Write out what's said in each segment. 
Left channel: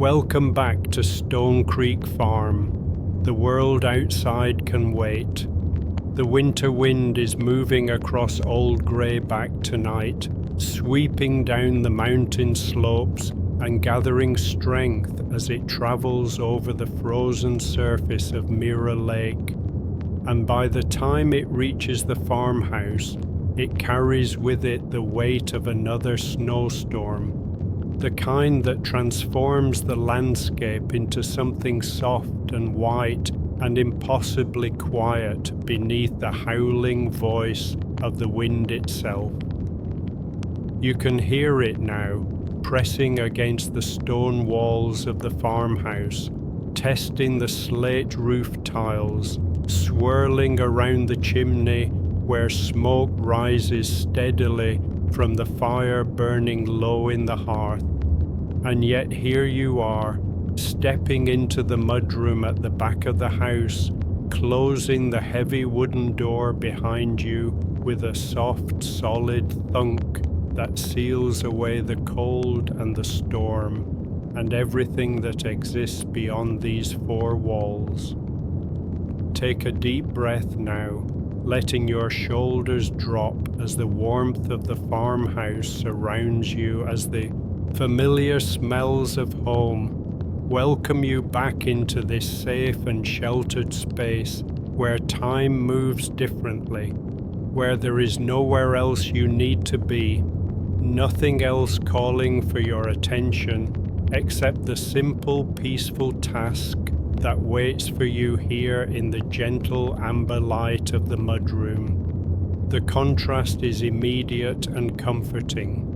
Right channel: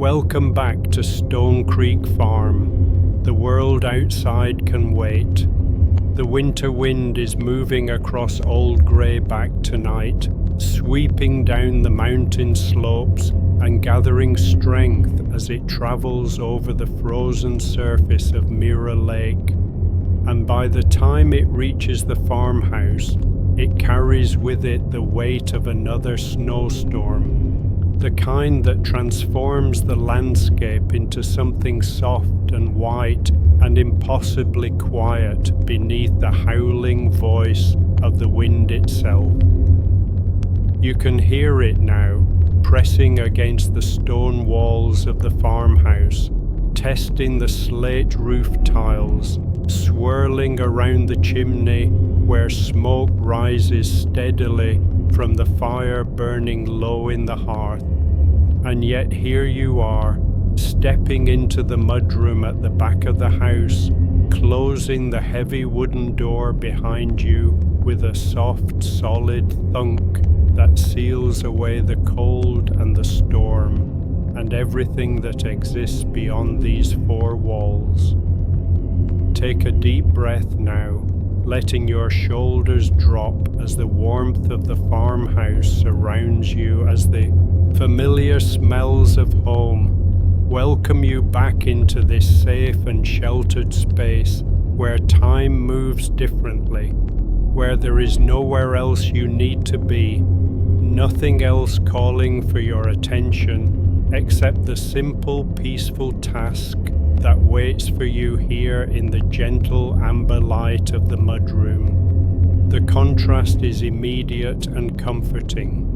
Welcome back to Stone Creek Farm. The world outside can wait. The winter wind is moving across Old Greyback tonight, sweeping down the mountain slopes and gathering strength as it travels over the frozen surface of Mirror Lake. And by the time it reaches the farmhouse, it carries with it the weight of another snowstorm, the kind that transforms the landscape into something soft and white and impossibly quiet beneath the howling voice of the wind itself. You can hear it now, pressing against the stone walls of the farmhouse, testing the slate roof tiles, swirling around the chimney where smoke rises steadily from the fire burning low in the hearth. And yet here you are, stepping into the mudroom at the back of the house, closing the heavy wooden door behind you with a soft, solid thunk that seals away the cold and the storm and everything that exists beyond these four walls. Take a deep breath now, letting your shoulders drop as the warmth of the farmhouse surrounds you, as the familiar smells of home welcome you back into this safe and sheltered space where time moves differently, where there is nowhere else you need to be, nothing else calling for your attention except the simple, peaceful task that waits for you here in the gentle amber light of the mudroom. The contrast is immediate and comforting.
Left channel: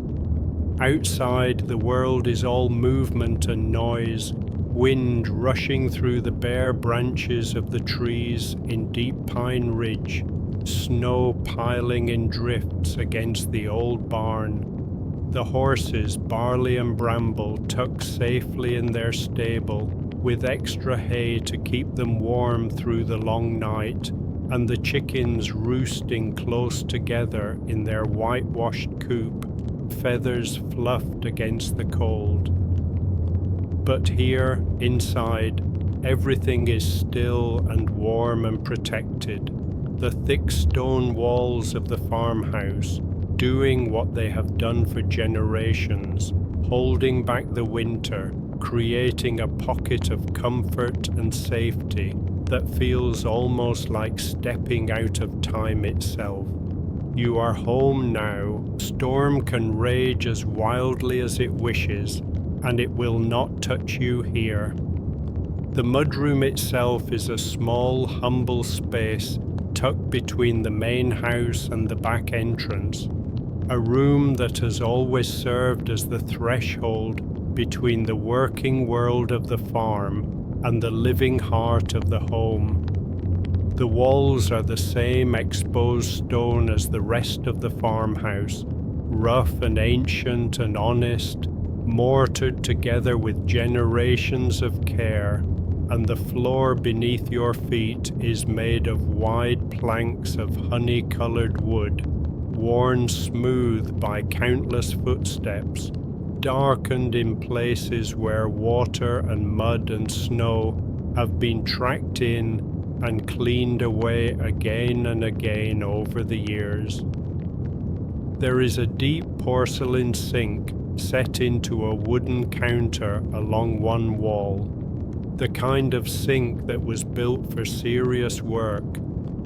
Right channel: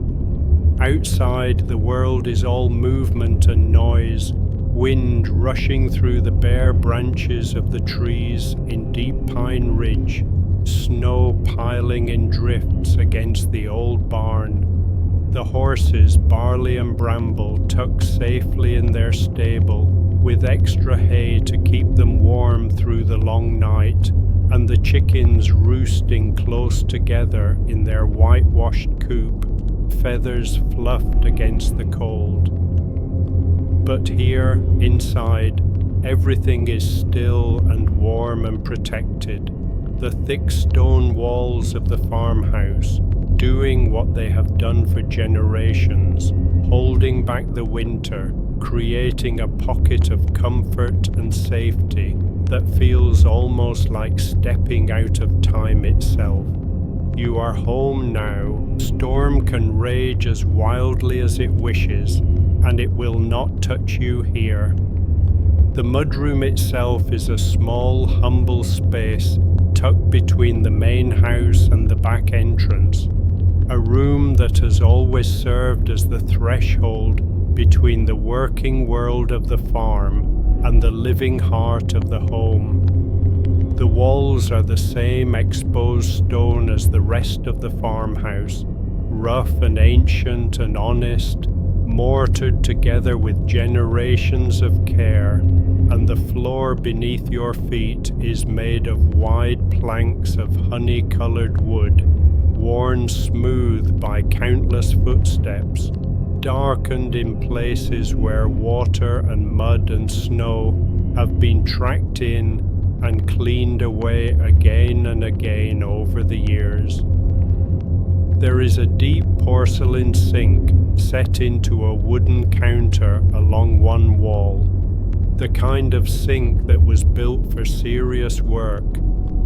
Outside, the world is all movement and noise, wind rushing through the bare branches of the trees in Deep Pine Ridge, snow piling in drifts against the old barn. The horses, Barley and Bramble, tucked safely in their stable, with extra hay to keep them warm through the long night, and the chickens roosting close together in their whitewashed coop, feathers fluffed against the cold. But here, inside, everything is still and warm and protected. The thick stone walls of the farmhouse, doing what they have done for generations, holding back the winter, creating a pocket of comfort and safety that feels almost like stepping out of time itself. You are home now. Storm can rage as wildly as it wishes, and it will not touch you here. The mudroom itself is a small, humble space tucked between the main house and the back entrance, a room that has always served as the threshold between the working world of the farm and the living heart of the home. The walls are the same exposed stone as the rest of the farmhouse, rough and ancient and honest, mortared together with generations of care, and the floor beneath your feet is made of wide planks of honey-colored wood, worn smooth by countless footsteps, darkened in places where water and mud and snow have been tracked in and cleaned away again and again over the years. There is a deep porcelain sink set into a wooden counter along one wall, the kind of sink that was built for serious work,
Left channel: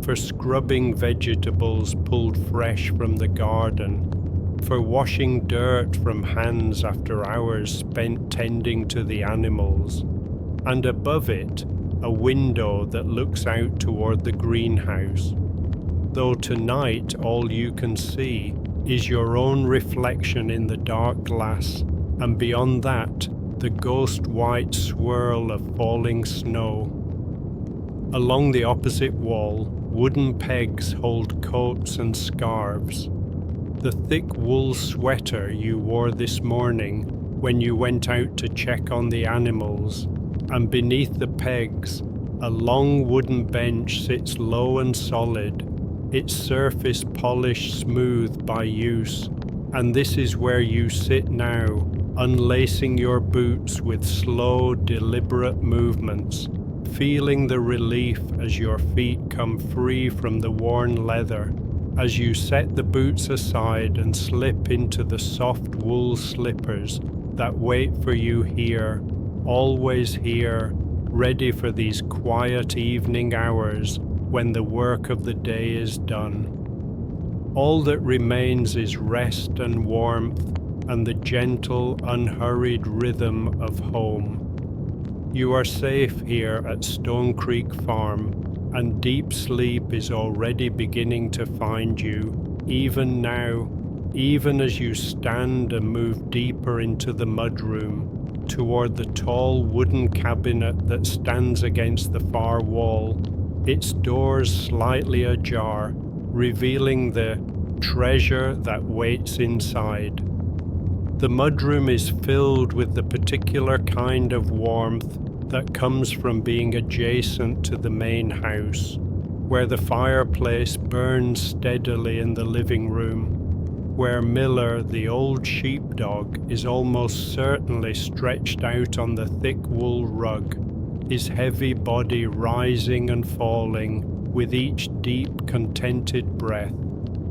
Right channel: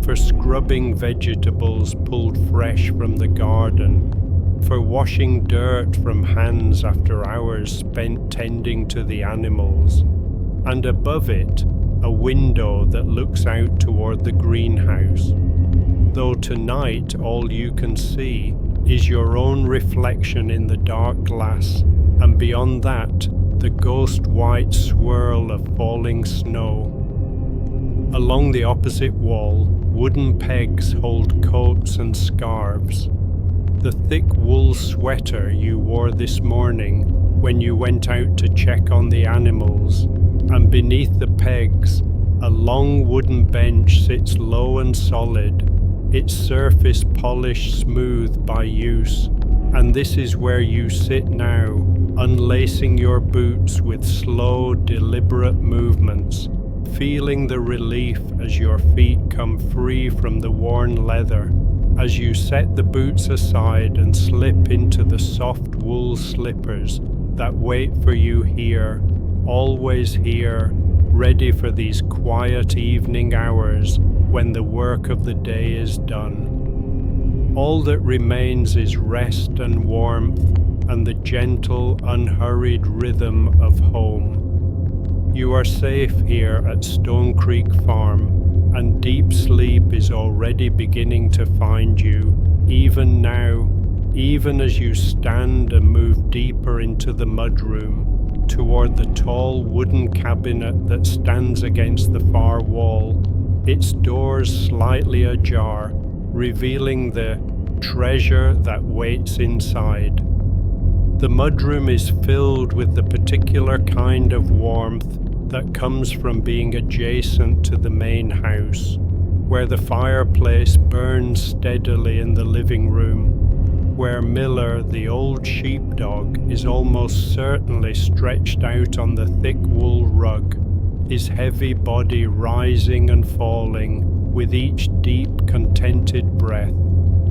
for scrubbing vegetables pulled fresh from the garden, for washing dirt from hands after hours spent tending to the animals, and above it, a window that looks out toward the greenhouse. Though tonight all you can see is your own reflection in the dark glass, and beyond that, the ghost-white swirl of falling snow. Along the opposite wall, wooden pegs hold coats and scarves. The thick wool sweater you wore this morning when you went out to check on the animals, and beneath the pegs, a long wooden bench sits low and solid, its surface polished smooth by use, and this is where you sit now, unlacing your boots with slow, deliberate movements, feeling the relief as your feet come free from the worn leather, as you set the boots aside and slip into the soft wool slippers that wait for you here, always here, ready for these quiet evening hours when the work of the day is done. All that remains is rest and warmth and the gentle, unhurried rhythm of home. You are safe here at Stone Creek Farm, and deep sleep is already beginning to find you, even now, even as you stand and move deeper into the mudroom, toward the tall wooden cabinet that stands against the far wall, its doors slightly ajar, revealing the treasure that waits inside. The mudroom is filled with the particular kind of warmth that comes from being adjacent to the main house, where the fireplace burns steadily in the living room, where Miller, the old sheepdog, is almost certainly stretched out on the thick wool rug, his heavy body rising and falling with each deep, contented breath,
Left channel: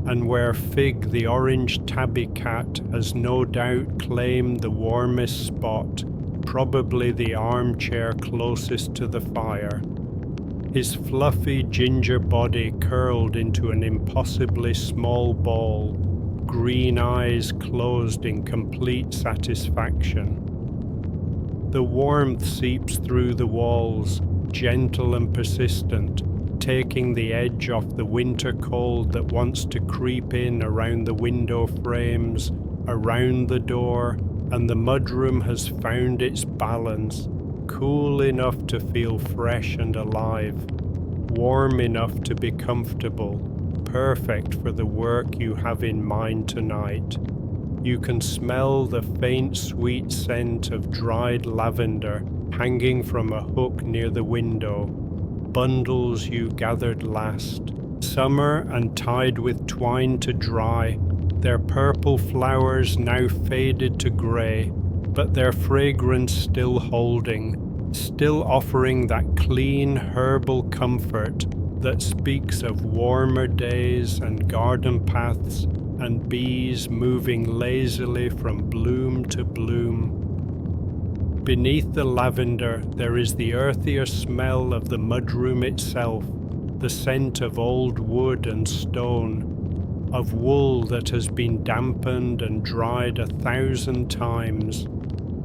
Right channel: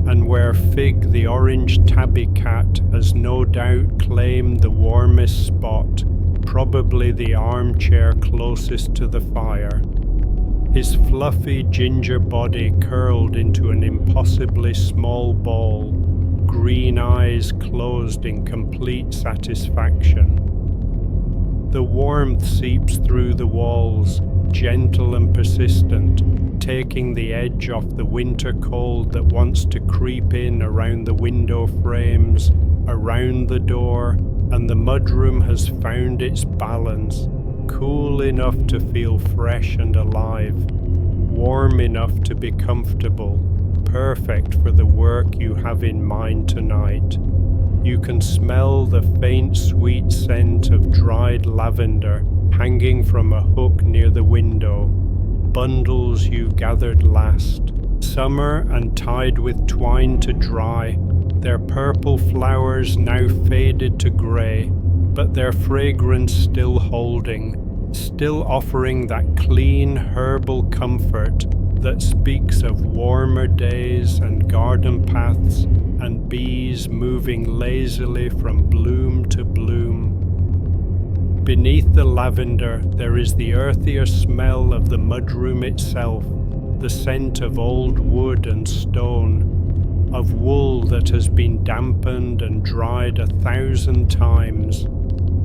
and where Fig, the orange tabby cat, has no doubt claimed the warmest spot, probably the armchair closest to the fire, his fluffy ginger body curled into an impossibly small ball, green eyes closed in complete satisfaction. The warmth seeps through the walls, gentle and persistent, taking the edge off the winter cold that wants to creep in around the window frames, around the door, and the mudroom has found its balance, cool enough to feel fresh and alive, warm enough to be comfortable, perfect for the work you have in mind tonight. You can smell the faint sweet scent of dried lavender hanging from a hook near the window, bundles you gathered last, summer and tied with twine to dry, their purple flowers now faded to grey, but their fragrance still holding, still offering that clean herbal comfort that speaks of warmer days and garden paths and bees moving lazily from bloom to bloom. Beneath the lavender there is the earthier smell of the mudroom itself, the scent of old wood and stone, of wool that has been dampened and dried 1,000 times,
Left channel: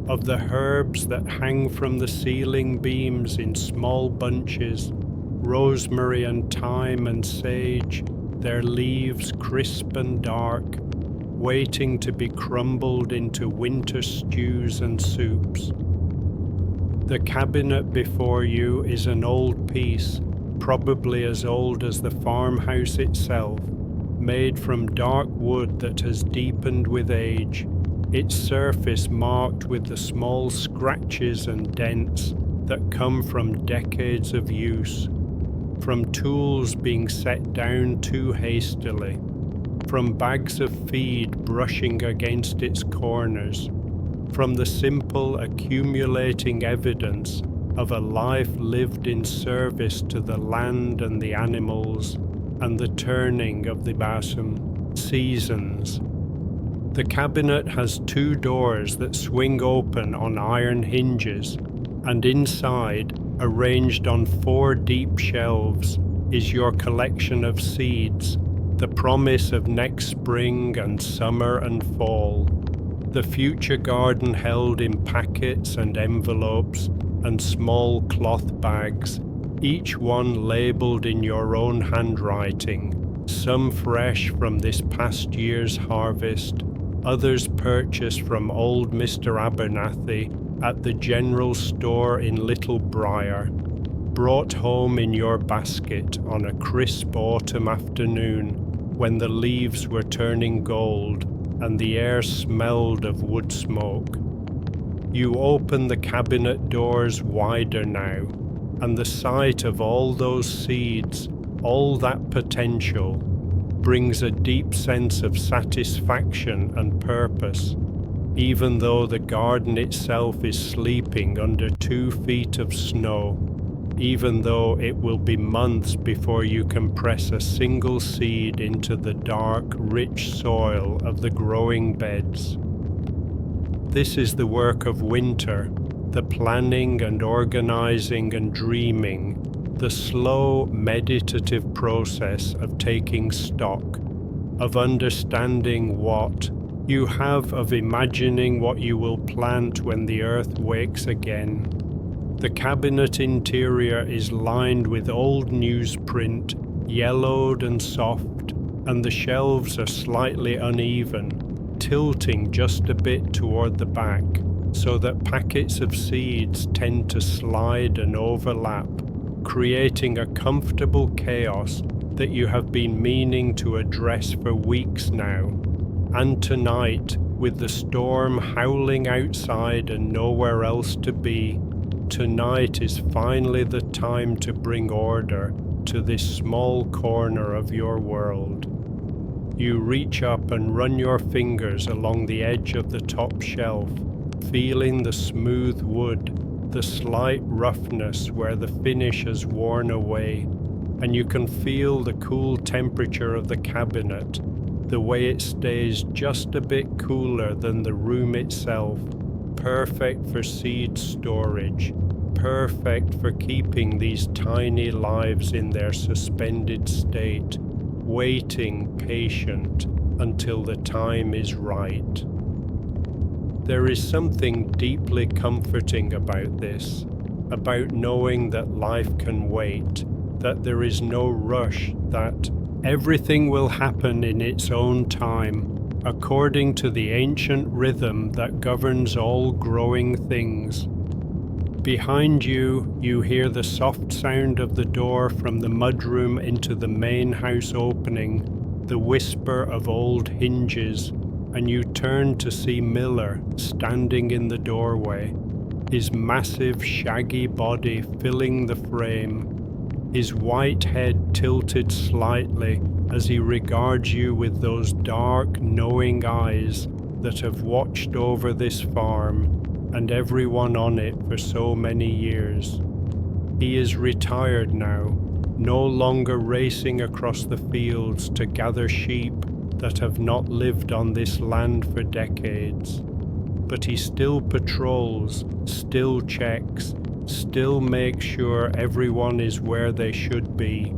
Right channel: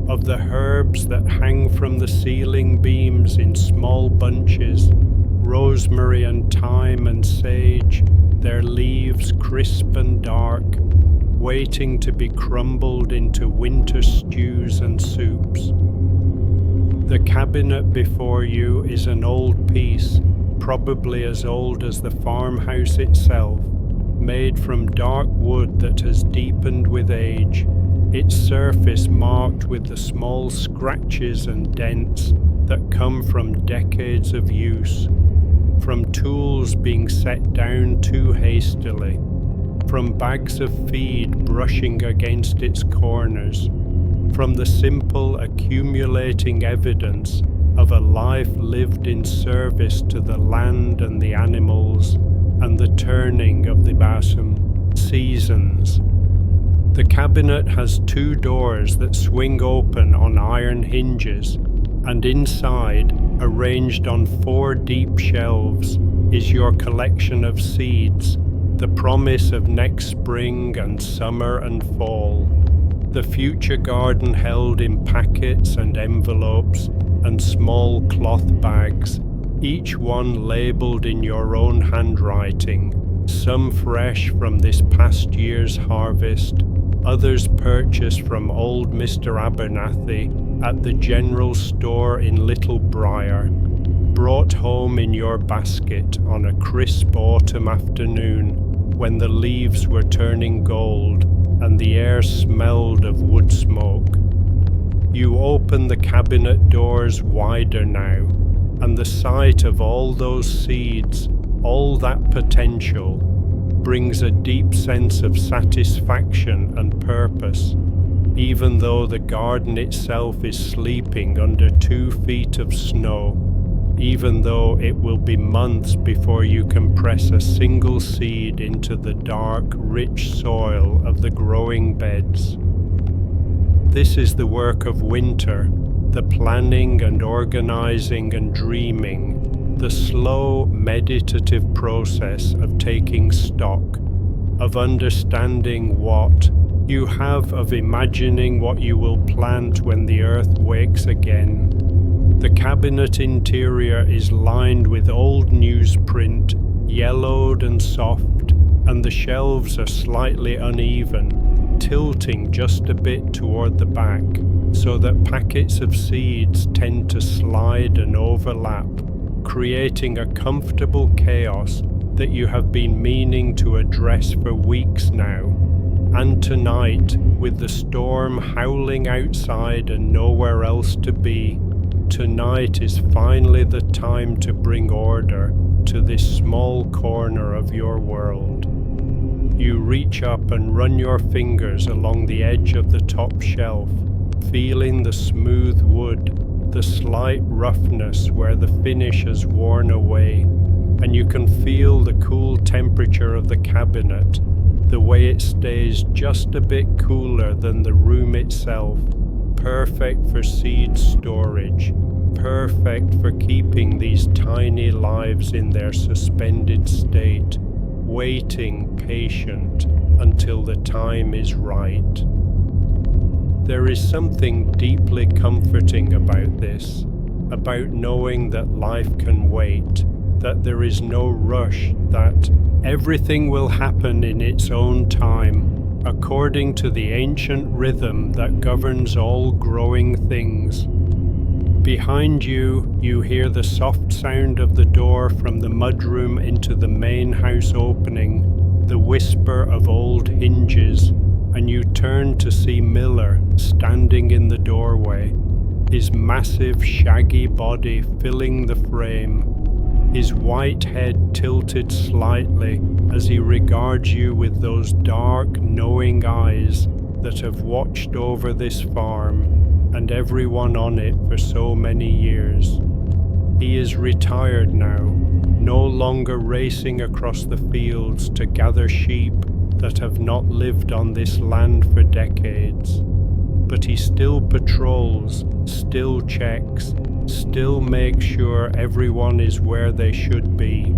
of the herbs that hang from the ceiling beams in small bunches, rosemary and thyme and sage, their leaves crisp and dark, waiting to be crumbled into winter stews and soups. The cabinet before you is an old piece, probably as old as the farmhouse itself, made from dark wood that has deepened with age, its surface marked with the small scratches and dents that come from decades of use, from tools being set down too hastily, from bags of feed brushing against its corners, from the simple accumulating evidence of a life lived in service to the land and the animals and the turning of the seasons. The cabinet has 2 doors that swing open on iron hinges, and inside, arranged on 4 deep shelves, is your collection of seeds, the promise of next spring and summer and fall. The future garden held in packets and envelopes and small cloth bags, each one labelled in your own handwriting, some fresh from this past year's harvest, others purchased from old Mr. Abernathy at the general store in Little Briar, brought home in your basket on a crisp autumn afternoon when the leaves were turning gold and the air smelled of wood smoke. You open the cabinet doors wider now, and the sight of all those seeds, all that potential, brings a deep sense of satisfaction and purpose. even though the garden itself is sleeping under 2 feet of snow, even though it will be months before you can press a single seed into the dark, rich soil of the growing beds. This is the work of winter, the planning and organizing and dreaming, the slow, meditative process of taking stock, of understanding what you have, of imagining what you will plant when the earth wakes again. The cabinet interior is lined with old newsprint, yellowed and soft, and the shelves are slightly uneven, tilting just a bit toward the back, so that packets of seeds tend to slide and overlap, creating a comfortable chaos that you have been meaning to address for weeks now. And tonight, with the storm howling outside and nowhere else to be, tonight is finally the time to bring order to this small corner of your world. You reach up and run your fingers along the edge of the top shelf, feeling the smooth wood, the slight roughness where the finish has worn away, and you can feel the cool temperature of the cabinet, the way it stays just a bit cooler than the room itself, perfect for seed storage, perfect for keeping these tiny lives in their suspended state, waiting patient until the time is right. There is something deeply comforting about this, about knowing that life can wait, that there is no rush, that everything will happen in its own time, according to the ancient rhythm that governs all growing things. Behind you, you hear the soft sound of the door from the mudroom into the main house opening, the whisper of old hinges, and you turn to see Miller standing in the doorway, his massive, shaggy body filling the frame, his white head tilted slightly as he regards you with those dark, knowing eyes that have watched over this farm and everyone on it for so many years. He is retired now, no longer racing across the fields to gather sheep that have not lived on this land for decades. But he still patrols, still checks, still makes sure everyone is where they should be.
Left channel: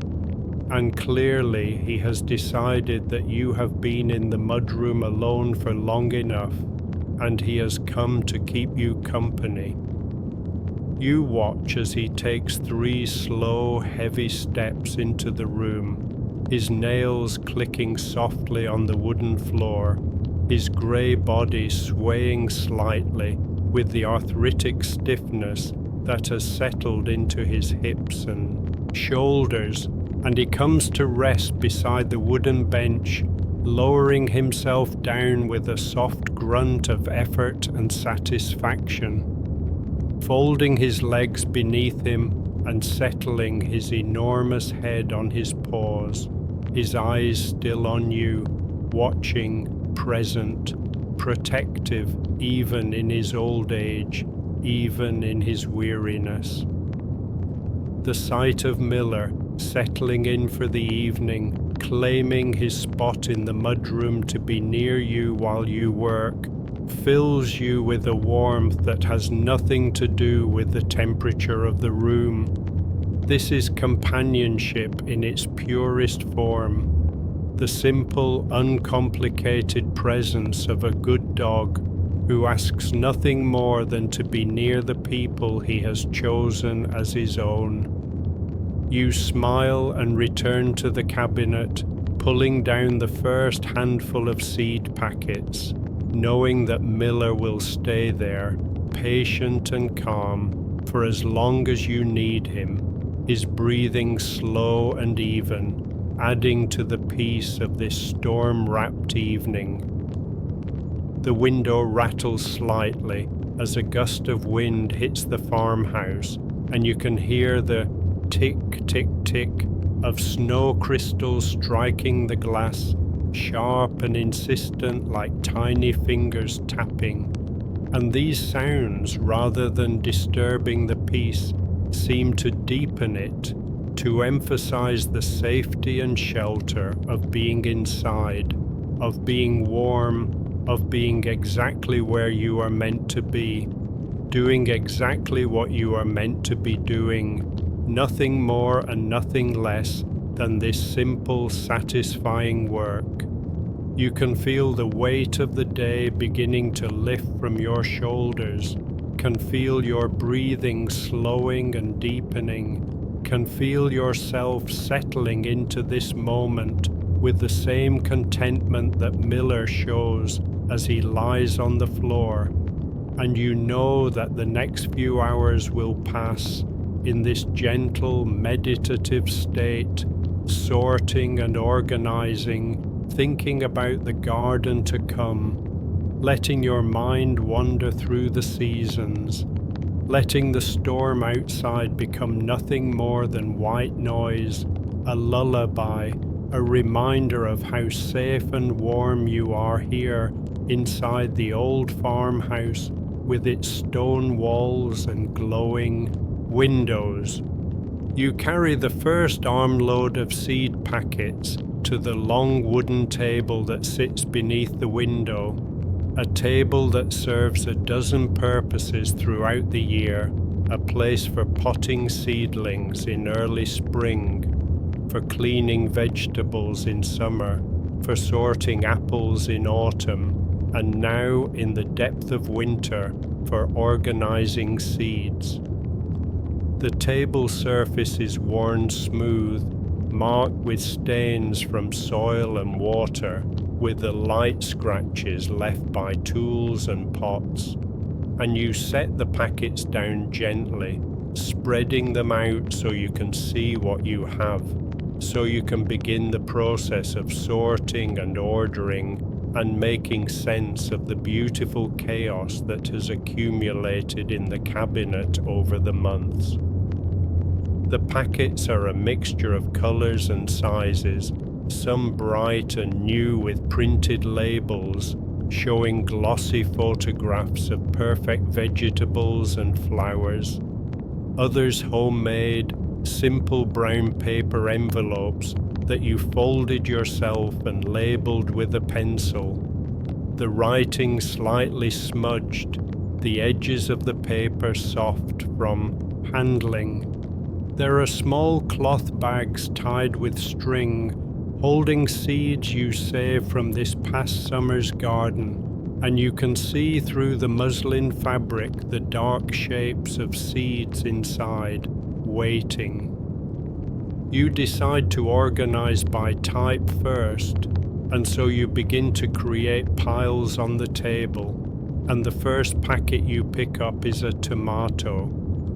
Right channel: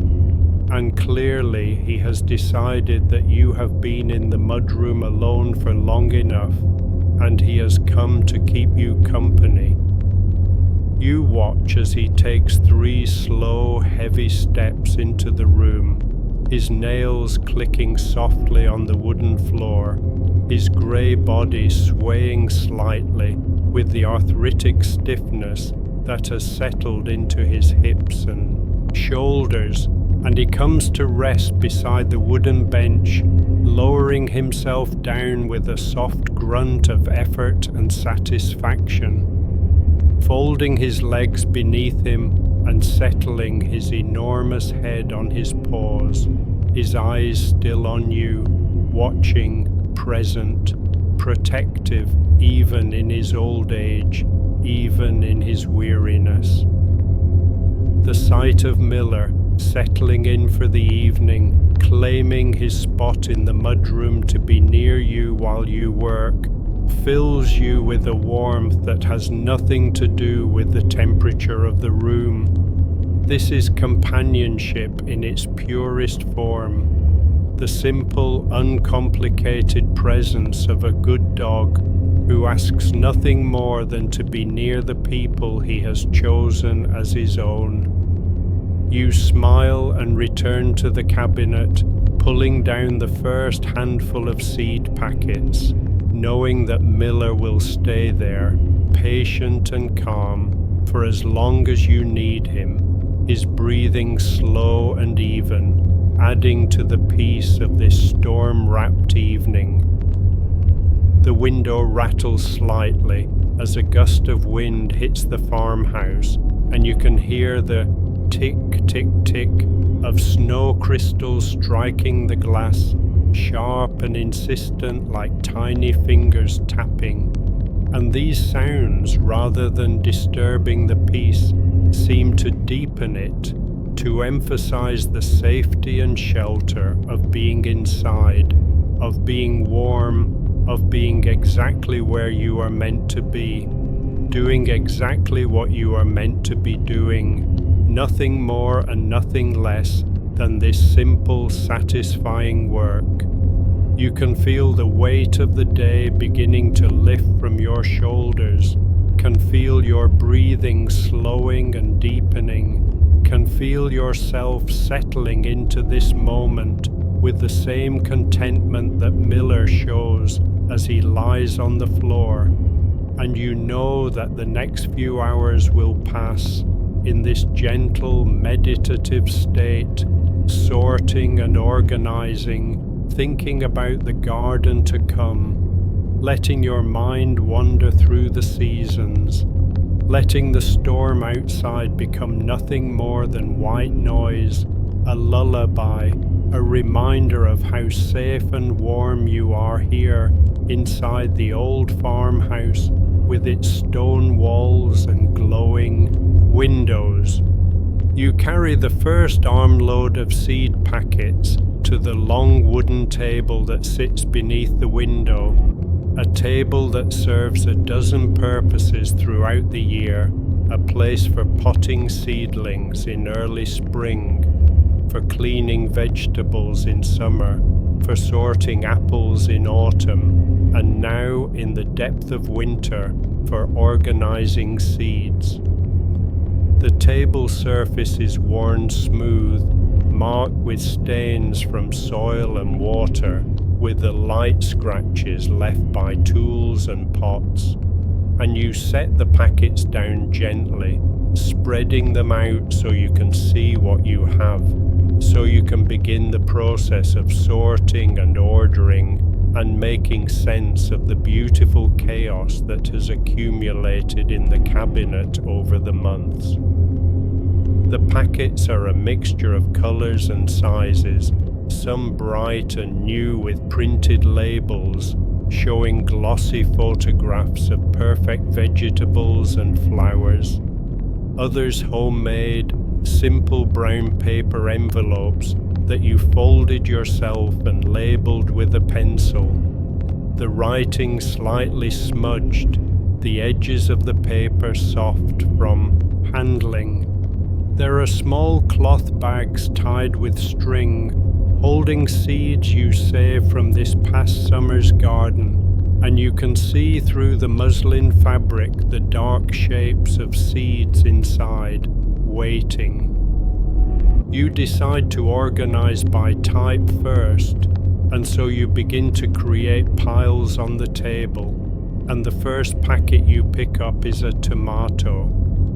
And clearly he has decided that you have been in the mudroom alone for long enough, and he has come to keep you company. You watch as he takes 3 slow, heavy steps into the room, his nails clicking softly on the wooden floor, his grey body swaying slightly with the arthritic stiffness that has settled into his hips and shoulders, and he comes to rest beside the wooden bench, lowering himself down with a soft grunt of effort and satisfaction, folding his legs beneath him and settling his enormous head on his paws, his eyes still on you, watching, present, protective even in his old age, even in his weariness. The sight of Miller settling in for the evening, claiming his spot in the mudroom to be near you while you work, fills you with a warmth that has nothing to do with the temperature of the room. This is companionship in its purest form, the simple, uncomplicated presence of a good dog who asks nothing more than to be near the people he has chosen as his own. You smile and return to the cabinet, pulling down the first handful of seed packets, knowing that Miller will stay there, patient and calm, for as long as you need him, his breathing slow and even, adding to the peace of this storm-wrapped evening. The window rattles slightly as a gust of wind hits the farmhouse, and you can hear the tick, tick, tick of snow crystals striking the glass, sharp and insistent like tiny fingers tapping. And these sounds, rather than disturbing the peace, seem to deepen it, to emphasize the safety and shelter of being inside, of being warm, of being exactly where you are meant to be, doing exactly what you are meant to be doing, nothing more and nothing less than this simple, satisfying work. You can feel the weight of the day beginning to lift from your shoulders, can feel your breathing slowing and deepening, can feel yourself settling into this moment with the same contentment that Miller shows as he lies on the floor. And you know that the next few hours will pass in this gentle, meditative state, sorting and organizing, thinking about the garden to come, letting your mind wander through the seasons, letting the storm outside become nothing more than white noise, a lullaby, a reminder of how safe and warm you are here inside the old farmhouse with its stone walls and glowing windows. You carry the first armload of seed packets to the long wooden table that sits beneath the window, a table that serves a dozen purposes throughout the year, a place for potting seedlings in early spring, for cleaning vegetables in summer, for sorting apples in autumn, and now in the depth of winter for organizing seeds. The table surface is worn smooth, marked with stains from soil and water, with the light scratches left by tools and pots. And you set the packets down gently, spreading them out so you can see what you have, so you can begin the process of sorting and ordering and making sense of the beautiful chaos that has accumulated in the cabinet over the months. The packets are a mixture of colors and sizes, some bright and new with printed labels, showing glossy photographs of perfect vegetables and flowers. Others homemade, simple brown paper envelopes that you folded yourself and labeled with a pencil. The writing slightly smudged, the edges of the paper soft from handling. There are small cloth bags tied with string, holding seeds you saved from this past summer's garden, and you can see through the muslin fabric the dark shapes of seeds inside, waiting. You decide to organize by type first, and so you begin to create piles on the table, and the first packet you pick up is a tomato,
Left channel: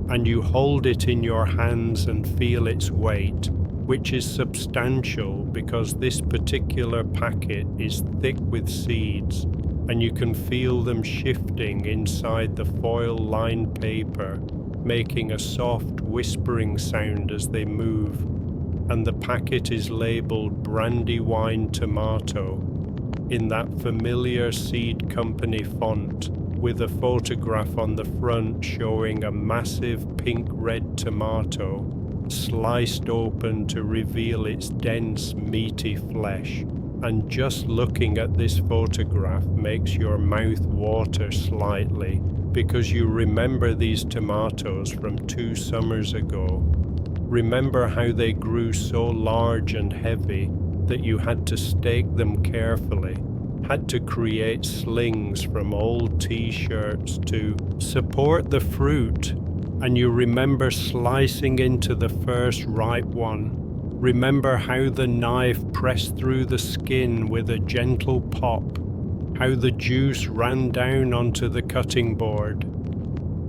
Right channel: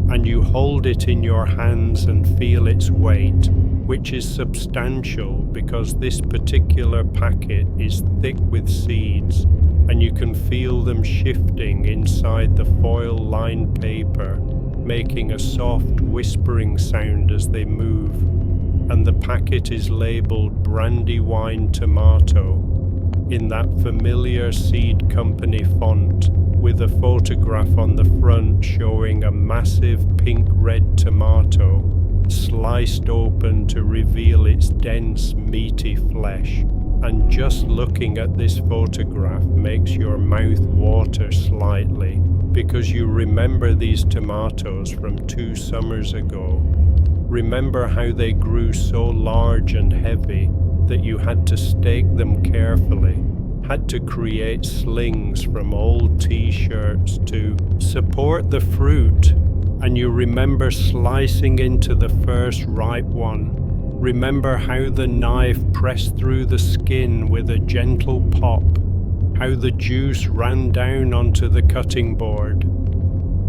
and you hold it in your hands and feel its weight, which is substantial because this particular packet is thick with seeds, and you can feel them shifting inside the foil-lined paper, making a soft whispering sound as they move. And the packet is labeled Brandywine Tomato in that familiar seed company font, with a photograph on the front showing a massive pink-red tomato sliced open to reveal its dense, meaty flesh. And just looking at this photograph makes your mouth water slightly, because you remember these tomatoes from 2 summers ago. Remember how they grew so large and heavy that you had to stake them carefully, had to create slings from old t-shirts to support the fruit, and you remember slicing into the first ripe one. Remember how the knife pressed through the skin with a gentle pop, how the juice ran down onto the cutting board,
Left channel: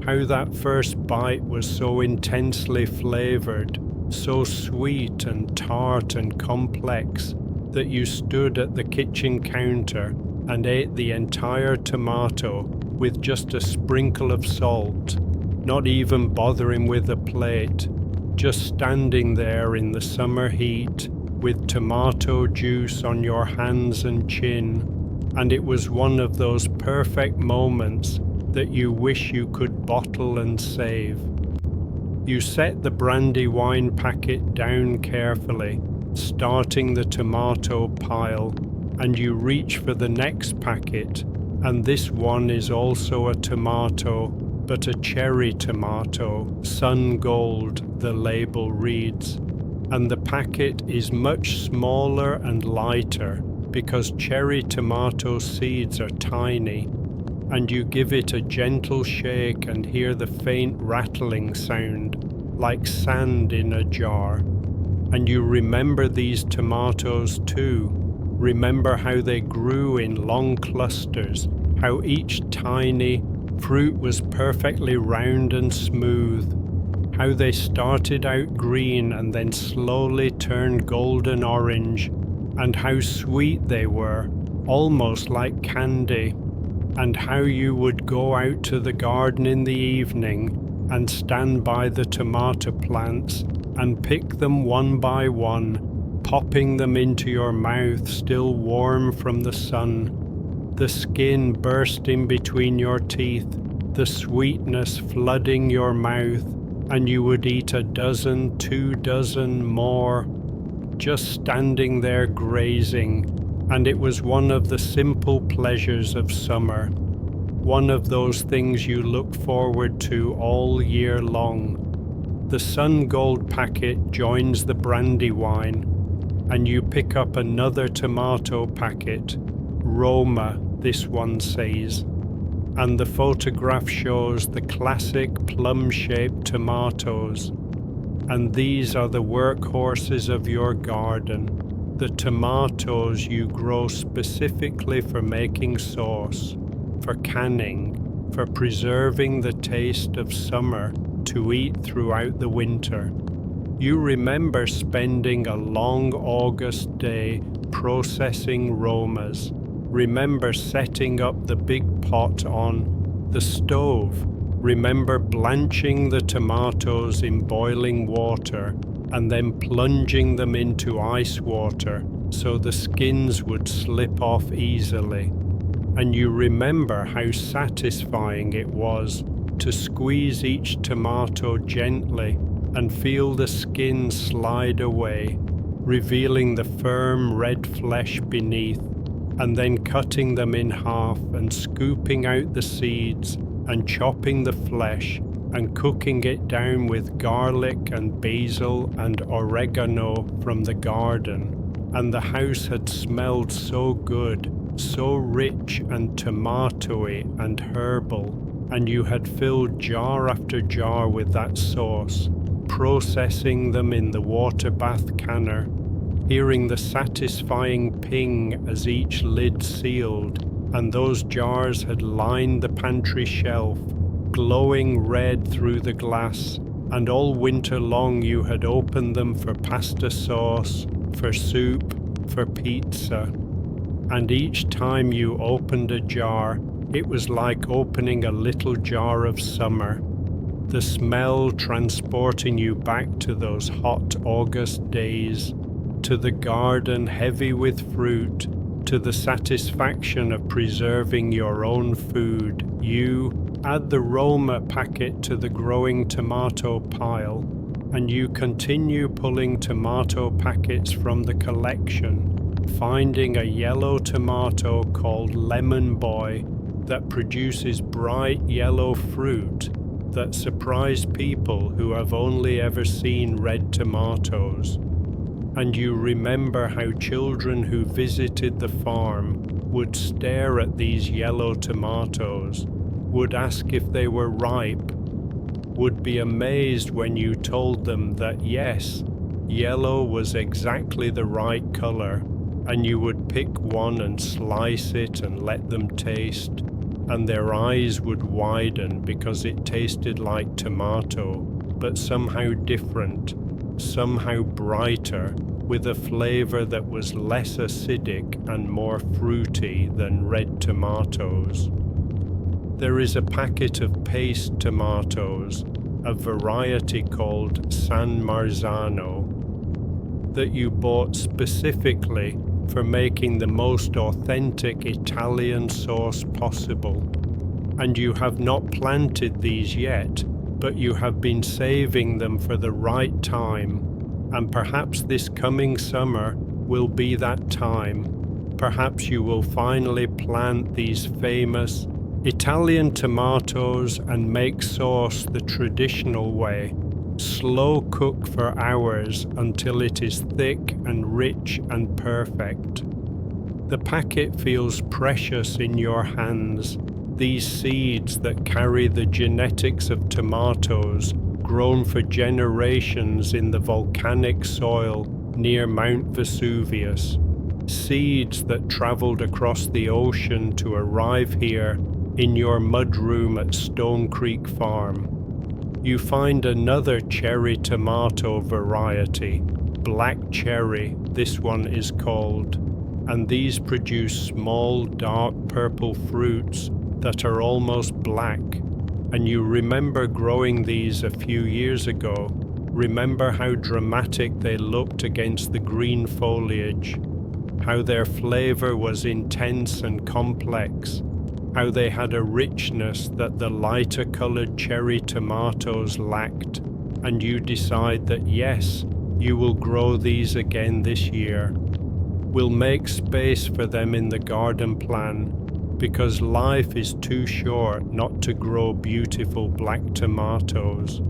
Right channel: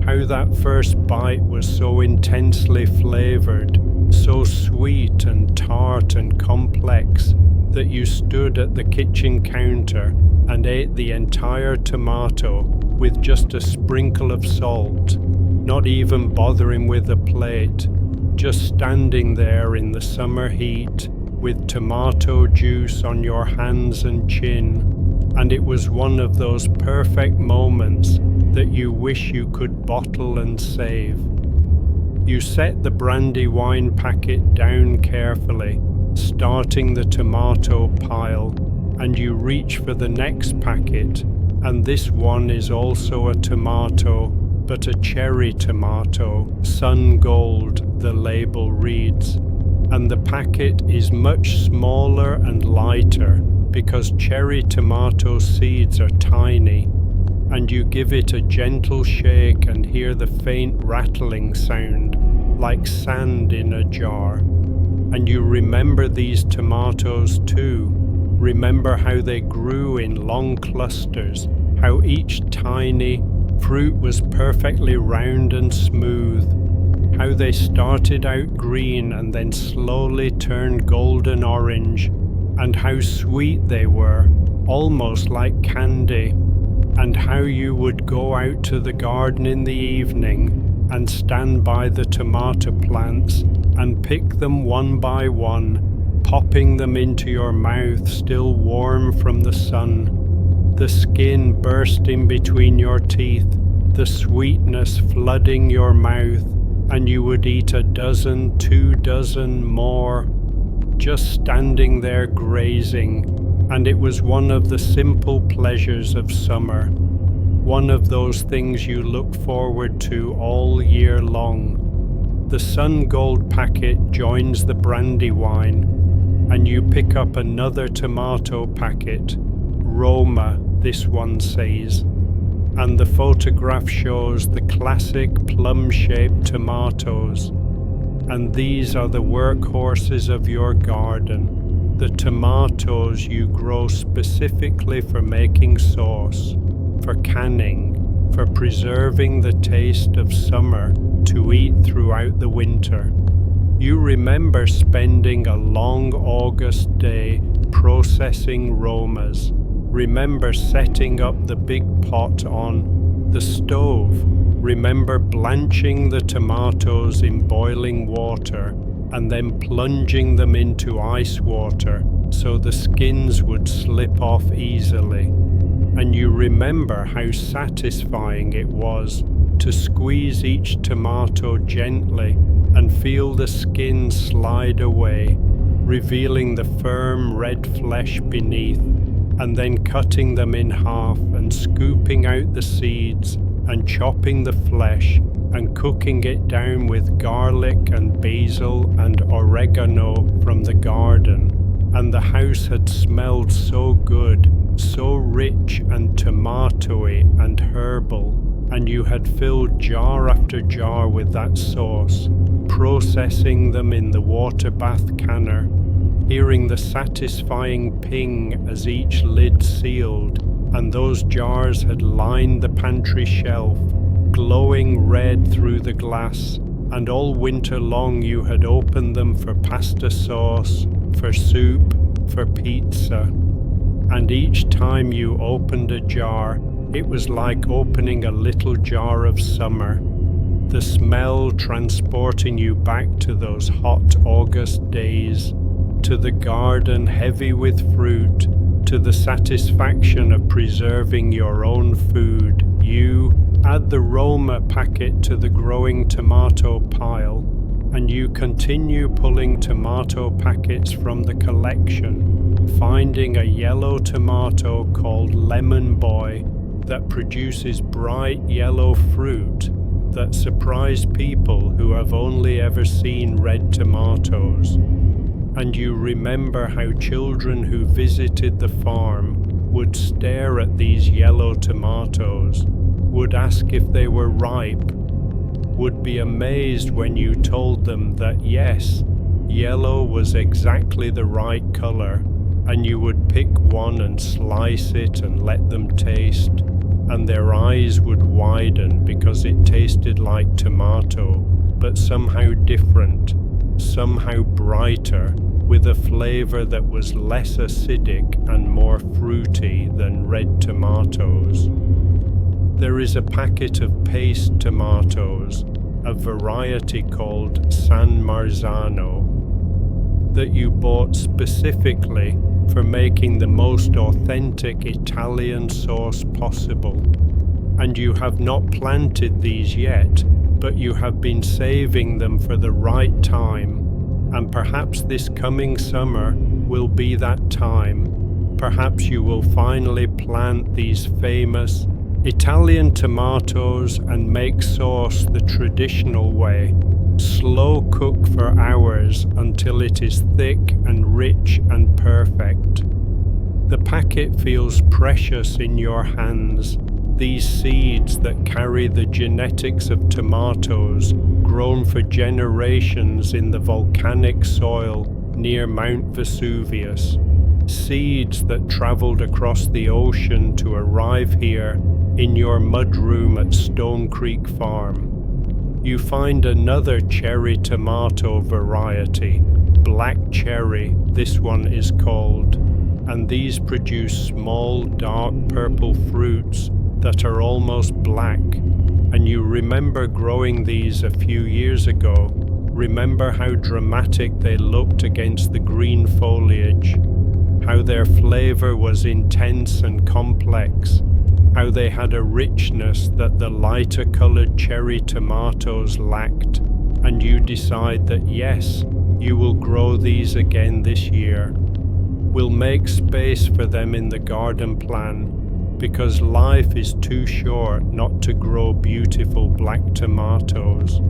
how that first bite was so intensely flavored, so sweet and tart and complex, that you stood at the kitchen counter and ate the entire tomato with just a sprinkle of salt, not even bothering with a plate, just standing there in the summer heat, with tomato juice on your hands and chin, and it was one of those perfect moments that you wish you could bottle and save. You set the brandy wine packet down carefully, starting the tomato pile, and you reach for the next packet, and this one is also a tomato, but a cherry tomato, sun gold, the label reads. And the packet is much smaller and lighter because cherry tomato seeds are tiny, and you give it a gentle shake and hear the faint rattling sound like sand in a jar. And you remember these tomatoes too. Remember how they grew in long clusters, how each tiny fruit was perfectly round and smooth, how they started out green and then slowly turned golden orange, and how sweet they were, almost like candy, and how you would go out to the garden in the evening and stand by the tomato plants and pick them one by one, popping them into your mouth still warm from the sun, the skin bursting between your teeth, the sweetness flooding your mouth, and you would eat a dozen, 2 dozen more, just standing there grazing, and it was one of the simple pleasures of summer, one of those things you look forward to all year long. The sun gold packet joins the brandy wine, and you pick up another tomato packet, Roma, this one says, and the photograph shows the classic plum-shaped tomatoes. And these are the workhorses of your garden, the tomatoes you grow specifically for making sauce, for canning, for preserving the taste of summer to eat throughout the winter. You remember spending a long August day processing Romas. Remember setting up the big pot on the stove. Remember blanching the tomatoes in boiling water and then plunging them into ice water so the skins would slip off easily. And you remember how satisfying it was to squeeze each tomato gently and feel the skin slide away, revealing the firm red flesh beneath, and then cutting them in half and scooping out the seeds and chopping the flesh and cooking it down with garlic and basil and oregano from the garden. And the house had smelled so good, so rich and tomatoey and herbal, and you had filled jar after jar with that sauce, processing them in the water bath canner, hearing the satisfying ping as each lid sealed, and those jars had lined the pantry shelf, glowing red through the glass, and all winter long you had opened them for pasta sauce, for soup, for pizza. And each time you opened a jar, it was like opening a little jar of summer, the smell transporting you back to those hot August days, to the garden heavy with fruit, to the satisfaction of preserving your own food. You add the Roma packet to the growing tomato pile, and you continue pulling tomato packets from the collection, finding a yellow tomato called Lemon Boy that produces bright yellow fruit that surprise people who have only ever seen red tomatoes. And you remember how children who visited the farm would stare at these yellow tomatoes, would ask if they were ripe, would be amazed when you told them that yes, yellow was exactly the right color, and you would pick one and slice it and let them taste, and their eyes would widen because it tasted like tomato, but somehow different, somehow brighter, with a flavor that was less acidic and more fruity than red tomatoes. There is a packet of paste tomatoes, a variety called San Marzano. that you bought specifically for making the most authentic Italian sauce possible. And you have not planted these yet, but you have been saving them for the right time, and perhaps this coming summer will be that time. Perhaps you will finally plant these famous Italian tomatoes and make sauce the traditional way. Slow cook for hours until it is thick and rich and perfect. The packet feels precious in your hands. These seeds that carry the genetics of tomatoes grown for generations in the volcanic soil near Mount Vesuvius. Seeds that traveled across the ocean to arrive here in your mudroom at Stone Creek Farm. You find another cherry tomato variety, black cherry, this one is called, and these produce small dark purple fruits that are almost black. And you remember growing these a few years ago. Remember how dramatic they looked against the green foliage, how their flavor was intense and complex, how they had a richness that the lighter colored cherry tomatoes lacked. And you decide that yes, you will grow these again this year. We'll make space for them in the garden plan, because life is too short not to grow beautiful black tomatoes.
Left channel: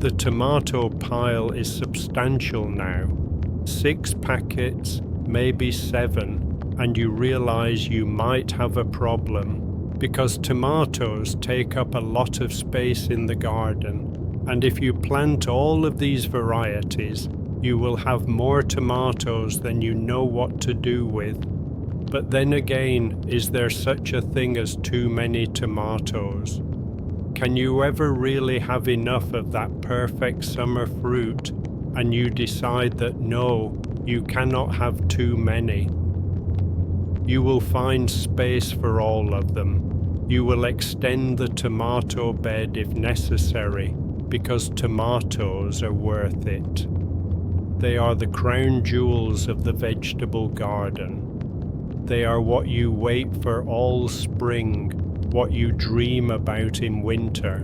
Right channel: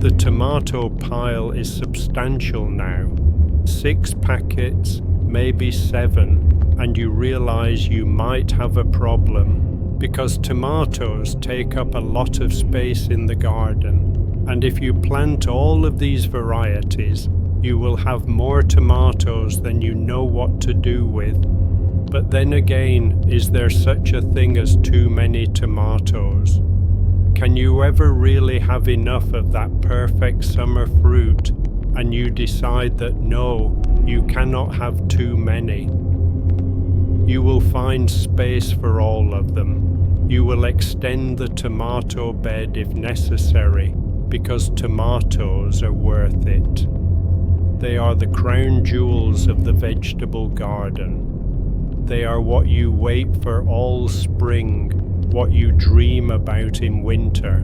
The tomato pile is substantial now. 6 packets, maybe 7, and you realize you might have a problem, because tomatoes take up a lot of space in the garden, and if you plant all of these varieties, you will have more tomatoes than you know what to do with. But then again, is there such a thing as too many tomatoes? Can you ever really have enough of that perfect summer fruit, and you decide that no, you cannot have too many? You will find space for all of them. You will extend the tomato bed if necessary, because tomatoes are worth it. They are the crown jewels of the vegetable garden. They are what you wait for all spring, what you dream about in winter.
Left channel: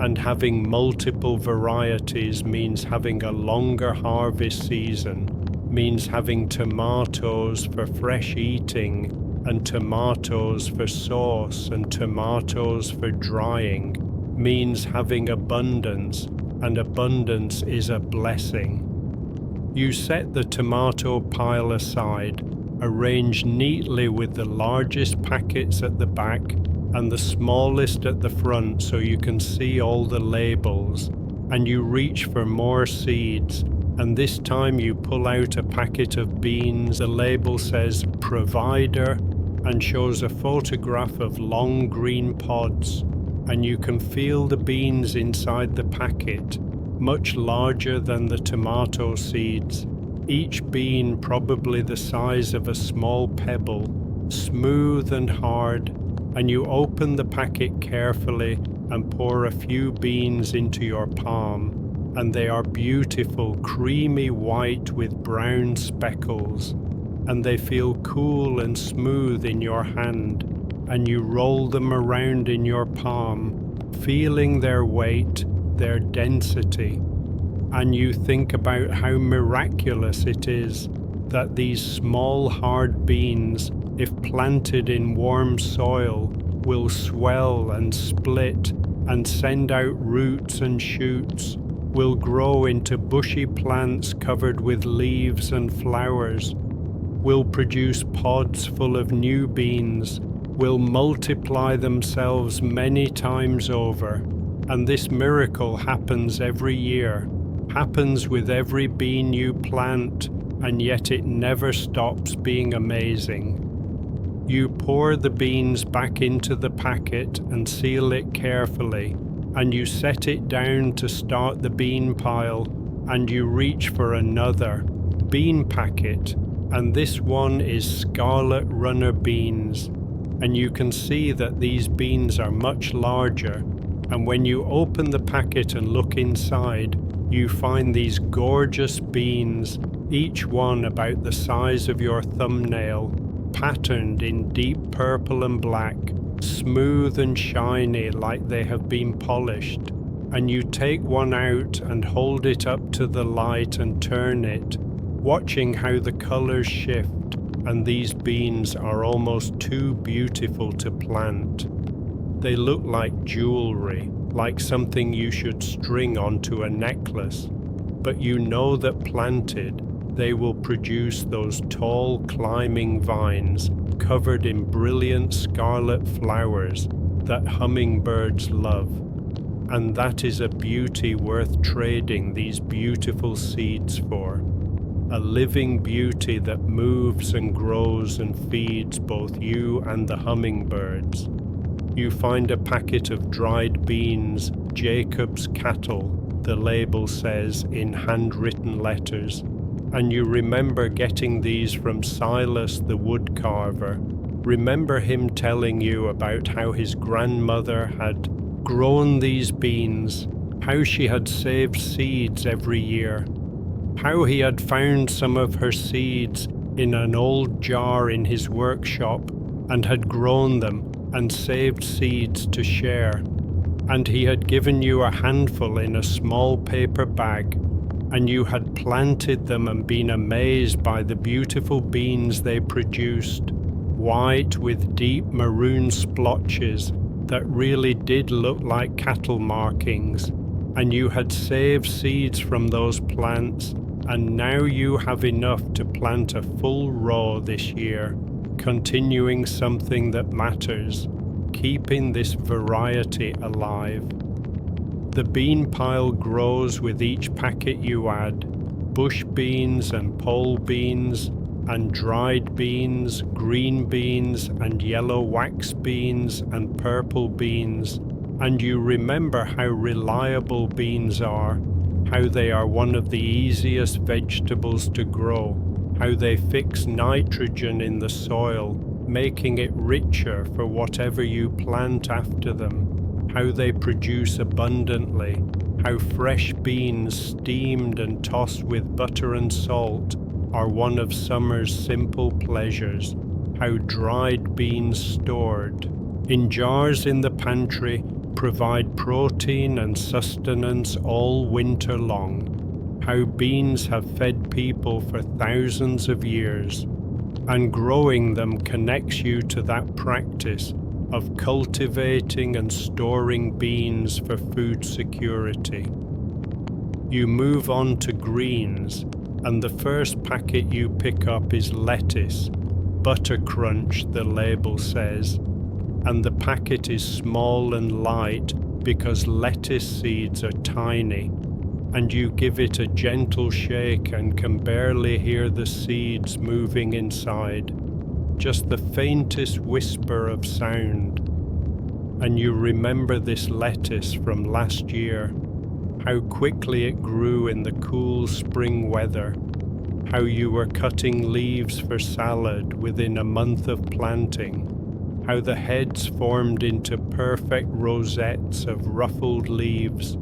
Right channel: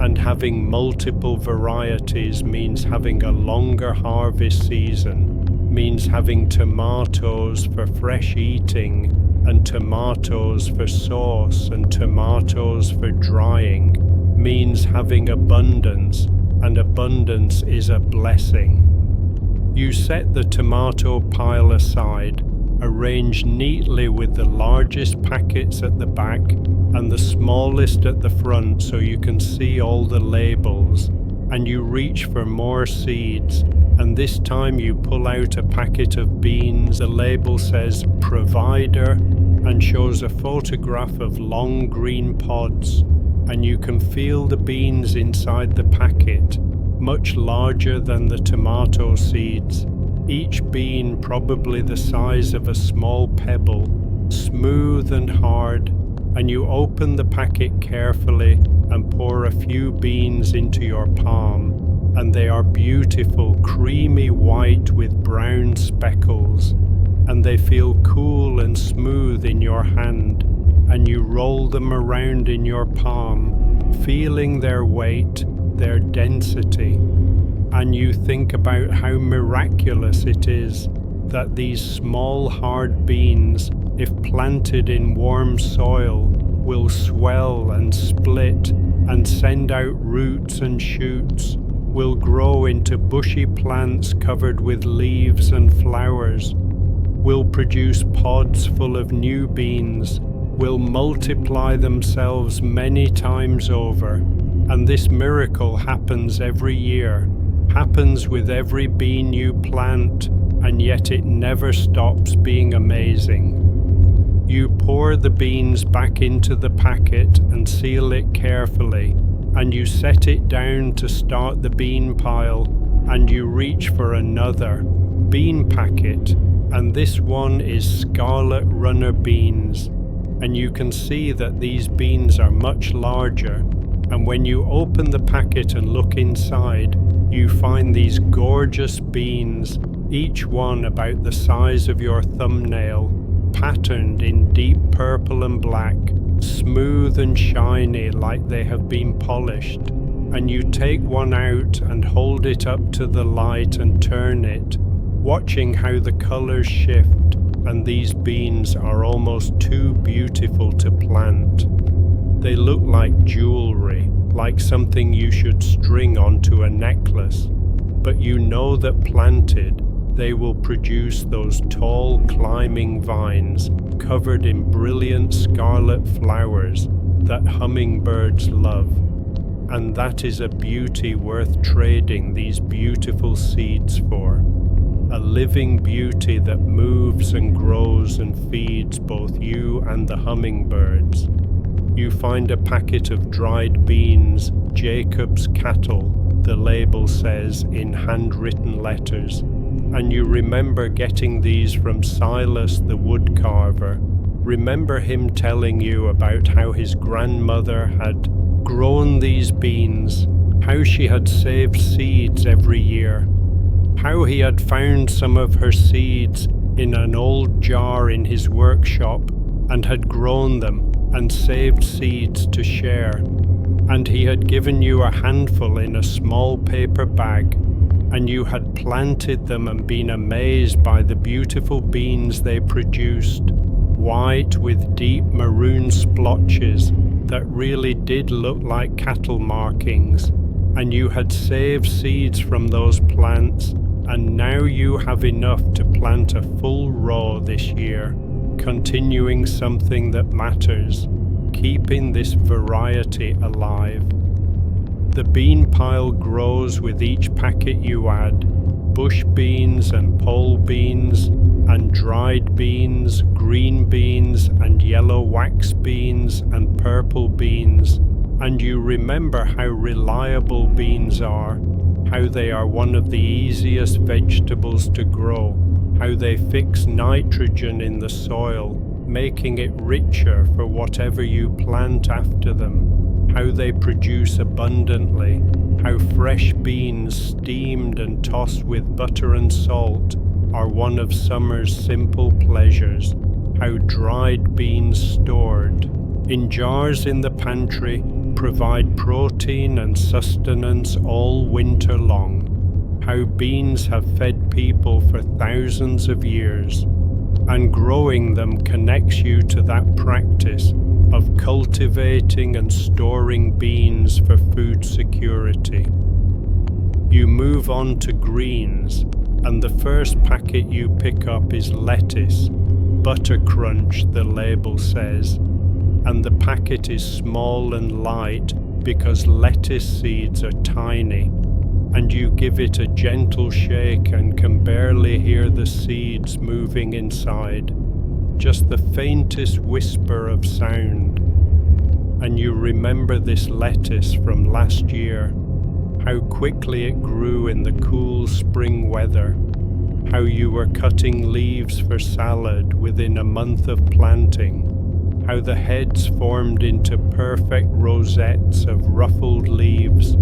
And having multiple varieties means having a longer harvest season, means having tomatoes for fresh eating, and tomatoes for sauce, and tomatoes for drying, means having abundance, and abundance is a blessing. You set the tomato pile aside, arranged neatly with the largest packets at the back and the smallest at the front so you can see all the labels, and you reach for more seeds, and this time you pull out a packet of beans. The label says provider and shows a photograph of long green pods, and you can feel the beans inside the packet, much larger than the tomato seeds. Each bean probably the size of a small pebble, smooth and hard, and you open the packet carefully and pour a few beans into your palm, and they are beautiful, creamy white with brown speckles, and they feel cool and smooth in your hand, and you roll them around in your palm, feeling their weight, their density. And you think about how miraculous it is that these small hard beans, if planted in warm soil, will swell and split and send out roots and shoots, will grow into bushy plants covered with leaves and flowers, will produce pods full of new beans, will multiply themselves many times over. And this miracle happens every year. Happens with every bean you plant, and yet it never stops being amazing. You pour the beans back into the packet and seal it carefully, and you set it down to start the bean pile, and you reach for another bean packet, and this one is scarlet runner beans, and you can see that these beans are much larger, and when you open the packet and look inside, you find these gorgeous beans, each one about the size of your thumbnail, patterned in deep purple and black, smooth and shiny like they have been polished. And you take one out and hold it up to the light and turn it, watching how the colors shift, and these beans are almost too beautiful to plant. They look like jewelry, like something you should string onto a necklace, but you know that planted, they will produce those tall climbing vines covered in brilliant scarlet flowers that hummingbirds love. And that is a beauty worth trading these beautiful seeds for. A living beauty that moves and grows and feeds both you and the hummingbirds. You find a packet of dried beans, Jacob's cattle, the label says in handwritten letters, and you remember getting these from Silas the woodcarver. Remember him telling you about how his grandmother had grown these beans, how she had saved seeds every year, how he had found some of her seeds in an old jar in his workshop and had grown them and saved seeds to share. And he had given you a handful in a small paper bag, and you had planted them and been amazed by the beautiful beans they produced, white with deep maroon splotches that really did look like cattle markings. And you had saved seeds from those plants, and now you have enough to plant a full row this year, continuing something that matters, keeping this variety alive. The bean pile grows with each packet you add, bush beans and pole beans and dried beans, green beans and yellow wax beans and purple beans, and you remember how reliable beans are, how they are one of the easiest vegetables to grow, how they fix nitrogen in the soil, making it richer for whatever you plant after them, how they produce abundantly, how fresh beans steamed and tossed with butter and salt are one of summer's simple pleasures, how dried beans stored in jars in the pantry provide protein and sustenance all winter long, how beans have fed people for thousands of years, and growing them connects you to that practice of cultivating and storing beans for food security. You move on to greens, and the first packet you pick up is lettuce, Butter Crunch, the label says, and the packet is small and light because lettuce seeds are tiny, and you give it a gentle shake and can barely hear the seeds moving inside, just the faintest whisper of sound. And you remember this lettuce from last year, how quickly it grew in the cool spring weather, how you were cutting leaves for salad within a month of planting, how the heads formed into perfect rosettes of ruffled leaves,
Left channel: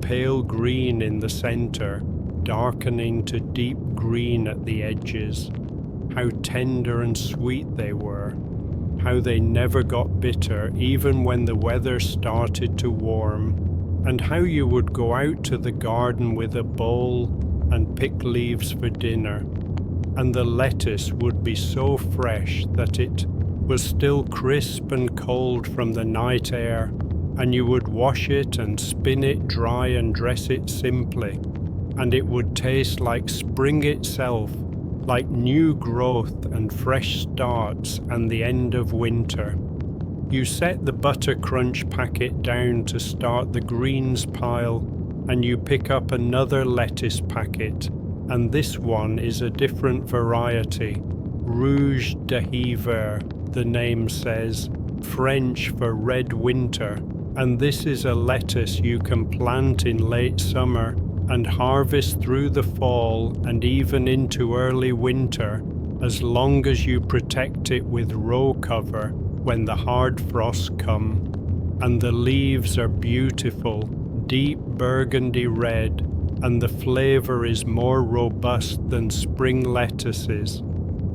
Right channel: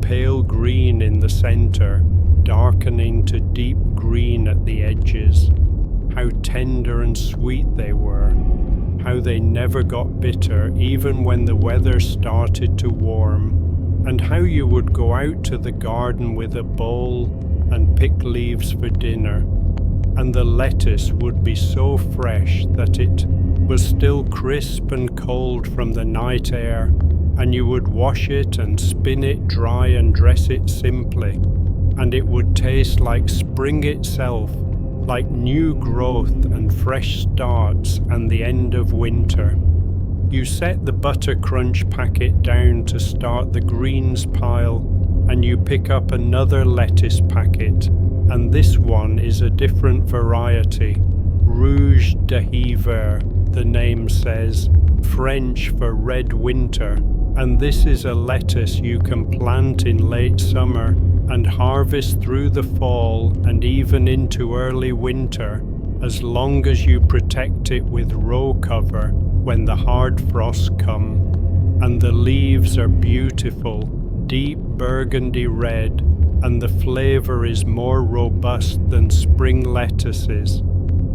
pale green in the center, darkening to deep green at the edges, how tender and sweet they were, how they never got bitter even when the weather started to warm, and how you would go out to the garden with a bowl and pick leaves for dinner, and the lettuce would be so fresh that it was still crisp and cold from the night air, and you would wash it and spin it dry and dress it simply, and it would taste like spring itself, like new growth and fresh starts and the end of winter. You set the Butter Crunch packet down to start the greens pile, and you pick up another lettuce packet, and this one is a different variety, Rouge de Hiver, the name says, French for red winter, and this is a lettuce you can plant in late summer and harvest through the fall and even into early winter, as long as you protect it with row cover when the hard frosts come. And the leaves are beautiful, deep burgundy red, and the flavor is more robust than spring lettuces.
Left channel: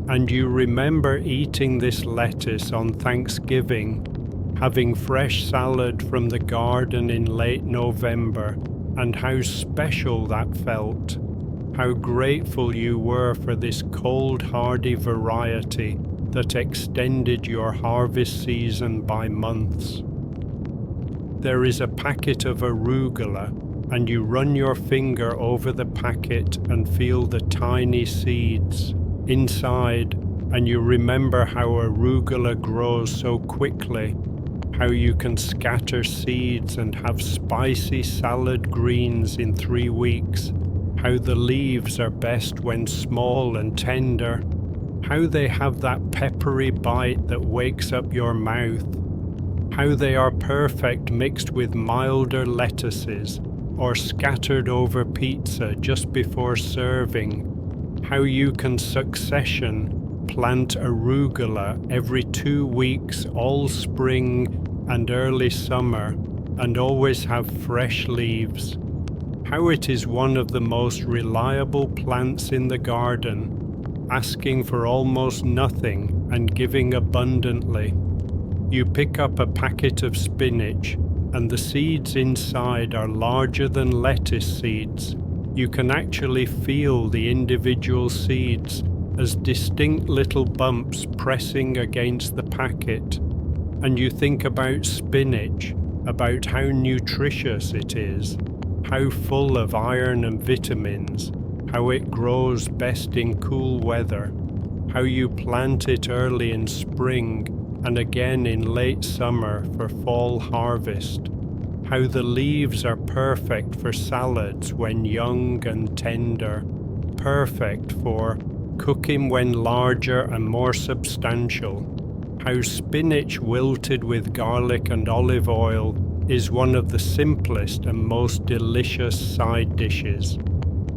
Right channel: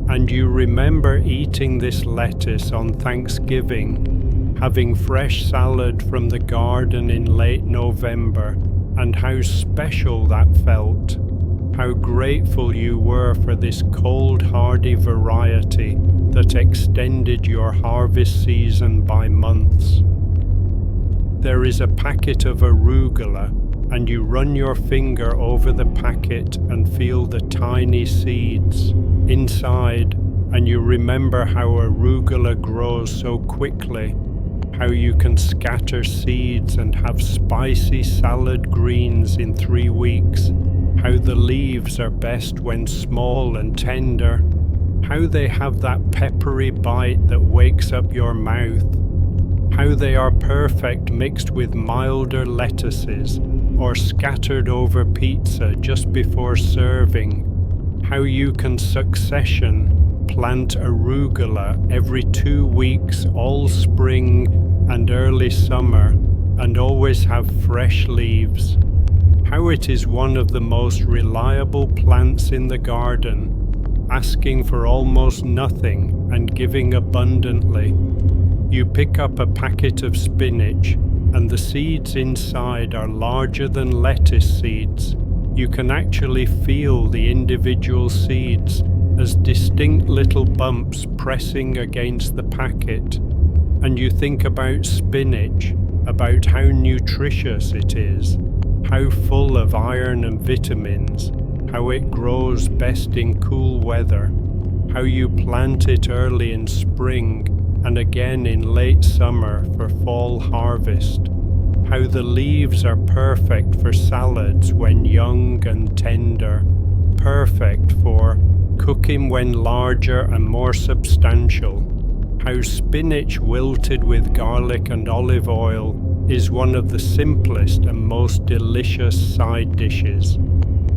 And you remember eating this lettuce on Thanksgiving, having fresh salad from the garden in late November, and how special that felt. How grateful you were for this cold, hardy variety that extended your harvest season by months. There is a packet of arugula, and you run your finger over the packet and feel the tiny seeds inside, and you remember how arugula grows so quickly, how you can scatter seeds and have spicy salad greens in 3 weeks, how the leaves are best when small and tender, how they have that peppery bite that wakes up your mouth, how they are perfect mixed with milder lettuces or scattered over pizza just before serving, how you can succession plant arugula every 2 weeks all spring and early summer and always have fresh leaves, how it is one of the most reliable plants in the garden, asking for almost nothing and giving abundantly. You pick up a packet of spinach, and the seeds inside are larger than lettuce seeds. You can actually feel the individual seeds as distinct little bumps pressing against the packet. And you think about spinach, about how nutritious it is, how full of iron and vitamins, how it grows best in cool weather, how you plant it early in spring and again in late summer for fall harvest, how the leaves are perfect for salads when young and tender, perfect for cooking when larger and more substantial, how spinach wilted with garlic and olive oil is one of the simplest and most delicious side dishes,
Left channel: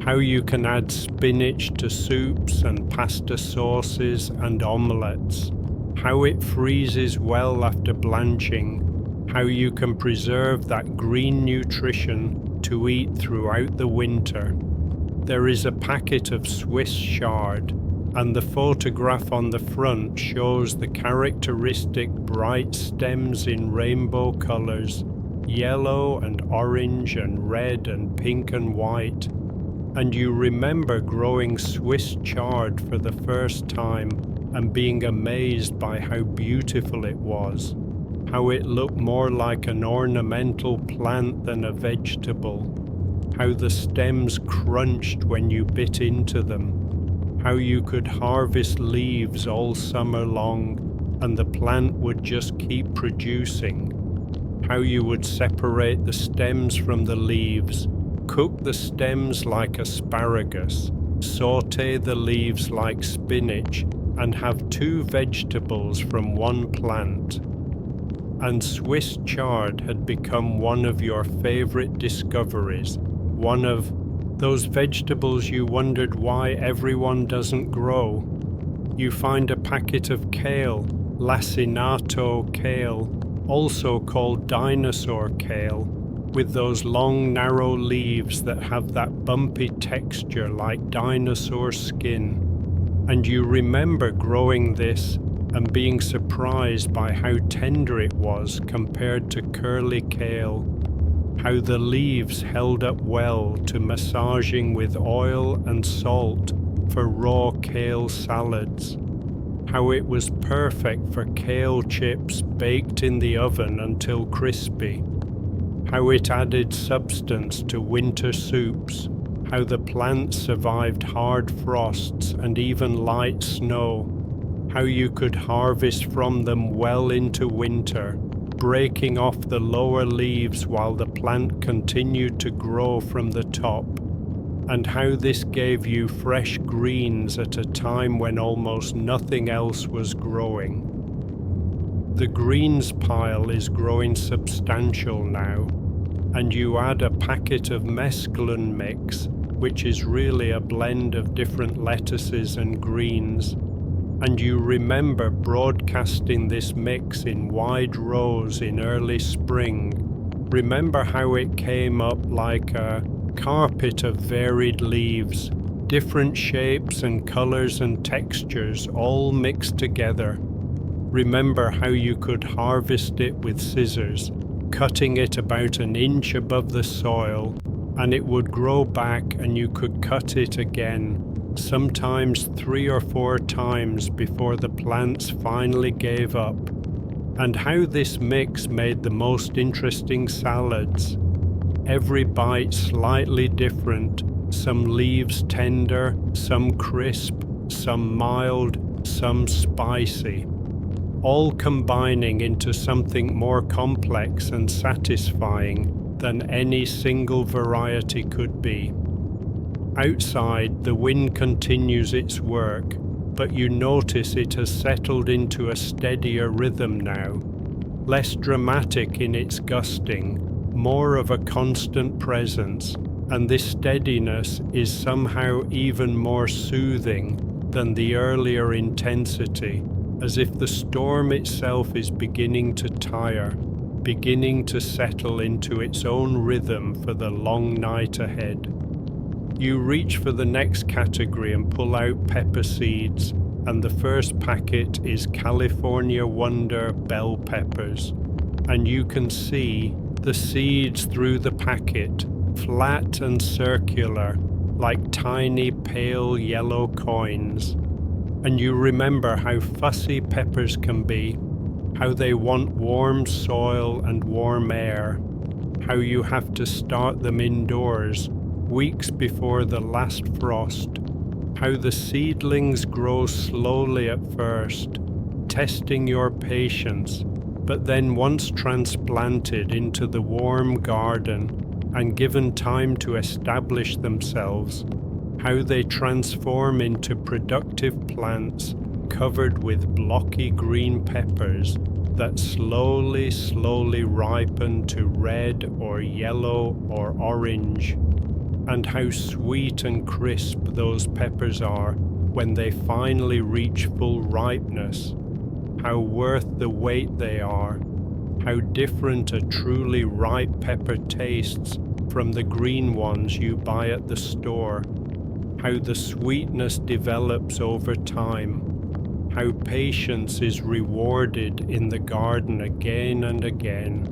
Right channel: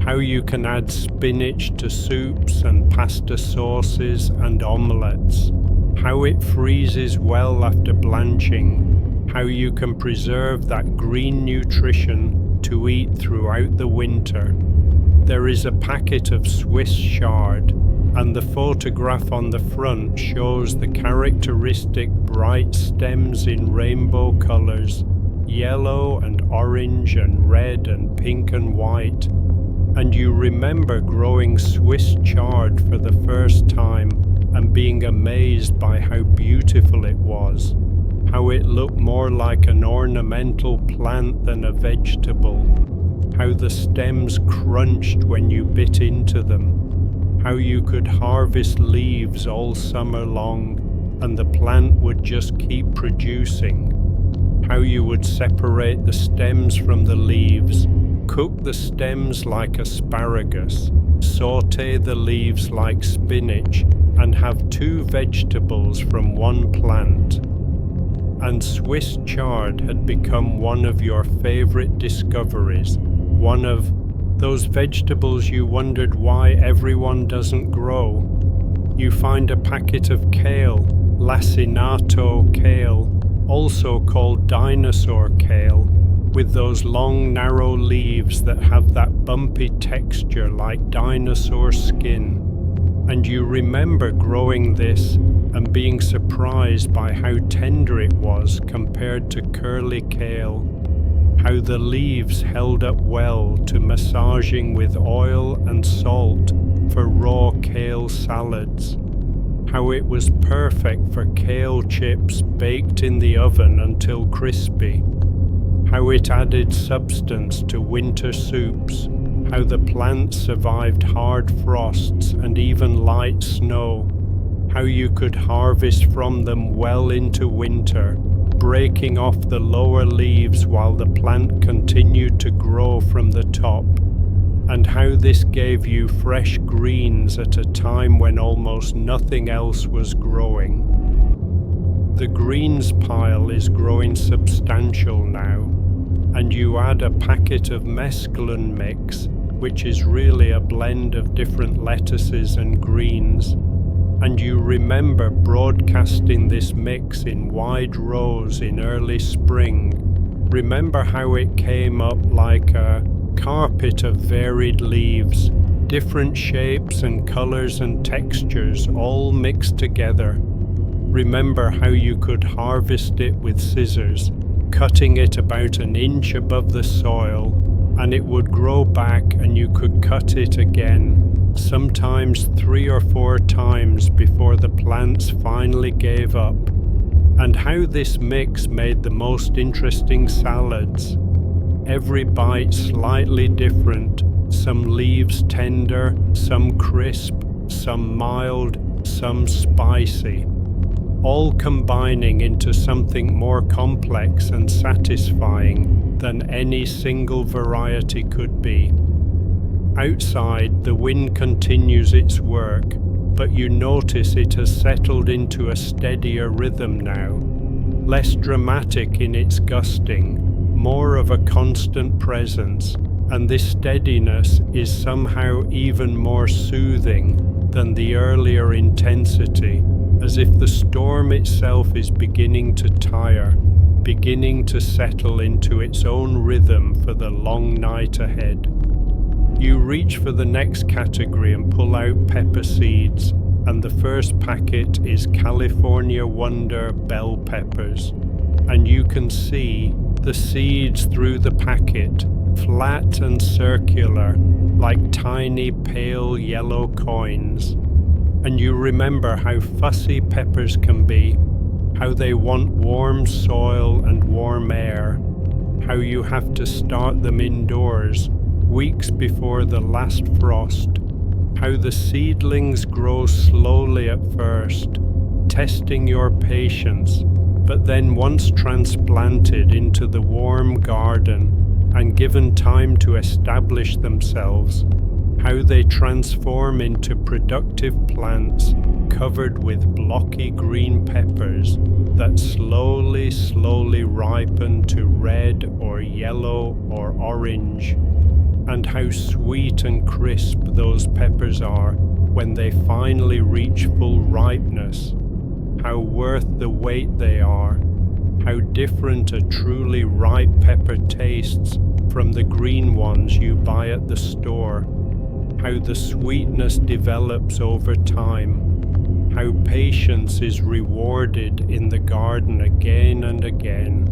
how you can add spinach to soups and pasta sauces and omelettes, how it freezes well after blanching, how you can preserve that green nutrition to eat throughout the winter. There is a packet of Swiss chard, and the photograph on the front shows the characteristic bright stems in rainbow colors, yellow and orange and red and pink and white. And you remember growing Swiss chard for the first time and being amazed by how beautiful it was, how it looked more like an ornamental plant than a vegetable, how the stems crunched when you bit into them, how you could harvest leaves all summer long and the plant would just keep producing, how you would separate the stems from the leaves, cook the stems like asparagus, saute the leaves like spinach, and have 2 vegetables from 1 plant. And Swiss chard had become one of your favorite discoveries, one of those vegetables you wondered why everyone doesn't grow. You find a packet of kale, lacinato kale, also called dinosaur kale, with those long narrow leaves that have that bumpy texture like dinosaur skin. And you remember growing this and being surprised by how tender it was compared to curly kale, how the leaves held up well to massaging with oil and salt for raw kale salads, how it was perfect for kale chips baked in the oven until crispy, how it added substance to winter soups, how the plants survived hard frosts and even light snow, how you could harvest from them well into winter, breaking off the lower leaves while the plant continued to grow from the top, and how this gave you fresh greens at a time when almost nothing else was growing. The greens pile is growing substantial now, and you add a packet of mesclun mix, which is really a blend of different lettuces and greens, and you remember broadcasting this mix in wide rows in early spring. Remember how it came up like a carpet of varied leaves, different shapes and colors and textures all mixed together. Remember how you could harvest it with scissors, cutting it about an inch above the soil, and it would grow back and you could cut it again, sometimes 3 or 4 times before the plants finally gave up. And how this mix made the most interesting salads. Every bite slightly different, some leaves tender, some crisp, some mild, some spicy, all combining into something more complex and satisfying than any single variety could be. Outside, the wind continues its work, but you notice it has settled into a steadier rhythm now, less dramatic in its gusting, more of a constant presence, and this steadiness is somehow even more soothing than the earlier intensity, as if the storm itself is beginning to tire, beginning to settle into its own rhythm for the long night ahead. You reach for the next category and pull out pepper seeds, and the first packet is California Wonder bell peppers, and you can see the seeds through the packet, flat and circular, like tiny pale yellow coins. And you remember how fussy peppers can be, how they want warm soil and warm air, how you have to start them indoors, weeks before the last frost, how the seedlings grow slowly at first, testing your patience, but then once transplanted into the warm garden and given time to establish themselves, how they transform into productive plants covered with blocky green peppers that slowly ripen to red or yellow or orange, and how sweet and crisp those peppers are when they finally reach full ripeness, how worth the wait they are, how different a truly ripe pepper tastes from the green ones you buy at the store, how the sweetness develops over time, how patience is rewarded in the garden again and again.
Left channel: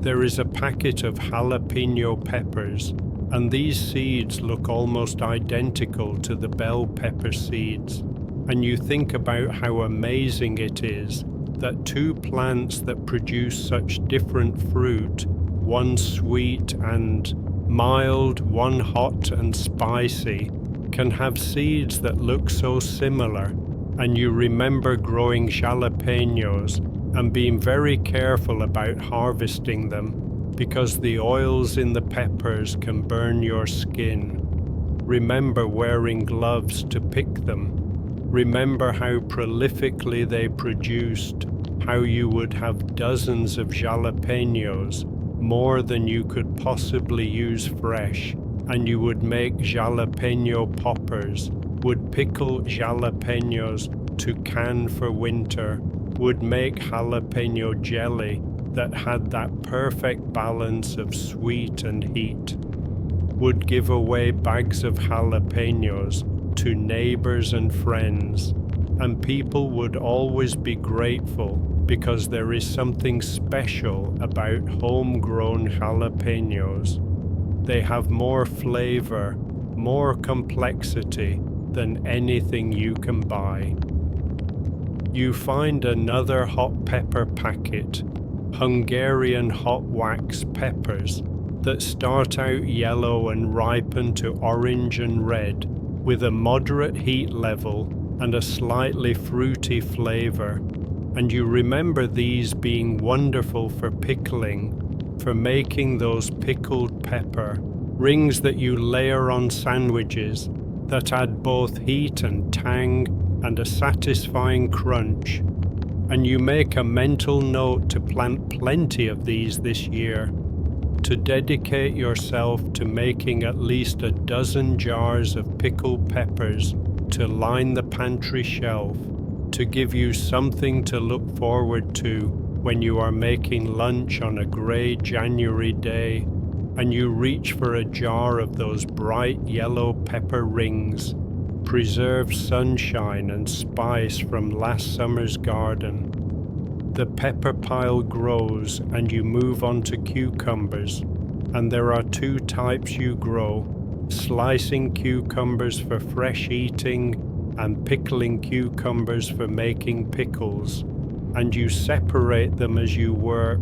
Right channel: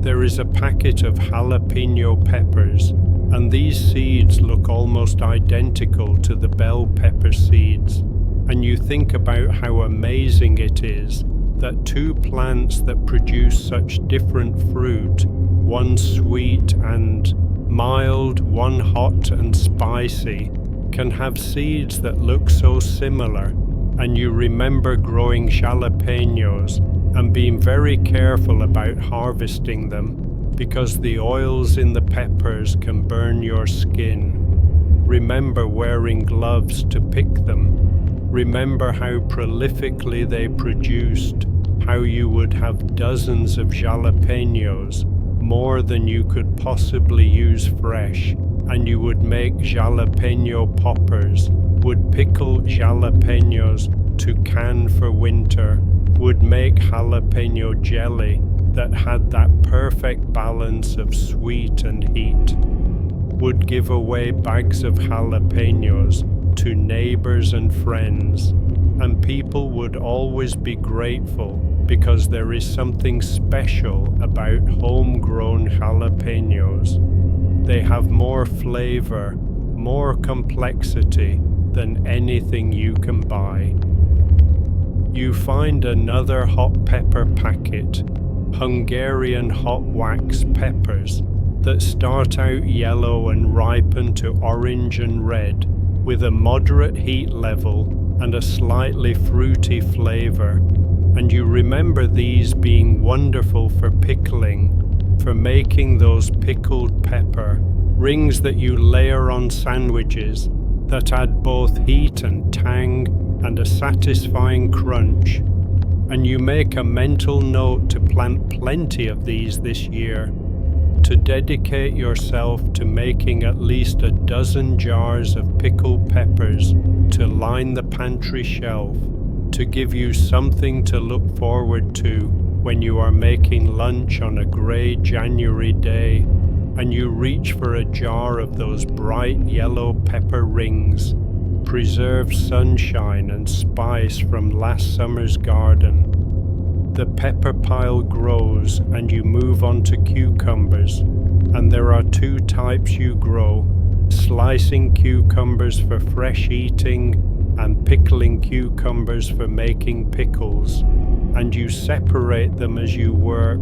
There is a packet of jalapeno peppers, and these seeds look almost identical to the bell pepper seeds. And you think about how amazing it is that 2 plants that produce such different fruit, one sweet and mild, one hot and spicy, can have seeds that look so similar. And you remember growing jalapenos and being very careful about harvesting them, because the oils in the peppers can burn your skin. Remember wearing gloves to pick them. Remember how prolifically they produced, how you would have dozens of jalapenos, more than you could possibly use fresh, and you would make jalapeno poppers, would pickle jalapenos to can for winter, would make jalapeno jelly that had that perfect balance of sweet and heat, would give away bags of jalapenos to neighbors and friends, and people would always be grateful because there is something special about homegrown jalapenos. They have more flavor, more complexity than anything you can buy. You find another hot pepper packet, Hungarian hot wax peppers, that start out yellow and ripen to orange and red, with a moderate heat level and a slightly fruity flavor. And you remember these being wonderful for pickling, for making those pickled pepper rings that you layer on sandwiches that add both heat and tang and a satisfying crunch. And you make a mental note to plant plenty of these this year, to dedicate yourself to making at least a dozen jars of pickled peppers to line the pantry shelf, to give you something to look forward to when you are making lunch on a grey January day, and you reach for a jar of those bright yellow pepper rings, preserved sunshine and spice from last summer's garden. The pepper pile grows and you move on to cucumbers, and there are two types you grow: slicing cucumbers for fresh eating and pickling cucumbers for making pickles, and you separate them as you work,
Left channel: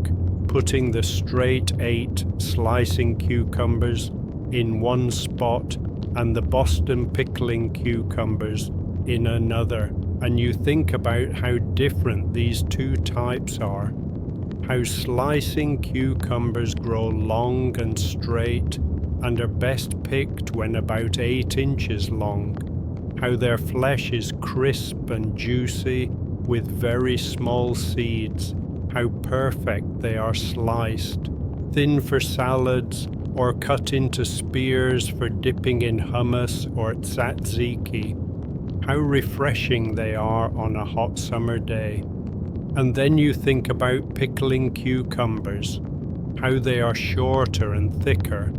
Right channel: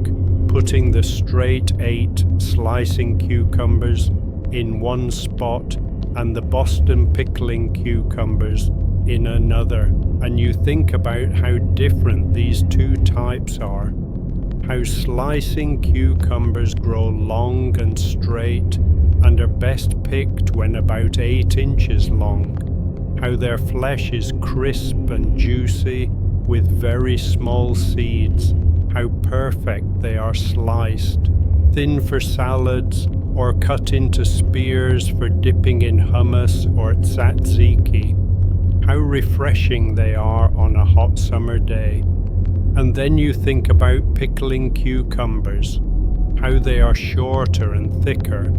putting the straight 8 slicing cucumbers in one spot and the Boston pickling cucumbers in another, and you think about how different these two types are, how slicing cucumbers grow long and straight and are best picked when about 8 inches long, how their flesh is crisp and juicy with very small seeds, how perfect they are sliced, thin for salads or cut into spears for dipping in hummus or tzatziki, how refreshing they are on a hot summer day. And then you think about pickling cucumbers, how they are shorter and thicker,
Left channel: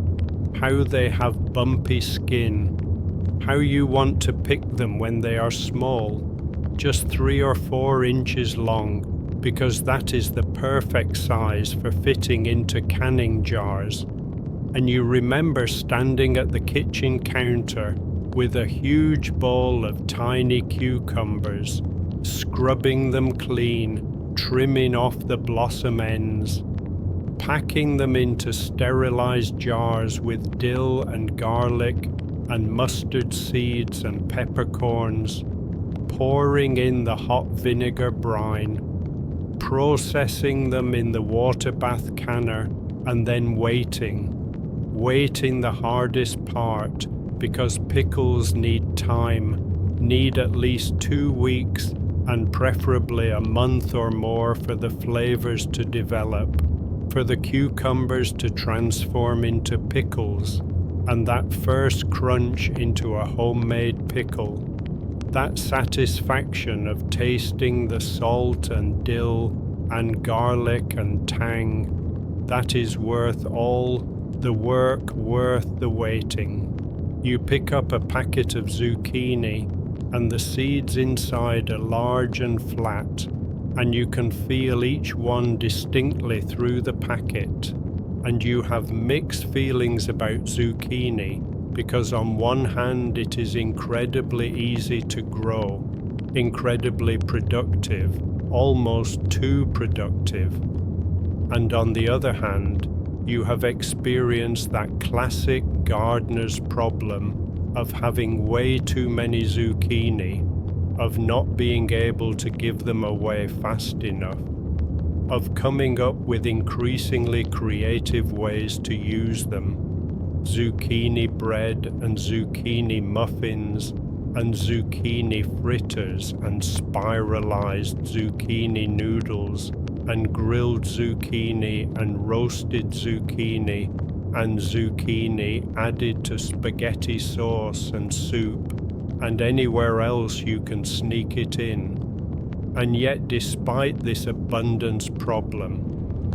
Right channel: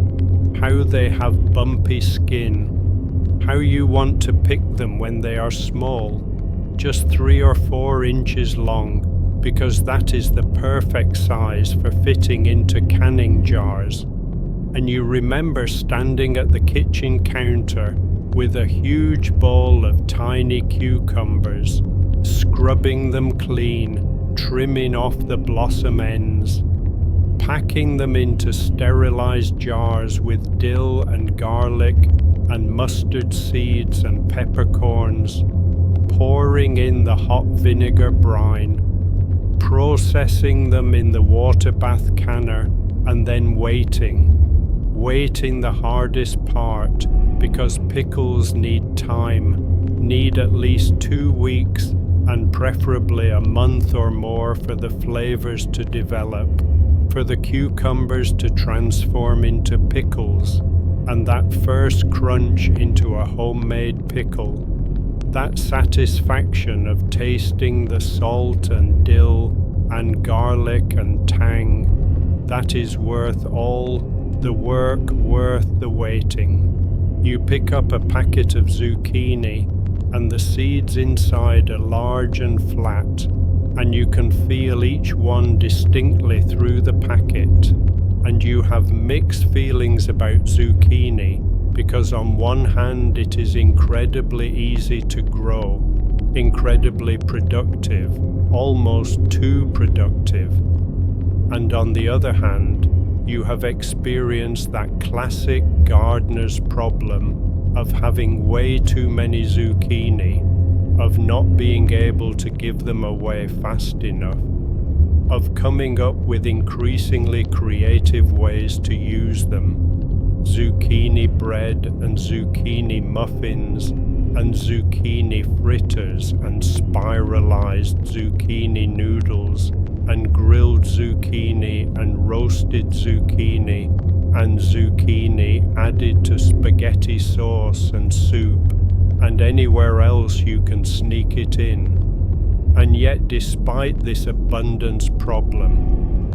how they have bumpy skin, how you want to pick them when they are small, just 3 or 4 inches long, because that is the perfect size for fitting into canning jars. And you remember standing at the kitchen counter with a huge bowl of tiny cucumbers, scrubbing them clean, trimming off the blossom ends, packing them into sterilized jars with dill and garlic and mustard seeds and peppercorns, pouring in the hot vinegar brine, processing them in the water bath canner, and then waiting the hardest part, because pickles need time, need at least 2 weeks and preferably a month or more for the flavors to develop, for the cucumbers to transform into pickles, and that first crunch into a homemade pickle, that satisfaction of tasting the salt and dill and garlic and tang, that is worth all the work, worth the waiting. You pick up a packet of zucchini, and the seeds inside are large and flat, and you can feel each one distinctly through the packet. And you have mixed feelings about zucchini, because on one hand it is incredibly easy to grow, incredibly productive, almost too productive. And on the other hand, you have experienced that classic gardener's problem of having way too many zucchini, of not being able to give them away fast enough, of coming up with increasingly creative ways to use them. Zucchini bread and zucchini muffins and zucchini fritters and spiralized zucchini noodles and grilled zucchini and roasted zucchini and zucchini added to spaghetti sauce and soup and anywhere else you can sneak it in. And yet, despite this abundance problem,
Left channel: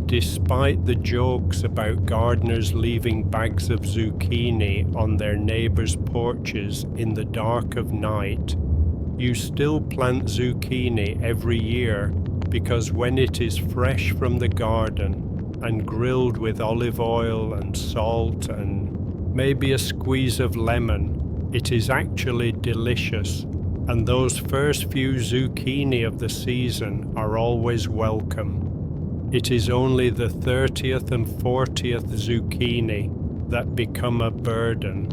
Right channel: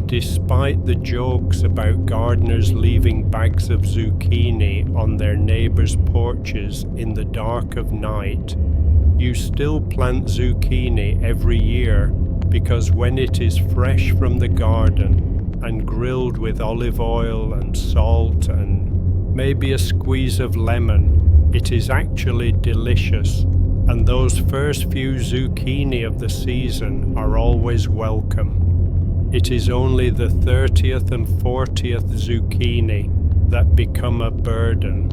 despite the jokes about gardeners leaving bags of zucchini on their neighbors' porches in the dark of night, you still plant zucchini every year, because when it is fresh from the garden and grilled with olive oil and salt and maybe a squeeze of lemon, it is actually delicious, and those first few zucchini of the season are always welcome. It is only the 30th and 40th zucchini that become a burden.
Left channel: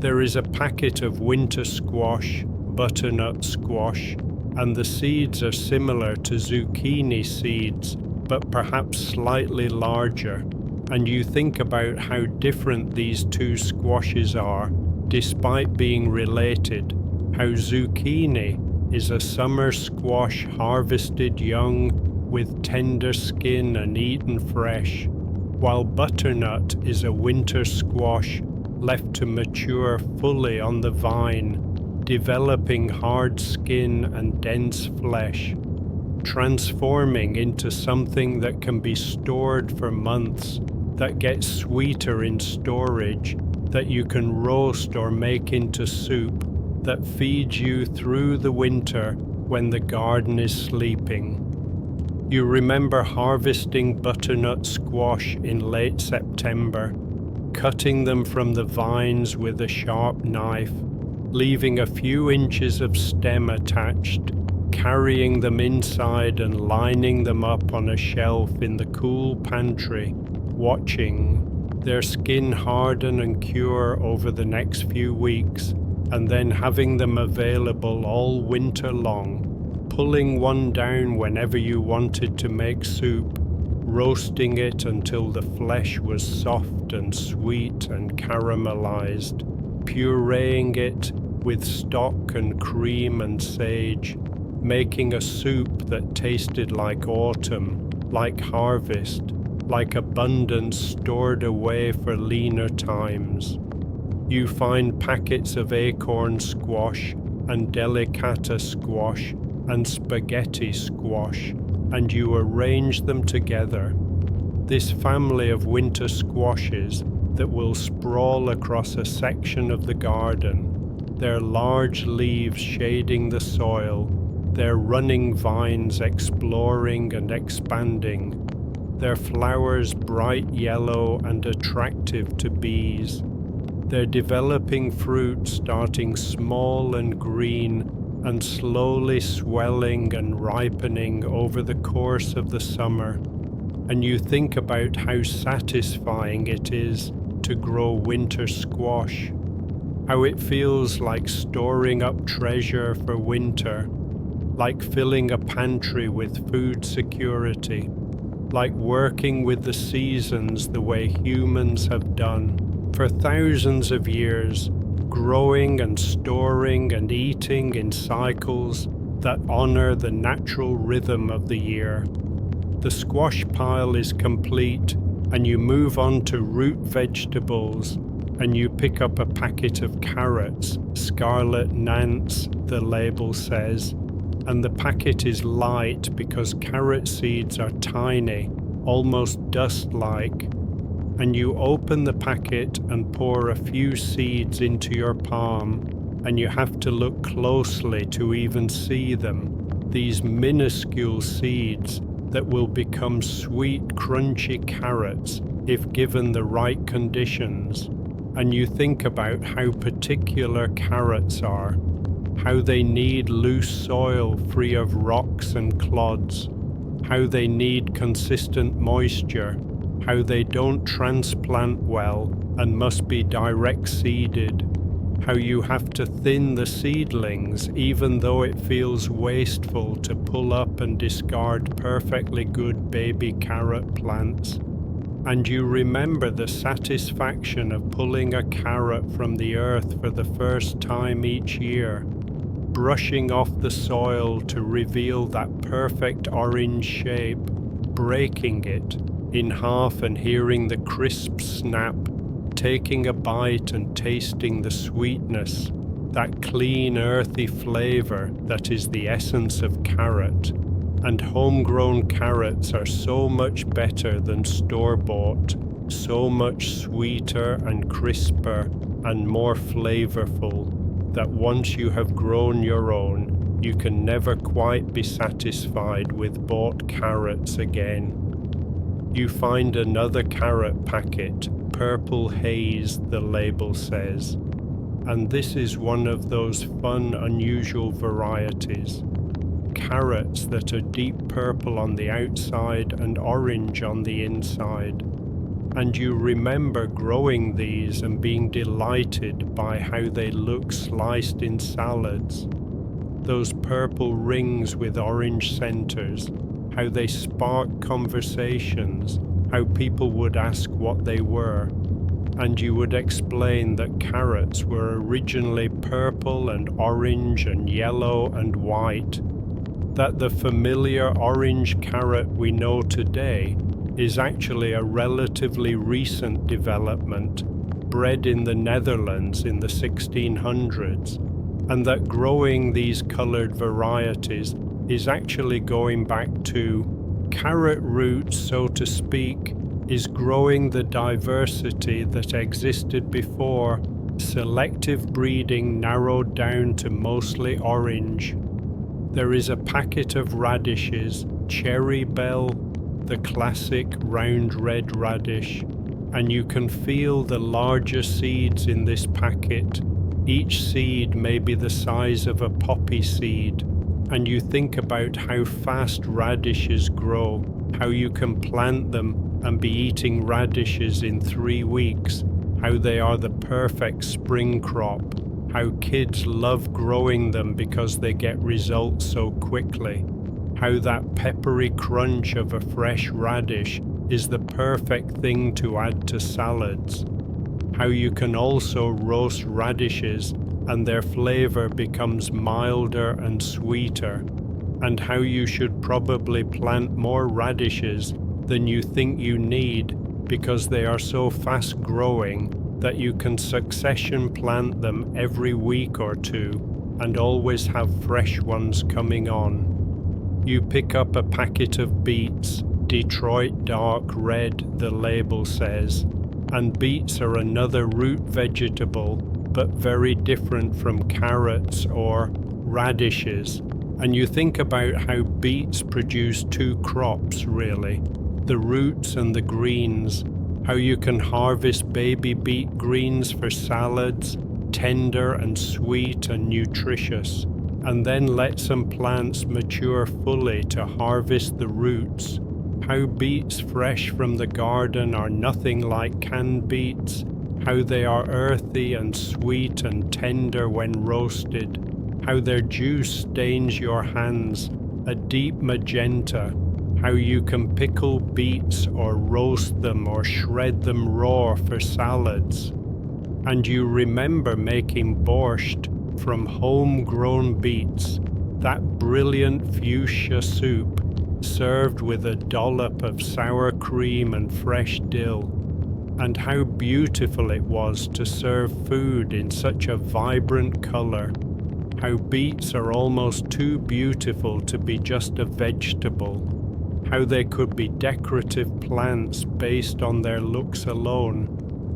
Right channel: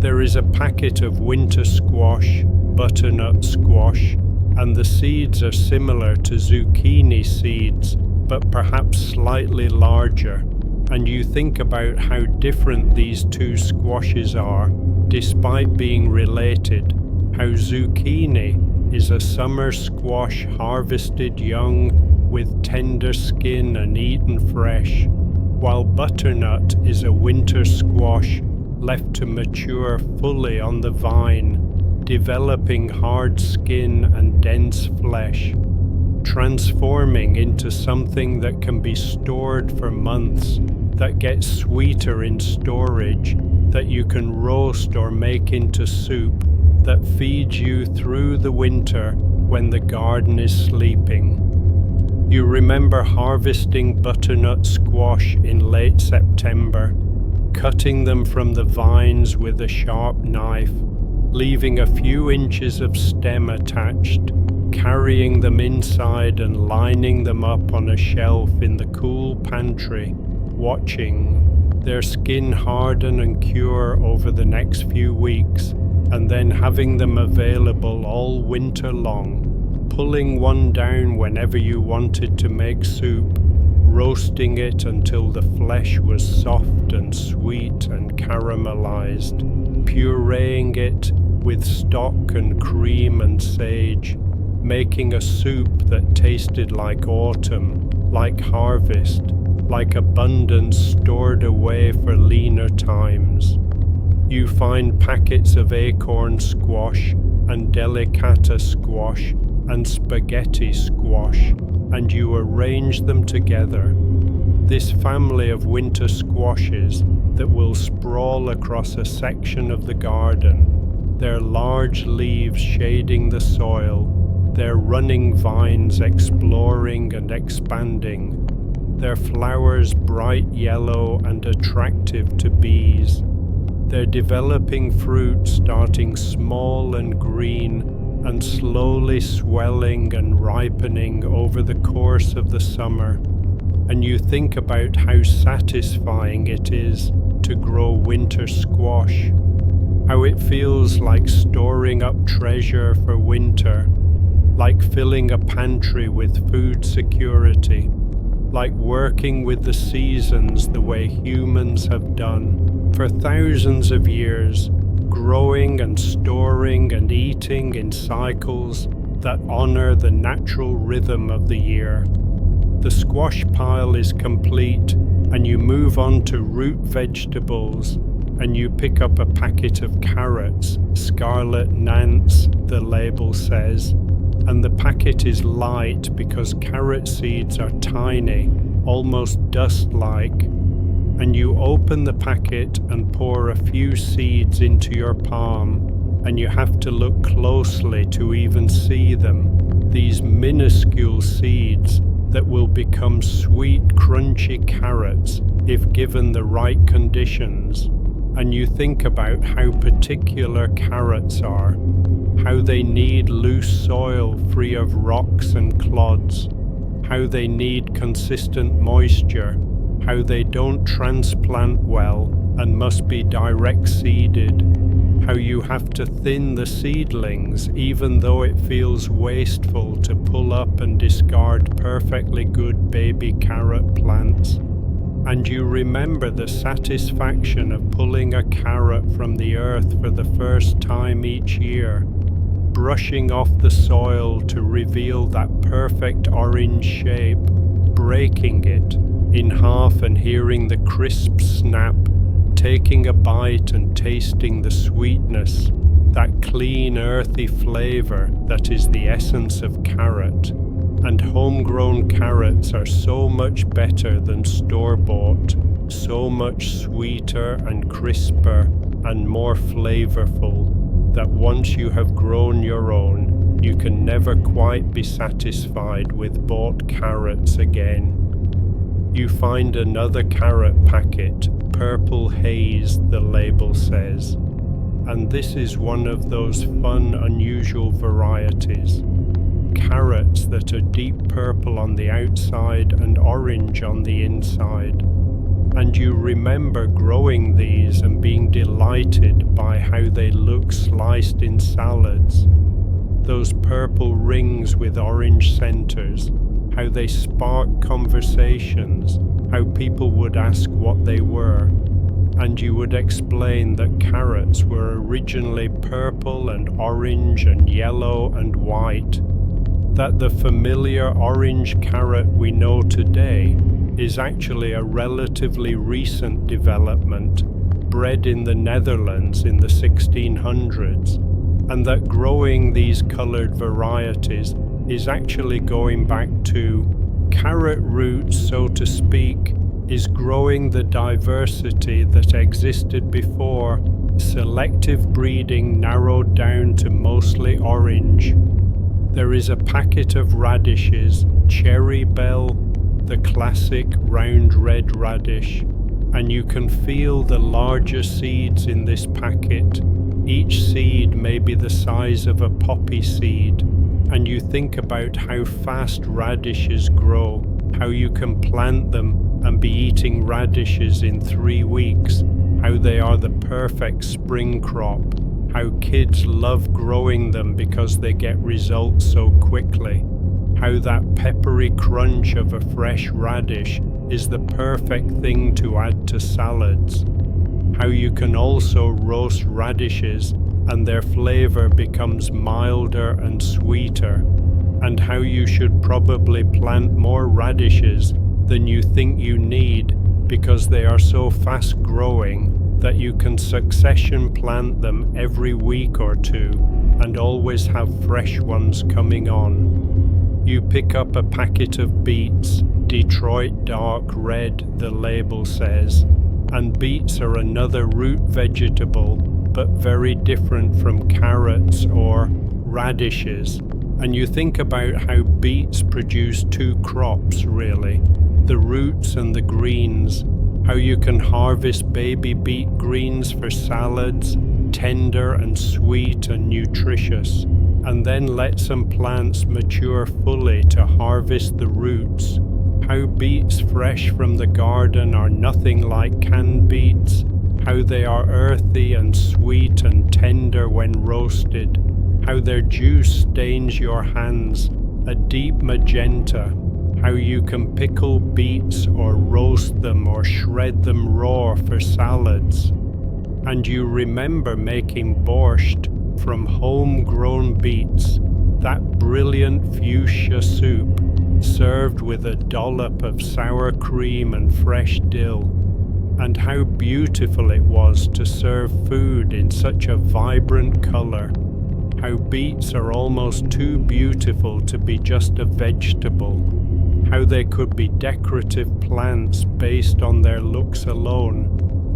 There is a packet of winter squash, butternut squash, and the seeds are similar to zucchini seeds, but perhaps slightly larger, and you think about how different these two squashes are, despite being related, how zucchini is a summer squash harvested young with tender skin and eaten fresh, while butternut is a winter squash left to mature fully on the vine, developing hard skin and dense flesh, transforming into something that can be stored for months, that gets sweeter in storage, that you can roast or make into soup, that feeds you through the winter when the garden is sleeping. You remember harvesting butternut squash in late September, cutting them from the vines with a sharp knife, leaving a few inches of stem attached, carrying them inside and lining them up on a shelf in the cool pantry, watching their skin harden and cure over the next few weeks, and then having them available all winter long, pulling one down whenever you wanted to make soup, roasting it until the flesh was soft and sweet and caramelized, pureeing it with stock and cream and sage, making a soup that tasted like autumn, like harvest, like abundance stored away for leaner times. You find packets of acorn squash and delicata squash and spaghetti squash, and you arrange them together. This family of winter squashes that will sprawl across a section of the garden, their large leaves shading the soil, their running vines exploring and expanding, their flowers bright yellow and attractive to bees, their developing fruit starting small and green and slowly swelling and ripening over the course of the summer. And you think about how satisfying it is to grow winter squash, how it feels like storing up treasure for winter, like filling a pantry with food security, like working with the seasons the way humans have done for thousands of years, growing and storing and eating in cycles that honor the natural rhythm of the year. The squash pile is complete, and you move on to root vegetables, and you pick up a packet of carrots, Scarlet Nance, the label says, and the packet is light because carrot seeds are tiny, almost dust-like, and you open the packet and pour a few seeds into your palm, and you have to look closely to even see them, these minuscule seeds that will become sweet, crunchy carrots if given the right conditions. And you think about how particular carrots are, how they need loose soil free of rocks and clods, how they need consistent moisture, how they don't transplant well and must be direct seeded, how you have to thin the seedlings even though it feels wasteful to pull up and discard perfectly good baby carrot plants. And you remember the satisfaction of pulling a carrot from the earth for the first time each year, brushing off the soil to reveal that perfect orange shape, breaking it in half and hearing the crisp snap, taking a bite and tasting the sweetness, that clean earthy flavor that is the essence of carrot. And homegrown carrots are so much better than store-bought, so much sweeter and crisper and more flavorful, that once you have grown your own, you can never quite be satisfied with bought carrots again. You find another carrot packet, Purple Haze, the label says, and this is one of those fun, unusual varieties. Carrots that are deep purple on the outside and orange on the inside. And you remember growing these and being delighted by how they look sliced in salads. Those purple rings with orange centers, how they spark conversations, how people would ask what they were. And you would explain that carrots were originally purple and orange and yellow and white, that the familiar orange carrot we know today is actually a relatively recent development, bred in the Netherlands in the 1600s, and that growing these colored varieties is actually going back to carrot roots, so to speak, is growing the diversity that existed before, selective breeding narrowed down to mostly orange. There is a packet of radishes, Cherry Bell, the classic round red radish, and you can feel the larger seeds in this packet. Each seed may be the size of a poppy seed, and you think about how fast radishes grow, how you can plant them and be eating radishes in 3 weeks, how they are the perfect spring crop, how kids love growing them because they get results so quickly, how that peppery crunch of a fresh radish is the perfect thing to add to salads, how you can also roast radishes and their flavor becomes milder and sweeter, and how you should probably plant more radishes than you think you need because they are so fast growing that you can succession plant them every week or two and always have fresh ones coming on. You pick up a packet of beets, Detroit dark red the label says, and beets are another root vegetable but very different from carrots or radishes, and you think about how beets produce 2 crops really, the roots and the greens, how you can harvest baby beet greens for salads, tender and sweet and nutritious, and then let some plants mature fully to harvest the roots, how beets fresh from the garden are nothing like canned beets, how they are earthy and sweet and tender when roasted, how their juice stains your hands, a deep magenta, how you can pickle beets or roast them or shred them raw for salads. And you remember making borscht from homegrown beets, that brilliant fuchsia soup served with a dollop of sour cream and fresh dill, and how beautiful it was to serve food in such a vibrant color, how beets are almost too beautiful to be just a vegetable, how they could be decorative plants based on their looks alone,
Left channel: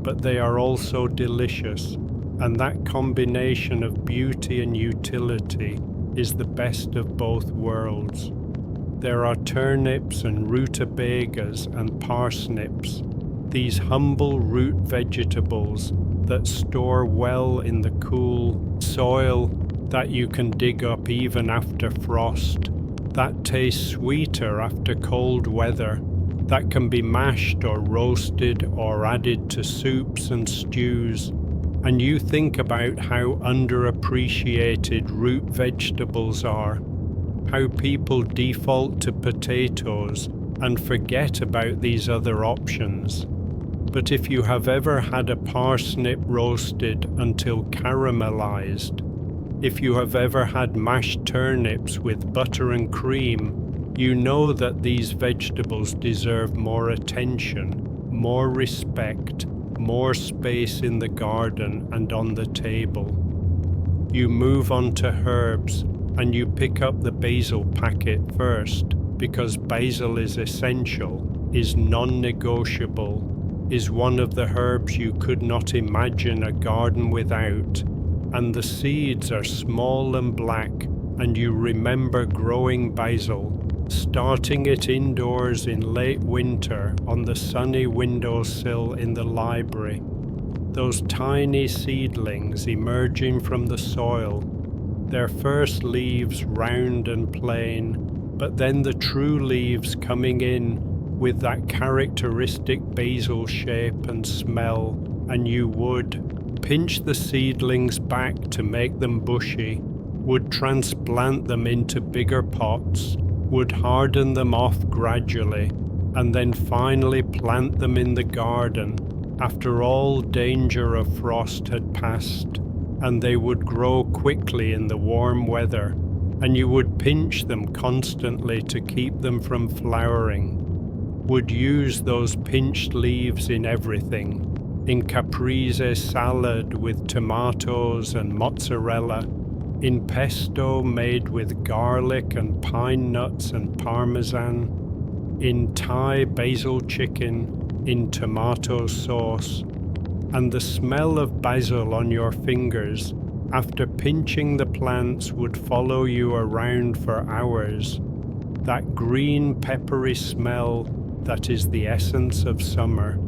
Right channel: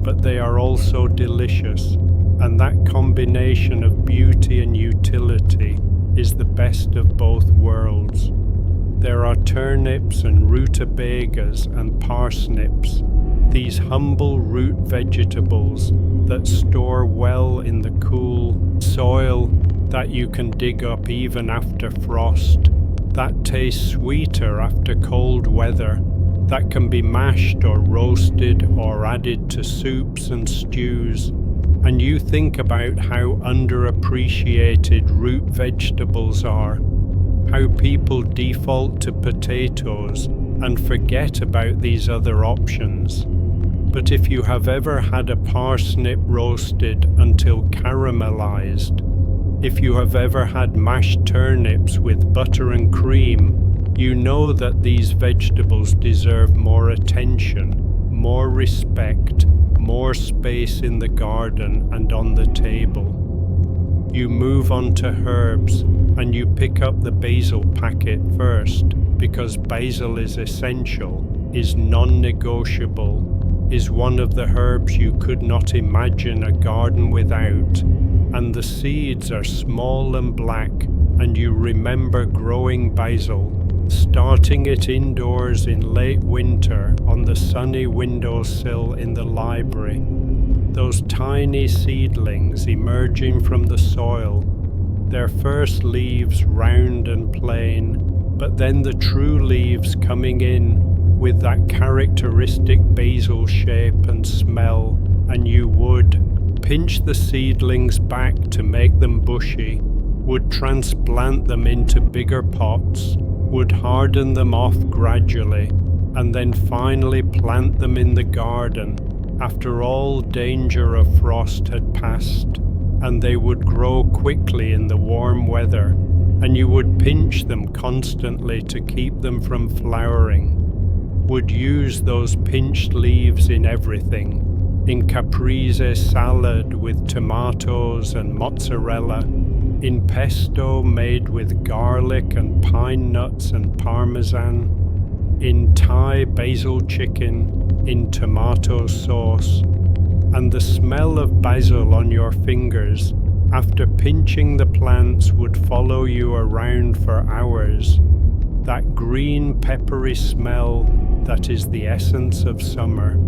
but they are also delicious, and that combination of beauty and utility is the best of both worlds. There are turnips and rutabagas and parsnips, these humble root vegetables that store well in the cool soil that you can dig up even after frost, that tastes sweeter after cold weather, that can be mashed or roasted or added to soups and stews. And you think about how underappreciated root vegetables are, how people default to potatoes and forget about these other options. But if you have ever had a parsnip roasted until caramelized, if you have ever had mashed turnips with butter and cream, you know that these vegetables deserve more attention, more respect, more space in the garden and on the table. You move on to herbs, and you pick up the basil packet first, because basil is essential, is non-negotiable, is one of the herbs you could not imagine a garden without, and the seeds are small and black, and you remember growing basil, starting it indoors in late winter on the sunny windowsill in the library. Those tiny seedlings emerging from the soil, their first leaves round and plain, but then the true leaves coming in with that characteristic basil shape and smell, and you would pinch the seedlings back to make them bushy, would transplant them into bigger pots, would harden them off gradually, and then finally plant them in the garden after all danger of frost had passed, and they would grow quickly in the warm weather, and you would pinch them constantly to keep them from flowering, would use those pinched leaves in everything, in caprese salad with tomatoes and mozzarella, in pesto made with garlic and pine nuts and parmesan, in Thai basil chicken, in tomato sauce, and the smell of basil on your fingers after pinching the plants would follow you around for hours. That green peppery smell that is the essence of summer.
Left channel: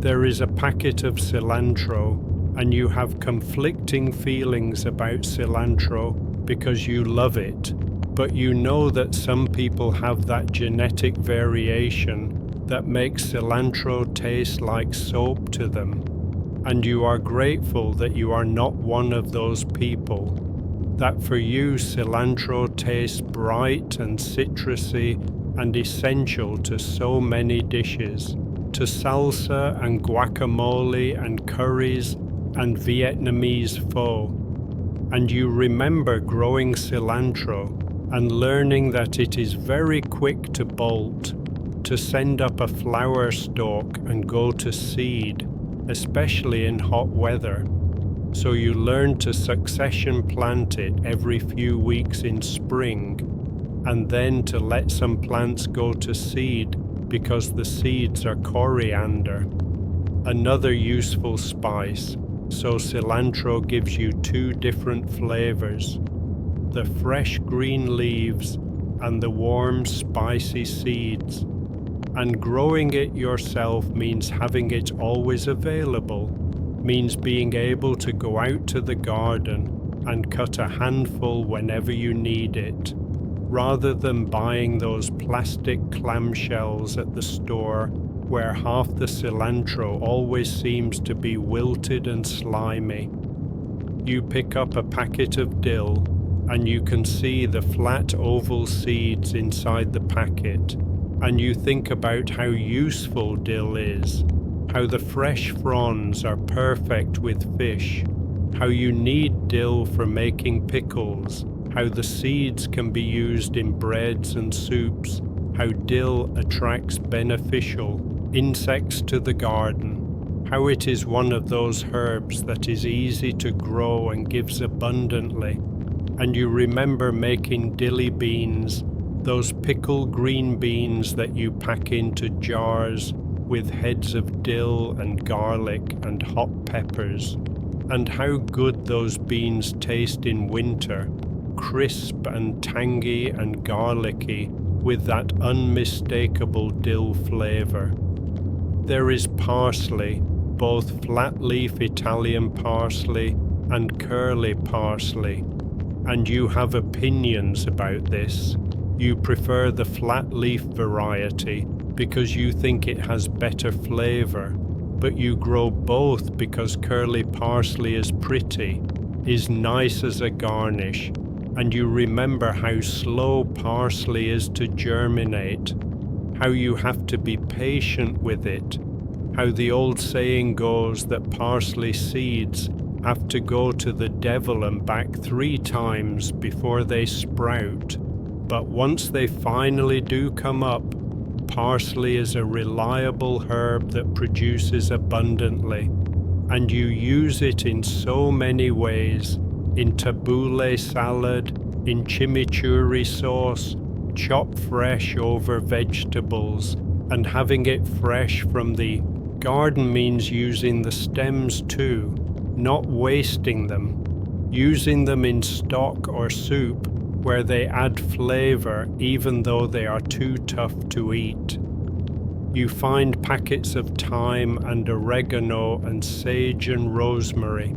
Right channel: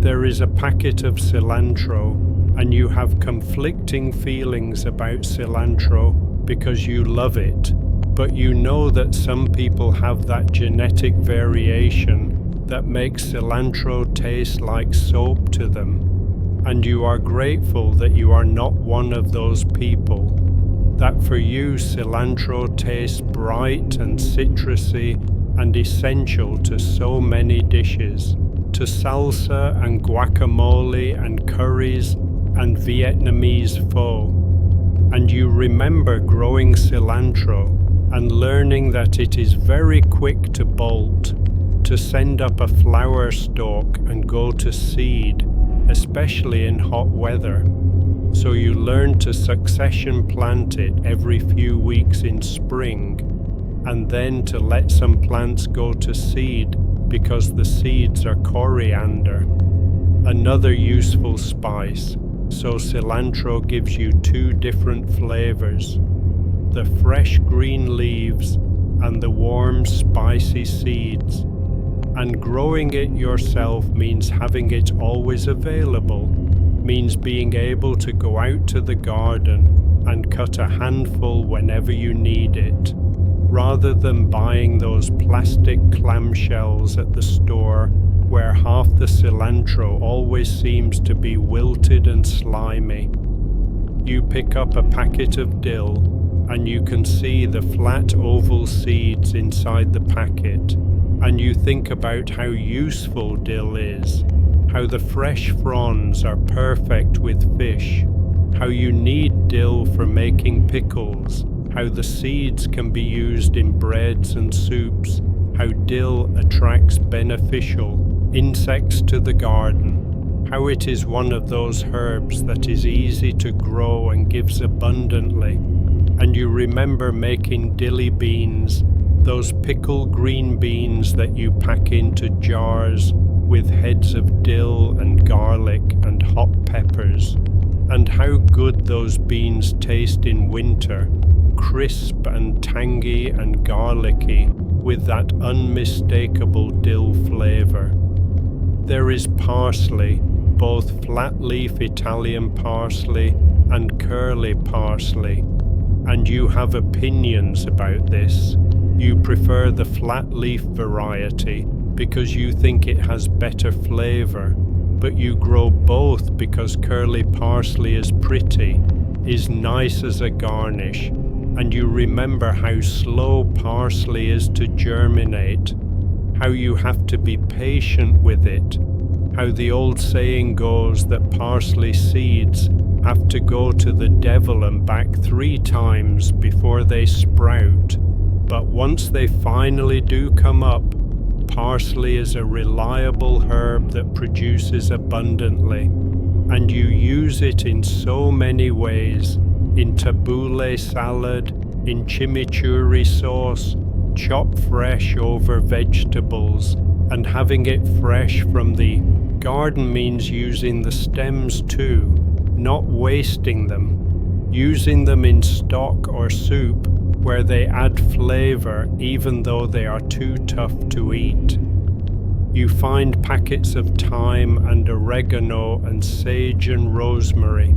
There is a packet of cilantro, and you have conflicting feelings about cilantro because you love it, but you know that some people have that genetic variation that makes cilantro taste like soap to them, and you are grateful that you are not one of those people, that for you cilantro tastes bright and citrusy and essential to so many dishes, to salsa and guacamole and curries and Vietnamese pho. And you remember growing cilantro and learning that it is very quick to bolt, to send up a flower stalk and go to seed, especially in hot weather. So you learn to succession plant it every few weeks in spring, and then to let some plants go to seed because the seeds are coriander, another useful spice. So cilantro gives you two different flavors, the fresh green leaves and the warm spicy seeds. And growing it yourself means having it always available, means being able to go out to the garden and cut a handful whenever you need it, rather than buying those plastic clamshells at the store where half the cilantro always seems to be wilted and slimy. You pick up a packet of dill, and you can see the flat oval seeds inside the packet, and you think about how useful dill is, how the fresh fronds are perfect with fish, how you need dill for making pickles, how the seeds can be used in breads and soups, how dill attracts beneficial insects to the garden, how it is one of those herbs that is easy to grow and gives abundantly. And you remember making dilly beans, those pickled green beans that you pack into jars with heads of dill and garlic and hot peppers, and how good those beans taste in winter, crisp and tangy and garlicky with that unmistakable dill flavor. There is parsley, both flat-leaf Italian parsley and curly parsley, and you have opinions about this. You prefer the flat-leaf variety because you think it has better flavor, but you grow both because curly parsley is pretty, is nice as a garnish, and you remember how slow parsley is to germinate, how you have to be patient with it, how the old saying goes that parsley seeds have to go to the devil and back 3 times before they sprout. But once they finally do come up, parsley is a reliable herb that produces abundantly, and you use it in so many ways, in tabbouleh salad, in chimichurri sauce, chopped fresh over vegetables, and having it fresh from the garden means using the stems too, not wasting them, using them in stock or soup where they add flavor even though they are too tough to eat. You find packets of thyme and oregano and sage and rosemary,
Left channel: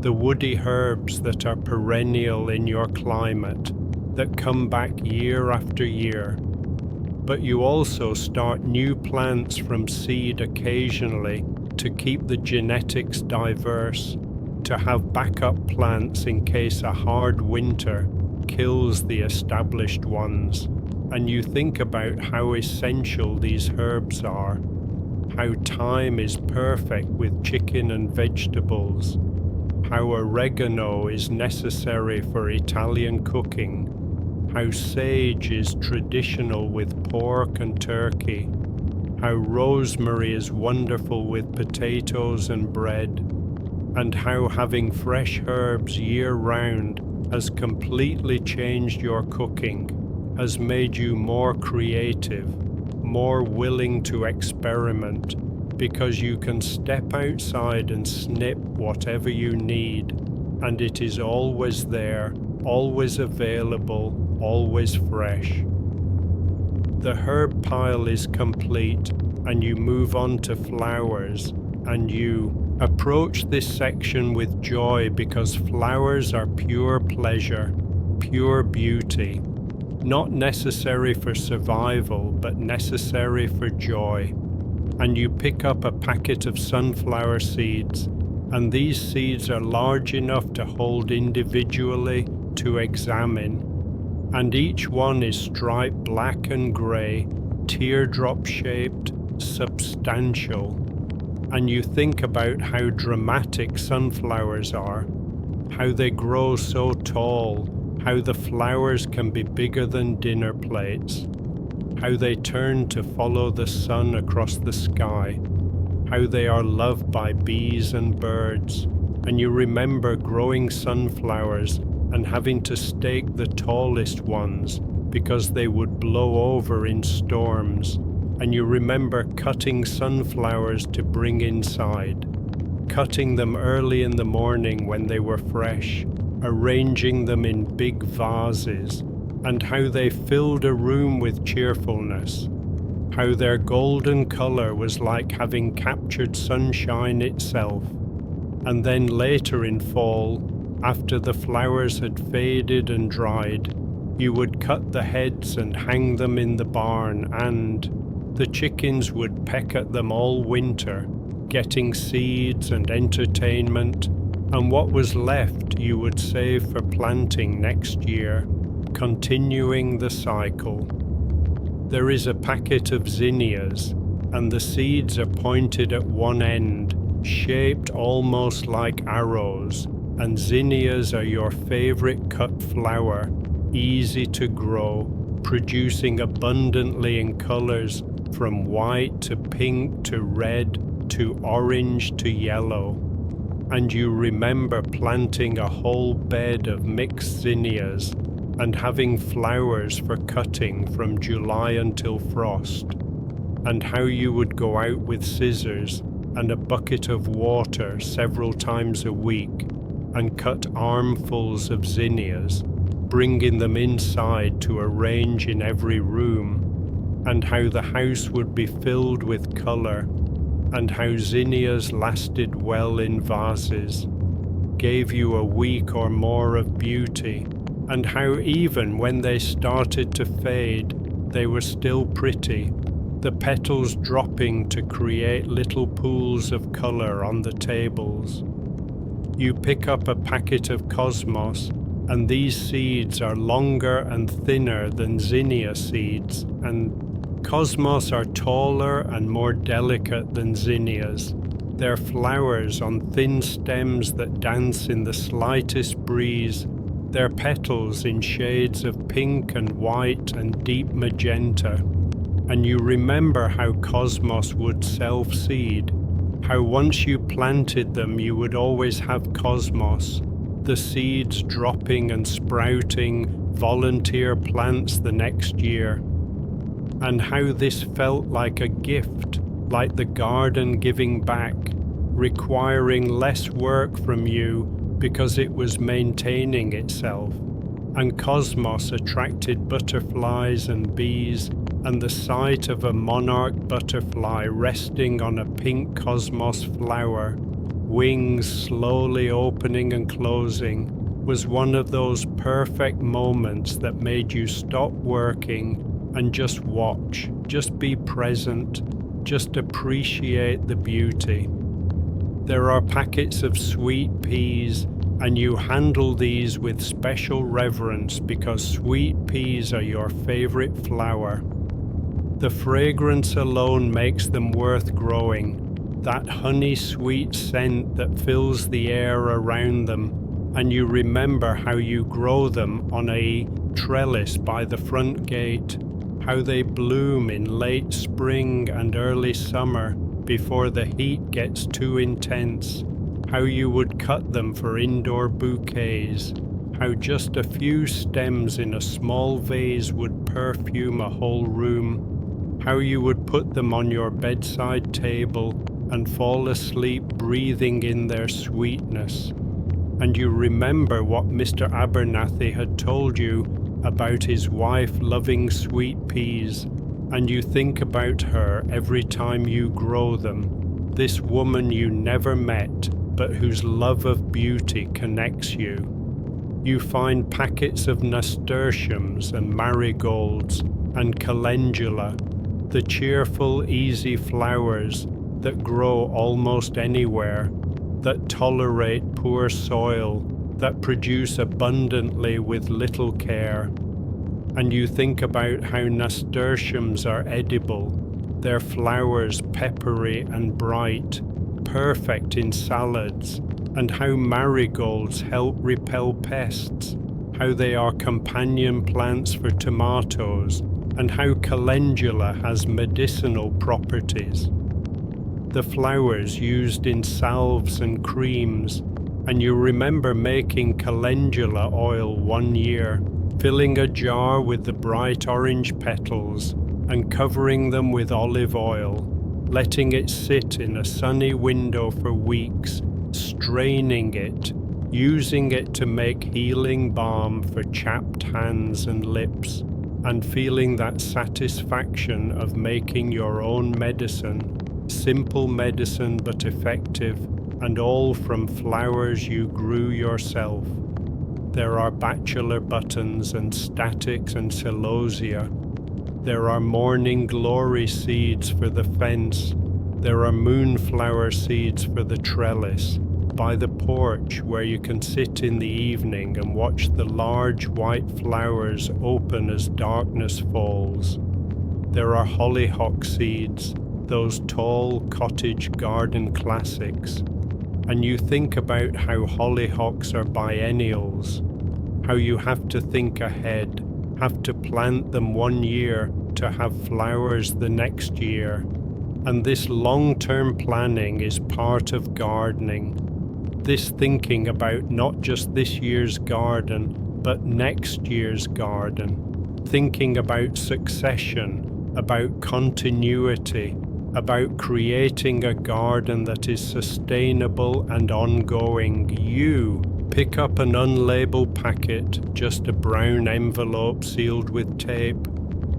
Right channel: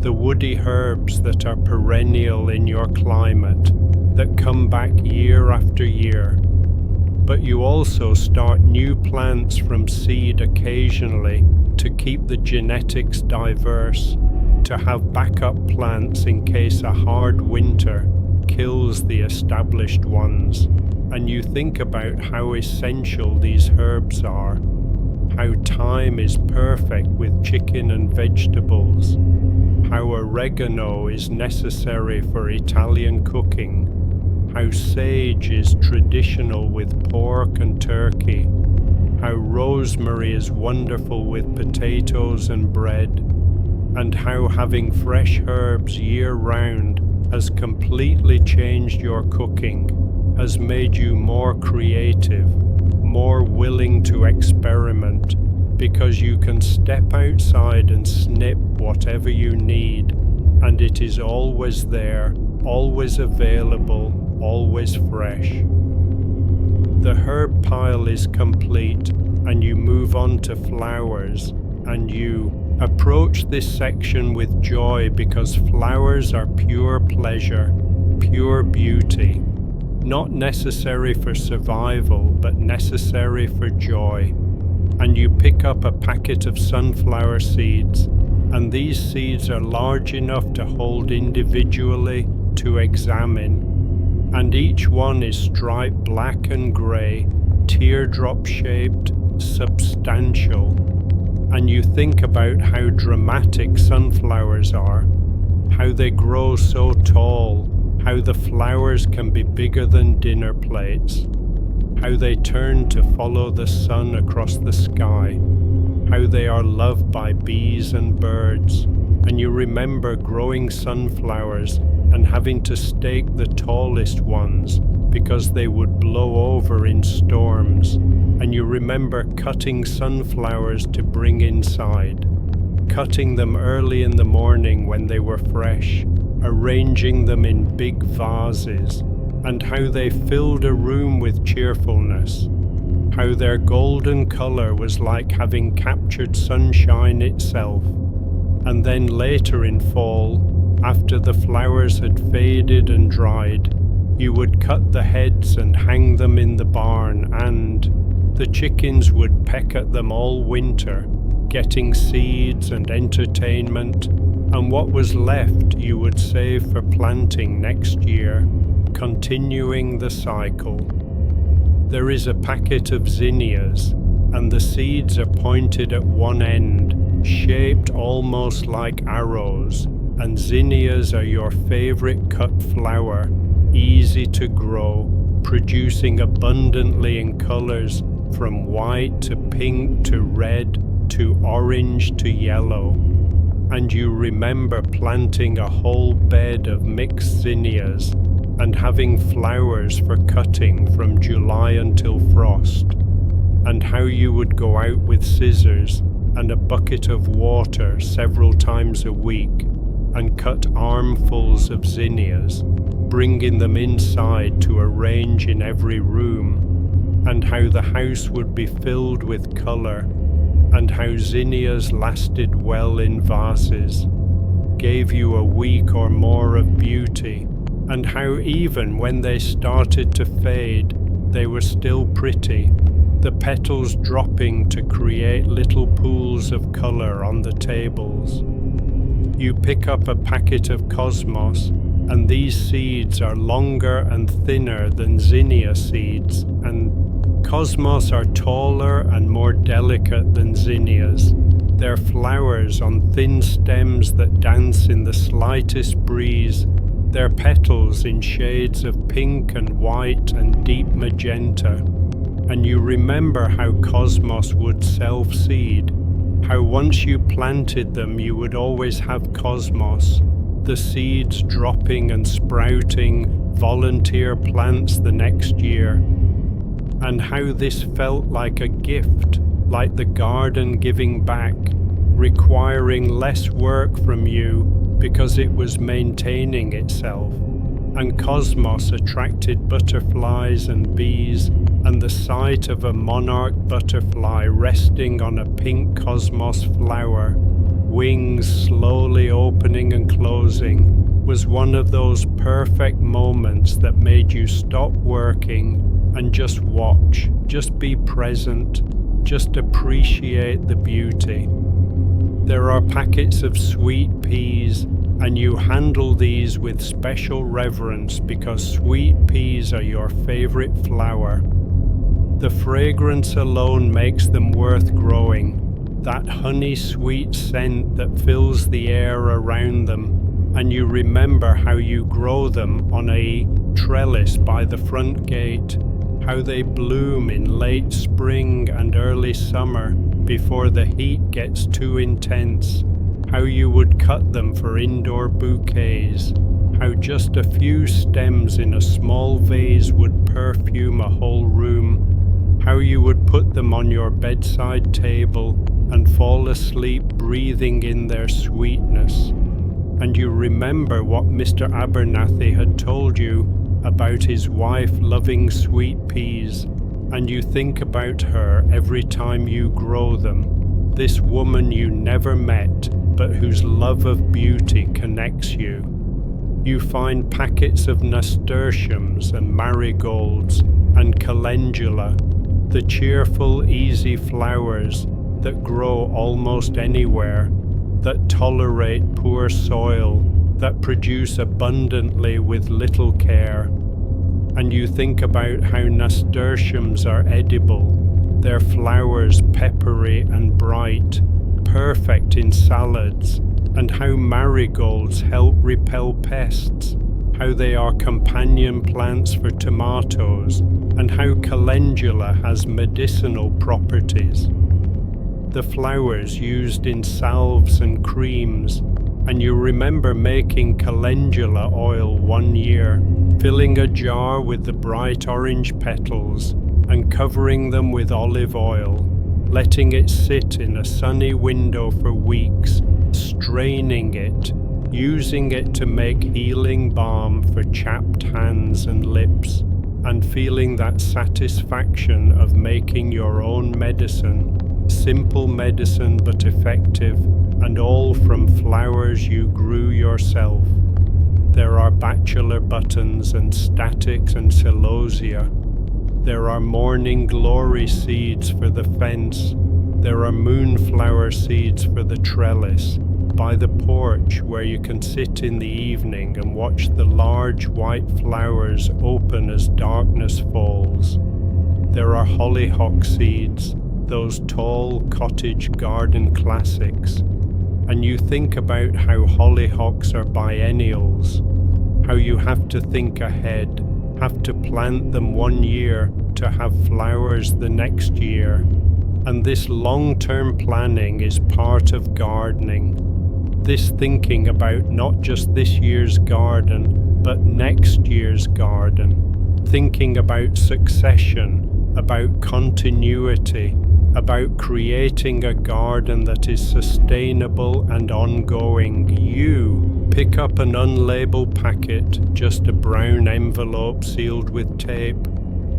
the woody herbs that are perennial in your climate, that come back year after year. But you also start new plants from seed occasionally to keep the genetics diverse, to have backup plants in case a hard winter kills the established ones. And you think about how essential these herbs are, how thyme is perfect with chicken and vegetables, how oregano is necessary for Italian cooking, how sage is traditional with pork and turkey, how rosemary is wonderful with potatoes and bread, and how having fresh herbs year-round has completely changed your cooking, has made you more creative, more willing to experiment, because you can step outside and snip whatever you need, and it is always there, always available, always fresh. The herb pile is complete, and you move on to flowers, and you approach this section with joy because flowers are pure pleasure, pure beauty, not necessary for survival, but necessary for joy. And you pick up a packet of sunflower seeds, and these seeds are large enough to hold individually to examine, and each one is striped black and grey, teardrop-shaped, substantial. And you think about how dramatic sunflowers are, how they grow so tall, how the flowers can be bigger than dinner plates, how they turn to follow the sun across the sky, how they are loved by bees and birds. And you remember growing sunflowers and having to stake the tallest ones because they would blow over in storms. And you remember cutting sunflowers to bring inside, cutting them early in the morning when they were fresh, arranging them in big vases, and how they filled a room with cheerfulness, how their golden color was like having captured sunshine itself. And then later in fall, after the flowers had faded and dried, you would cut the heads and hang them in the barn, and the chickens would peck at them all winter, getting seeds and entertainment, and what was left you would save for planting next year, continuing the cycle. There is a packet of zinnias, and the seeds are pointed at one end, shaped almost like arrows, and zinnias are your favorite cut flower, easy to grow, producing abundantly in colors from white to pink to red to orange to yellow. And you remember planting a whole bed of mixed zinnias and having flowers for cutting from July until frost, and how you would go out with scissors and a bucket of water several times a week and cut armfuls of zinnias, bringing them inside to arrange in every room, and how the house would be filled with color, and how zinnias lasted well in vases, gave you a week or more of beauty, and how even when they started to fade, they were still pretty, the petals dropping to create little pools of color on the tables. You pick up a packet of cosmos, and these seeds are longer and thinner than zinnia seeds, and cosmos are taller and more delicate than zinnias. Their flowers on thin stems that dance in the slightest breeze, their petals in shades of pink and white and deep magenta. And you remember how cosmos would self-seed, how once you planted them you would always have cosmos, the seeds dropping and sprouting volunteer plants the next year, and how this felt like a gift, like the garden giving back, requiring less work from you because it was maintaining itself. And cosmos attracted butterflies and bees, and the sight of a monarch butterfly resting on a pink cosmos flower, wings slowly opening and closing, was one of those perfect moments that made you stop working and just watch, just be present, just appreciate the beauty. There are packets of sweet peas, and you handle these with special reverence because sweet peas are your favorite flower. The fragrance alone makes them worth growing, that honey-sweet scent that fills the air around them, and you remember how you grow them on a trellis by the front gate, how they bloom in late spring and early summer before the heat gets too intense, how you would cut them for indoor bouquets, how just a few stems in a small vase would perfume a whole room, how you would put them on your bedside table and fall asleep breathing in their sweetness. And you remember what Mr. Abernathy had told you about his wife loving sweet peas, and you think about her every time you grow them, this woman you never met, but whose love of beauty connects you. You find packets of nasturtiums and marigolds and calendula, the cheerful, easy flowers that grow almost anywhere, that tolerate poor soil, that produce abundantly with little care. And you think about how nasturtiums are edible, their flowers peppery and bright, perfect in salads, and how marigolds help repel pests, how they are companion plants for tomatoes, and how calendula has medicinal properties. The flowers used in salves and creams, and you remember making calendula oil one year, filling a jar with the bright orange petals and covering them with olive oil, letting it sit in a sunny window for weeks, straining it, using it to make healing balm for chapped hands and lips, and feeling that satisfaction of making your own medicine, simple medicine but effective, and all from flowers you grew yourself. There are bachelor buttons and statics and celosia. There are morning glory seeds for the fence. There are moonflower seeds for the trellis, by the porch where you can sit in the evening and watch the large white flowers open as darkness falls. There are hollyhock seeds, those tall cottage garden classics. And you think about how hollyhocks are biennials, how you have to think ahead, have to plant them one year to have flowers the next year. And this long-term planning is part of gardening. This thinking about not just this year's garden, but next year's garden. Thinking about succession, about continuity, about creating a garden that is sustainable and ongoing. You pick up an unlabeled packet, just a brown envelope sealed with tape,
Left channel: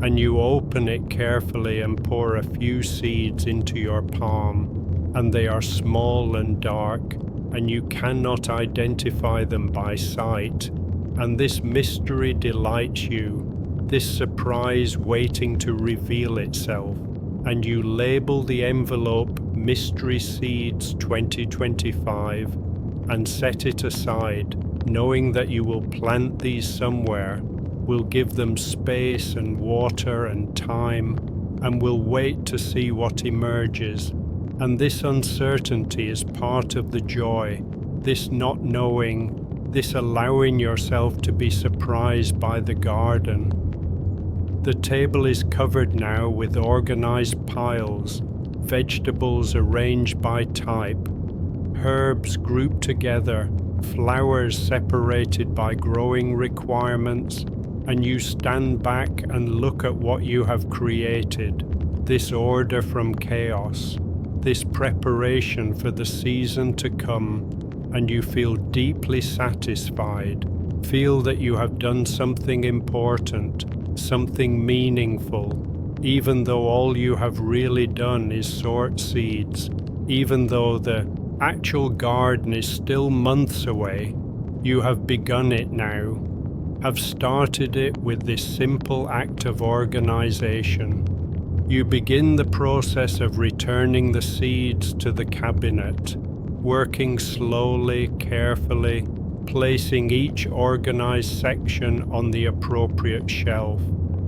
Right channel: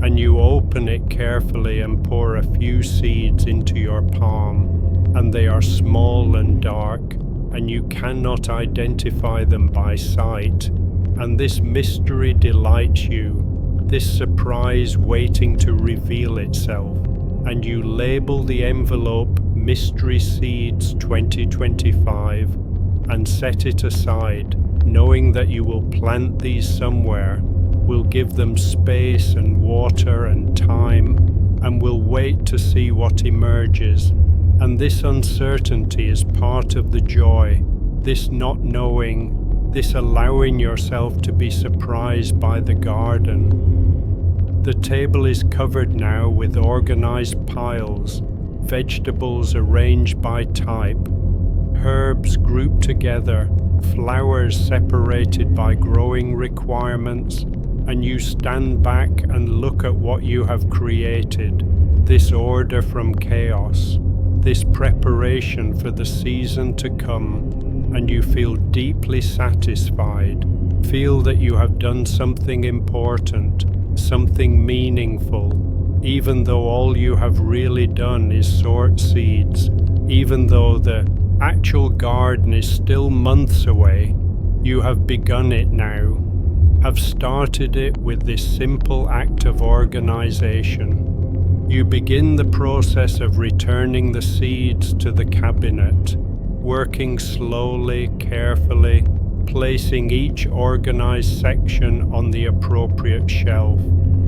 and you open it carefully and pour a few seeds into your palm, and they are small and dark, and you cannot identify them by sight, and this mystery delights you, this surprise waiting to reveal itself. And you label the envelope Mystery Seeds 2025 and set it aside, knowing that you will plant these somewhere, will give them space and water and time, and will wait to see what emerges. And this uncertainty is part of the joy, this not knowing, this allowing yourself to be surprised by the garden. The table is covered now with organized piles, vegetables arranged by type, herbs grouped together, flowers separated by growing requirements, and you stand back and look at what you have created, this order from chaos, this preparation for the season to come, and you feel deeply satisfied, feel that you have done something important, something meaningful, even though all you have really done is sort seeds, even though the actual garden is still months away, you have begun it now, have started it with this simple act of organization. You begin the process of returning the seeds to the cabinet, working slowly, carefully, placing each organized section on the appropriate shelf,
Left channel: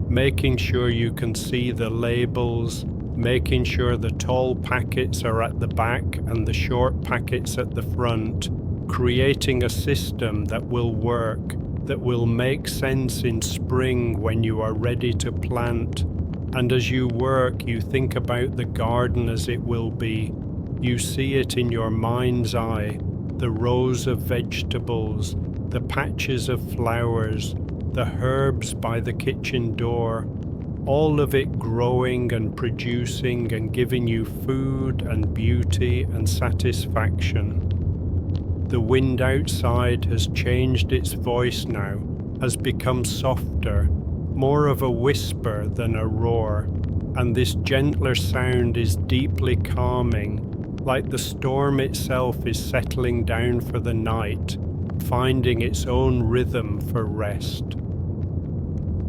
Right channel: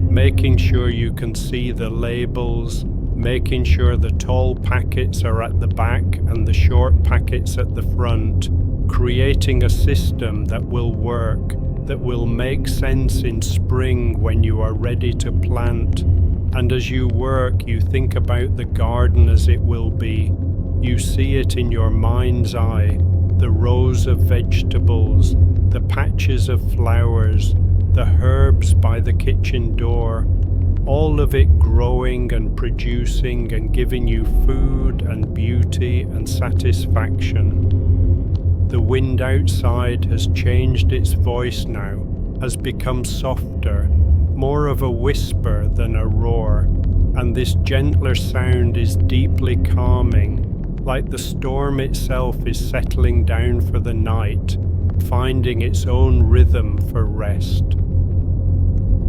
making sure you can see the labels, making sure the tall packets are at the back and the short packets at the front, creating a system that will work, that will make sense in spring when you are ready to plant. And as you work, you think about the garden as it will be. You see it in your mind's eye, the rows of vegetables, the patches of flowers, the herbs by the kitchen door, all of it growing and producing and giving you food and beauty and satisfaction. The wind outside has changed its voice now, has become softer, more of a whisper than a roar, and this gentler sound is deeply calming, like the storm itself is settling down for the night, finding its own rhythm for rest.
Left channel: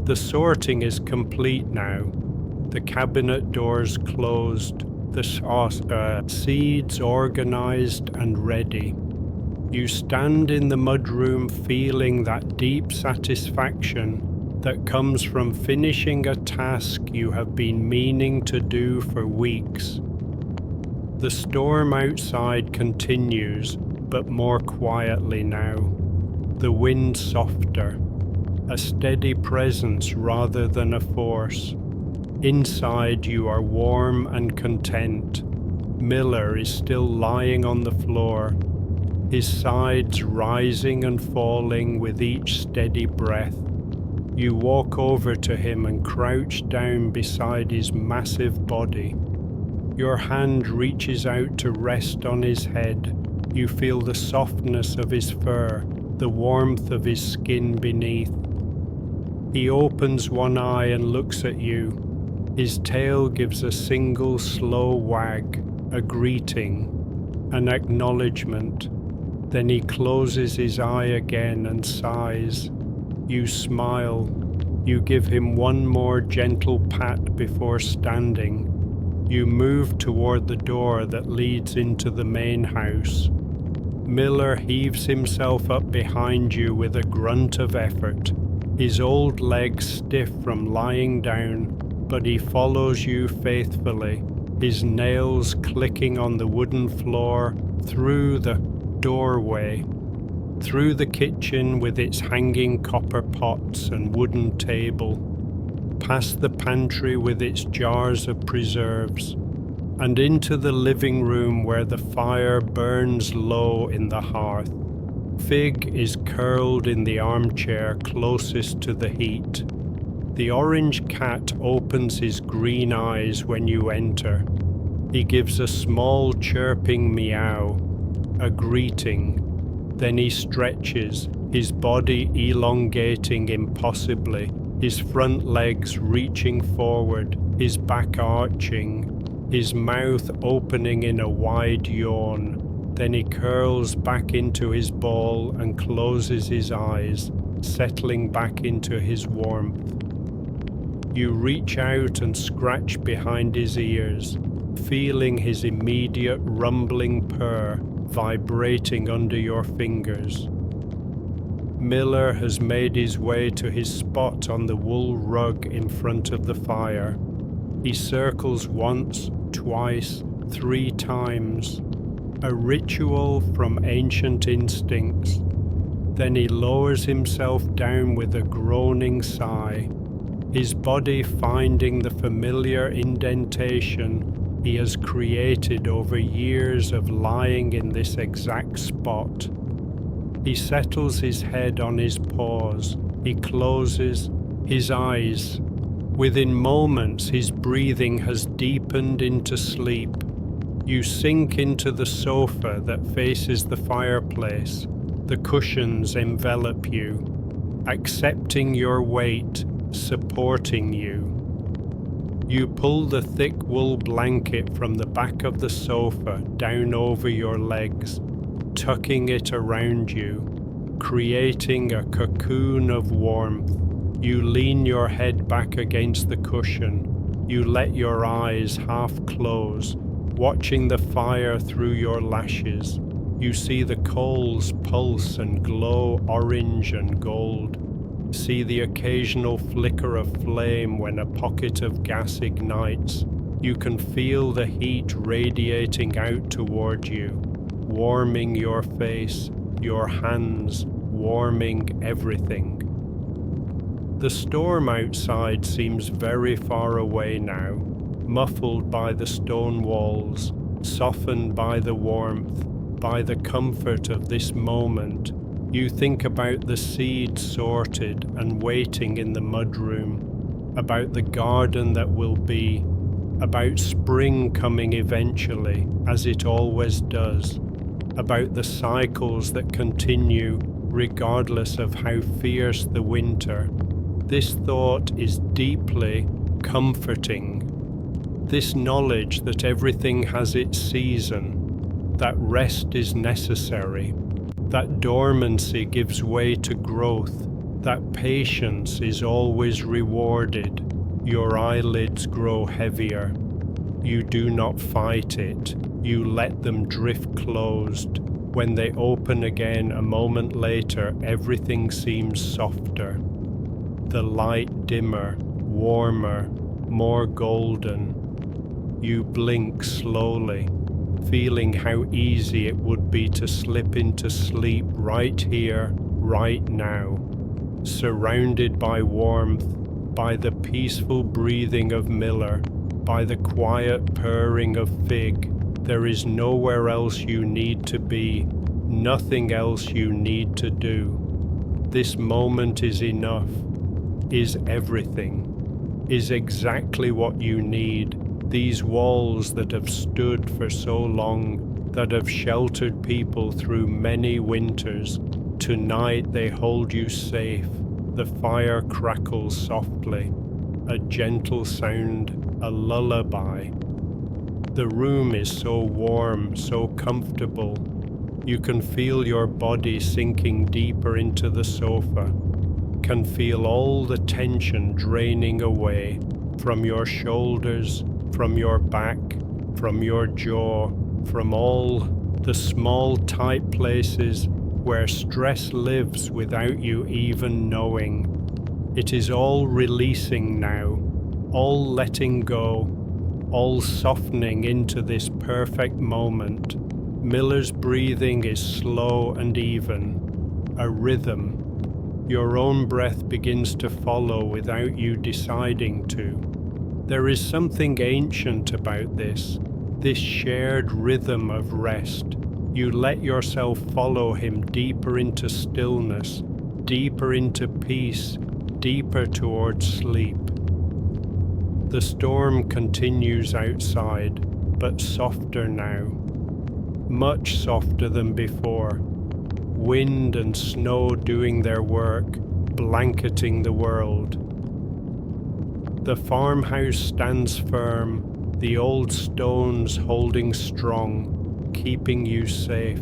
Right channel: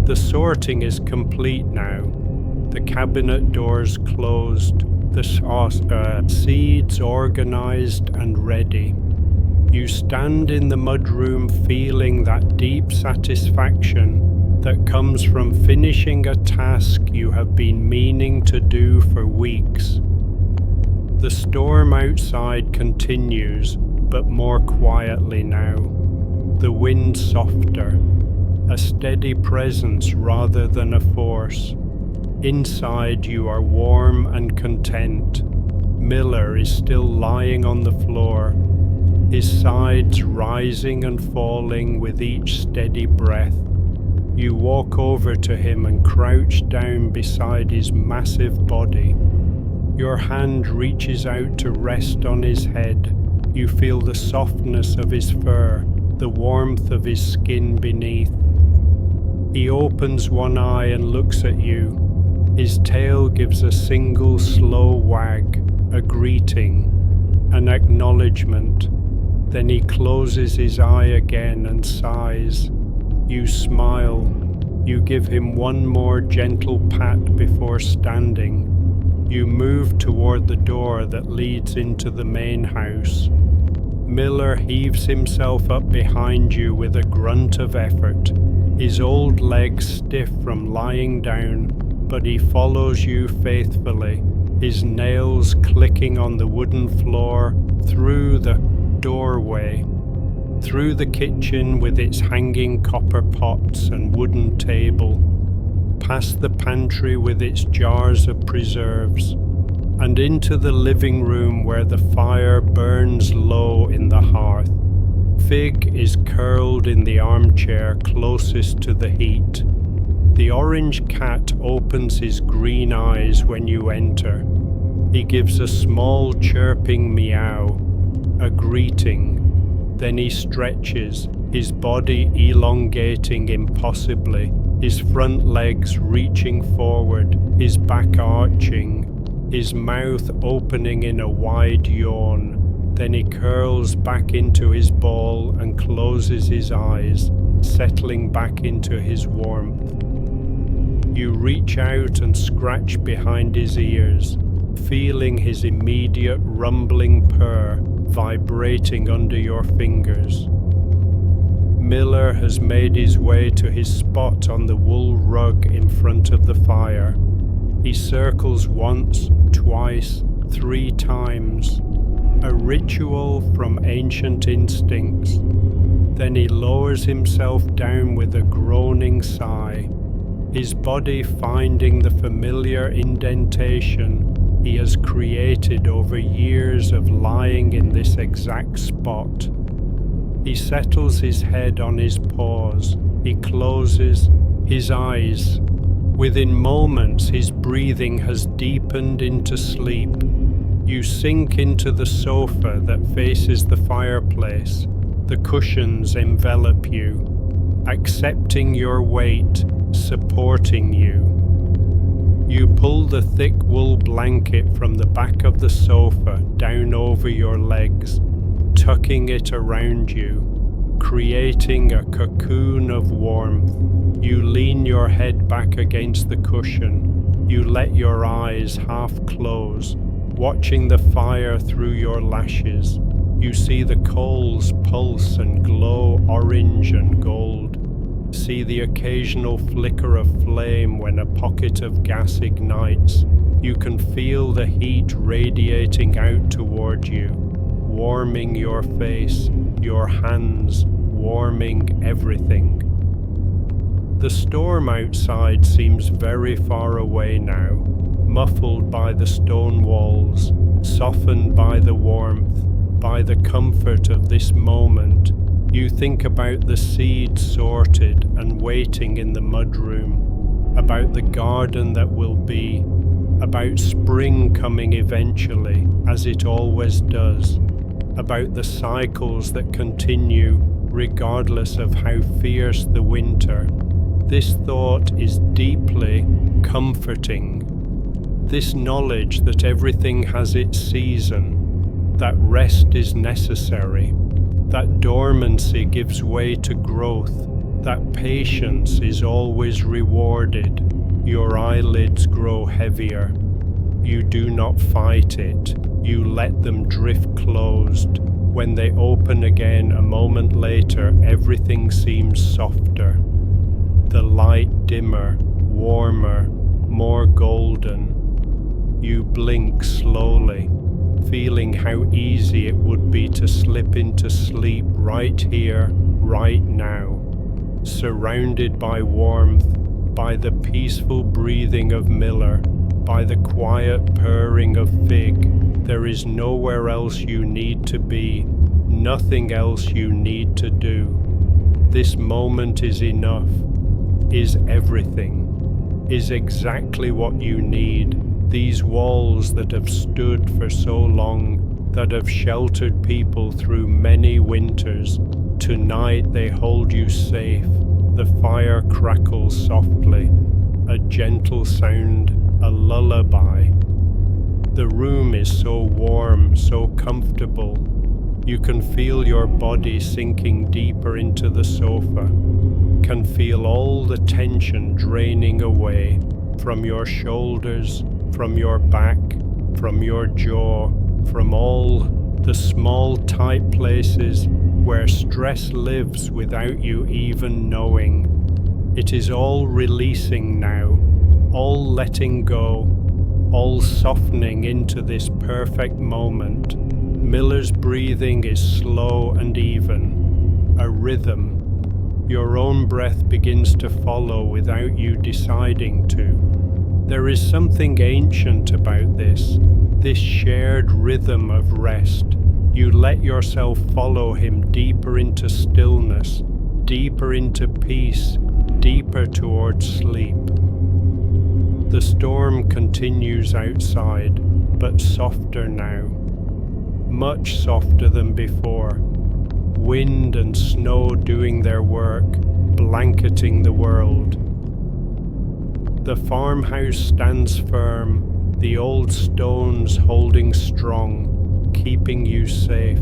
The sorting is complete now, the cabinet doors closed, the seeds organized and ready. You stand in the mudroom feeling that deep satisfaction that comes from finishing a task you have been meaning to do for weeks. The storm outside continues, but more quietly now. The wind softer, a steady presence rather than a force. Inside you are warm and content. Miller is still lying on the floor, his sides rising and falling with each steady breath. You walk over to him and crouch down beside his massive body. Your hand reaches out to rest on his head. You feel the softness of his fur, the warmth of his skin beneath. He opens one eye and looks at you. His tail gives a single slow wag, a greeting, an acknowledgement. Then he closes his eye again and sighs. You smile. You give him one more gentle pat before standing. You move toward the door that leads into the main house. Miller heaves himself up behind you with a grunt of effort, his old legs stiff from lying down, but he follows you faithfully, his nails clicking on the wooden floor, through the doorway, through the kitchen with its hanging copper pots and wooden table, past the pantry with its jars of preserves, and into the living room where the fire burns low in the hearth. Fig is curled in the armchair closest to the heat. The orange cat opens his green eyes when you enter. He gives a small chirping meow, a greeting. Then he stretches, his body elongating impossibly, his front legs reaching forward, his back arching, his mouth opening in a wide yawn. Then he curls back into his ball and closes his eyes, settling back into his warmth. You reach out and scratch behind his ears, feeling his immediate rumbling purr vibrating under your fingers. Miller has made his way to his spot on the wool rug in front of the fire. He circles once, twice, 3 times, a ritual from ancient instincts. Then he lowers himself down with a groaning sigh, his body finding the familiar indentation he has created over years of lying in this exact spot. He settles his head on his paws. He closes his eyes. Within moments, his breathing has deepened into sleep. You sink into the sofa that faces the fireplace. The cushions envelop you, accepting your weight, supporting you. You pull the thick wool blanket from the back of the sofa down over your legs, tucking it around you, creating a cocoon of warmth. You lean your head back against the cushion. You let your eyes half close, watching the fire through your lashes. You see the coals pulse and glow orange and gold. See the occasional flicker of flame when a pocket of gas ignites. You can feel the heat radiating out toward you, warming your face, your hands, warming everything. The storm outside seems very far away now, muffled by the stone walls, softened by the warmth, by the comfort of this moment. You think about the seeds sorted and waiting in the mudroom, about the garden that will be, about spring coming eventually, as it always does, about the cycles that continue regardless of how fierce the winter. This thought is deeply comforting. This knowledge that everything has its season, that rest is necessary, that dormancy gives way to growth, that patience is always rewarded. Your eyelids grow heavier. You do not fight it. You let them drift closed. When they open again a moment later, everything seems softer. The light dimmer, warmer, more golden. You blink slowly, feeling how easy it would be to slip into sleep right here, right now, surrounded by warmth, by the peaceful breathing of Miller, by the quiet purring of Fig. There is nowhere else you need to be, nothing else you need to do. This moment is enough, is everything, is exactly what you need. These walls that have stood for so long, that have sheltered people through many winters, tonight they hold you safe. The fire crackles softly, a gentle sound, a lullaby. The room is so warm, so comfortable. You can feel your body sinking deeper into the sofa, can feel all the tension draining away from your shoulders, from your back, from your jaw, from all the small tight places where stress lives without you even knowing. It is all releasing now, all letting go, all softening into this perfect moment. Miller's breathing is slow and even, a rhythm. Your own breath begins to follow without you deciding to. There is something ancient about this shared rhythm of rest. You let yourself follow him deeper into stillness, deeper into peace, deeper towards sleep. The storm continues outside, but softer now, much softer than before. Wind and snow doing their work, blanketing the world. The farmhouse stands firm, the old stones holding strong, keeping you safe.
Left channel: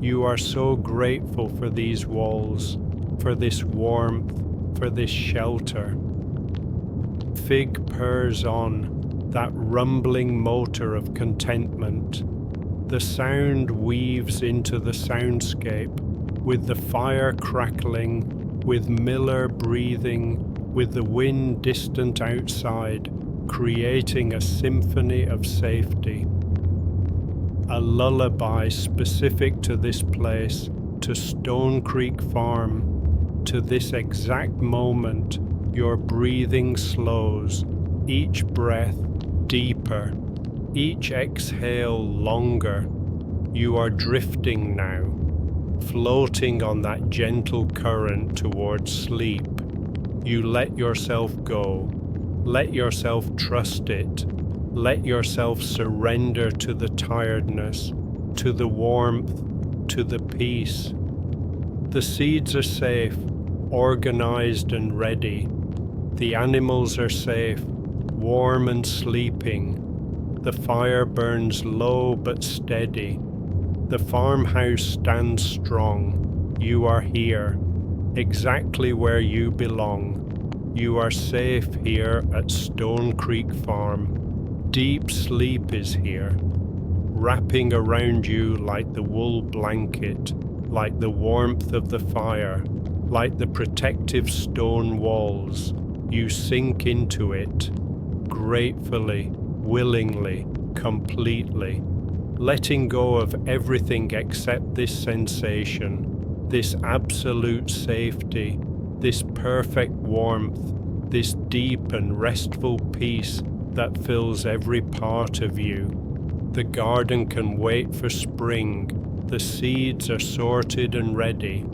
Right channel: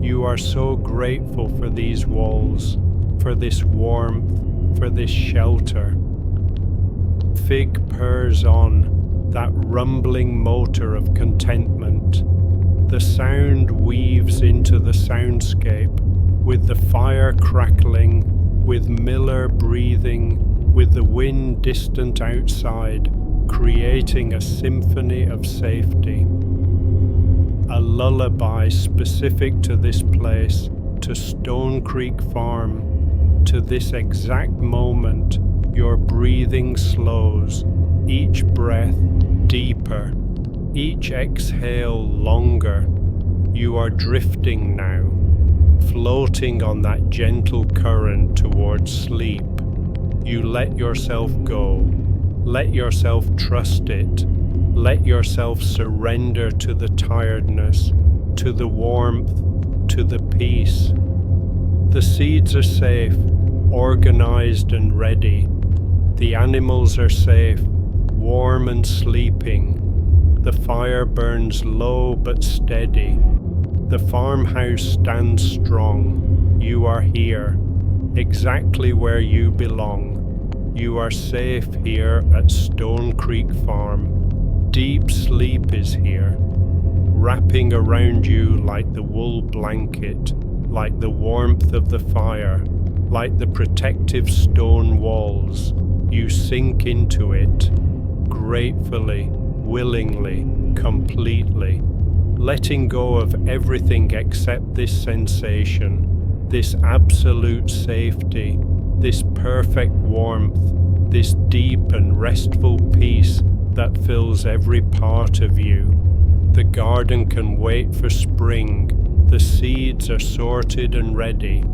You are so grateful for these walls, for this warmth, for this shelter. Fig purrs on, that rumbling motor of contentment. The sound weaves into the soundscape, with the fire crackling, with Miller breathing, with the wind distant outside, creating a symphony of safety. A lullaby specific to this place, to Stone Creek Farm, to this exact moment. Your breathing slows, each breath deeper, each exhale longer. You are drifting now, floating on that gentle current towards sleep. You let yourself go, let yourself trust it, let yourself surrender to the tiredness, to the warmth, to the peace. The seeds are safe, organized and ready. The animals are safe, warm and sleeping. The fire burns low but steady. The farmhouse stands strong. You are here, exactly where you belong. You are safe here at Stone Creek Farm. Deep sleep is here, wrapping around you like the wool blanket, like the warmth of the fire, like the protective stone walls. You sink into it, gratefully, willingly, completely, letting go of everything except this sensation, this absolute safety, this perfect warmth, this deep and restful peace that fills every part of you. The garden can wait for spring. The seeds are sorted and ready,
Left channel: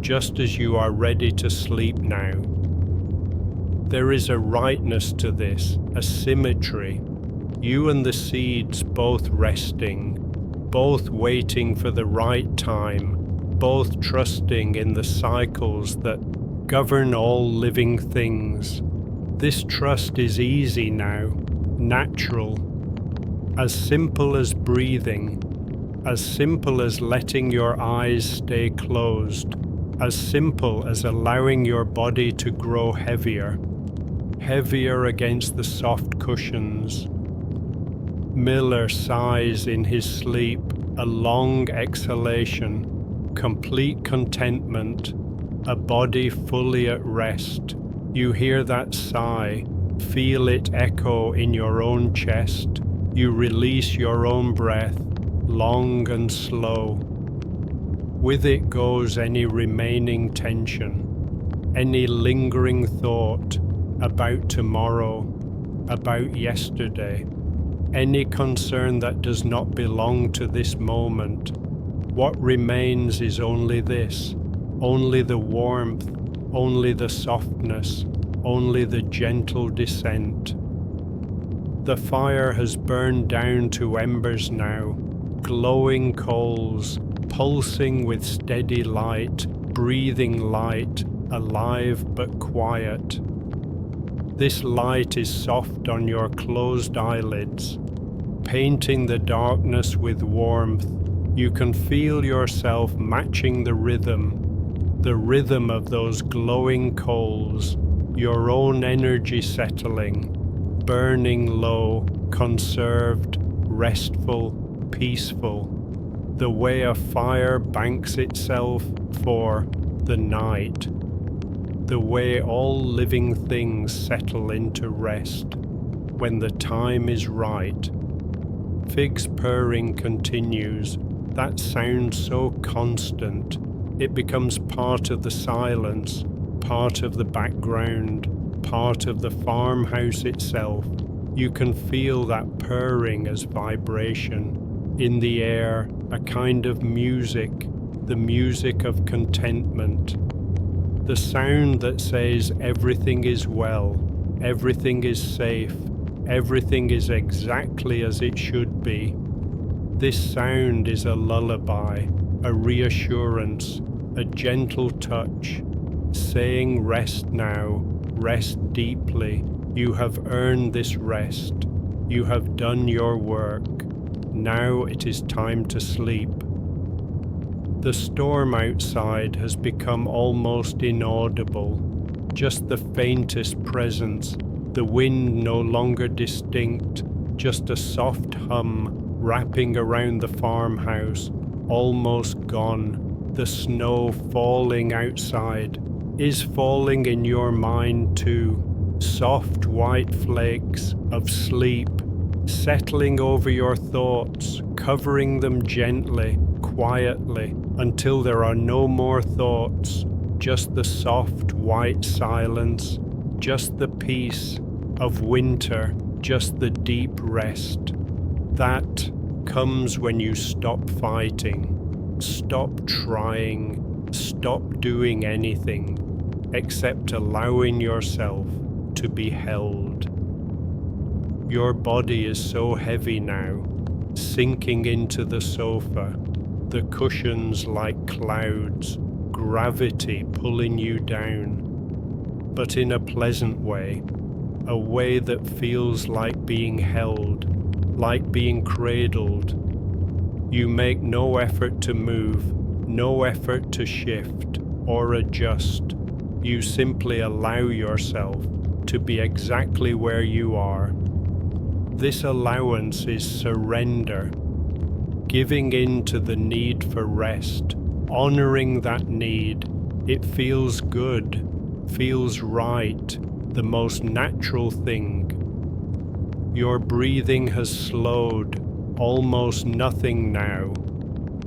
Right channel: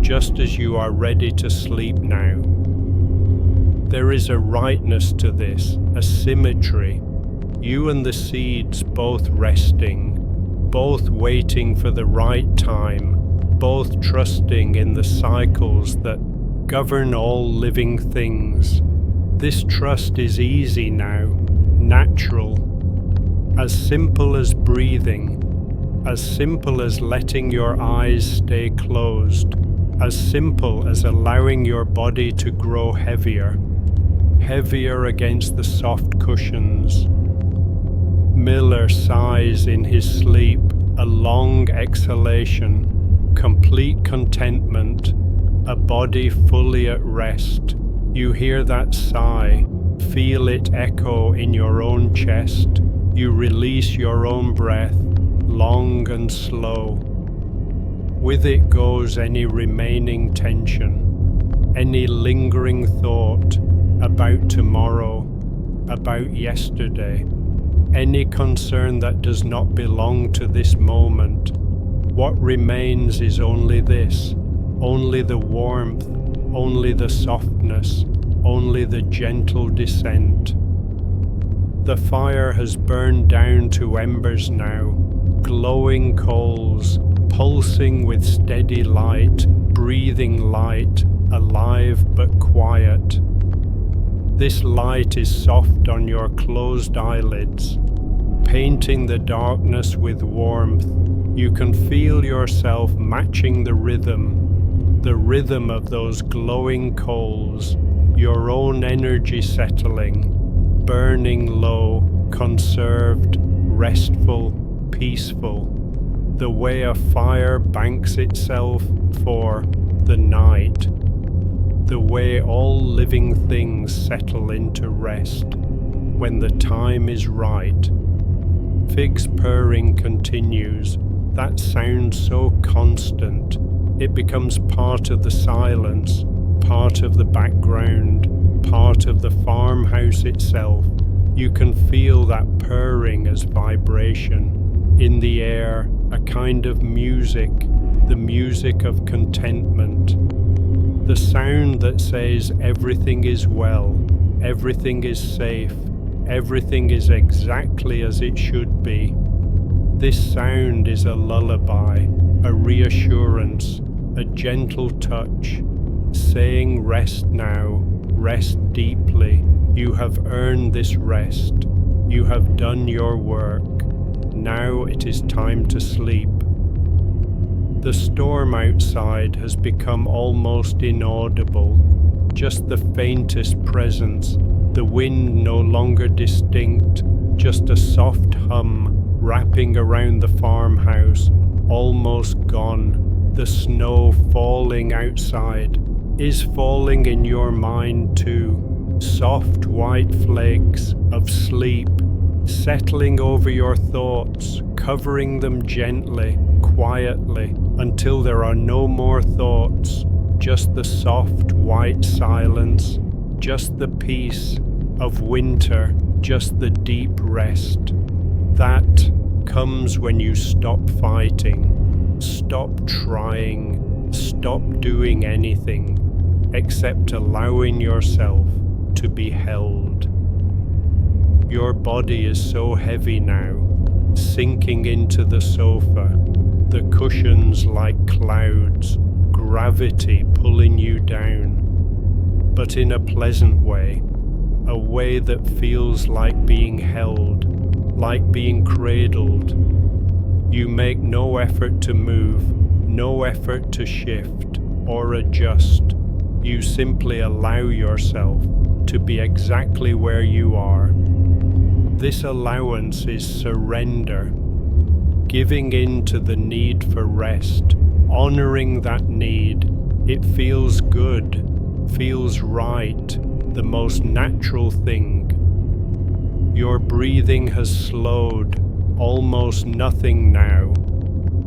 just as you are ready to sleep now. There is a rightness to this, a symmetry. You and the seeds both resting, both waiting for the right time, both trusting in the cycles that govern all living things. This trust is easy now, natural, as simple as breathing, as simple as letting your eyes stay closed, as simple as allowing your body to grow heavier, heavier against the soft cushions. Miller sighs in his sleep, a long exhalation, complete contentment, a body fully at rest. You hear that sigh, feel it echo in your own chest. You release your own breath, long and slow. With it goes any remaining tension, any lingering thought about tomorrow, about yesterday, any concern that does not belong to this moment. What remains is only this, only the warmth, only the softness, only the gentle descent. The fire has burned down to embers now, glowing coals, pulsing with steady light, breathing light, alive but quiet. This light is soft on your closed eyelids, painting the darkness with warmth. You can feel yourself matching the rhythm of those glowing coals, your own energy settling, burning low, conserved, restful, peaceful, the way a fire banks itself for the night, the way all living things settle into rest when the time is right. Fig's purring continues, that sound so constant, it becomes part of the silence, part of the background, part of the farmhouse itself. You can feel that purring as vibration. In the air, a kind of music, the music of contentment. The sound that says everything is well, everything is safe, everything is exactly as it should be. This sound is a lullaby, a reassurance, a gentle touch, saying rest now, rest deeply. You have earned this rest. You have done your work. Now it is time to sleep. The storm outside has become almost inaudible, just the faintest presence, the wind no longer distinct, just a soft hum wrapping around the farmhouse, almost gone. The snow falling outside is falling in your mind too. Soft white flakes of sleep settling over your thoughts, covering them gently, quietly, until there are no more thoughts, just the soft white silence, just the peace of winter, just the deep rest. That comes when you stop fighting, stop trying, stop doing anything except allowing yourself to be held. Your body is so heavy now, sinking into the sofa, the cushions like clouds, gravity pulling you down, but in a pleasant way, a way that feels like being held, like being cradled. You make no effort to move, no effort to shift or adjust. You simply allow yourself to be exactly where you are. This allowance is surrender, giving in to the need for rest, honoring that need. It feels good, feels right, the most natural thing. Your breathing has slowed, almost nothing now,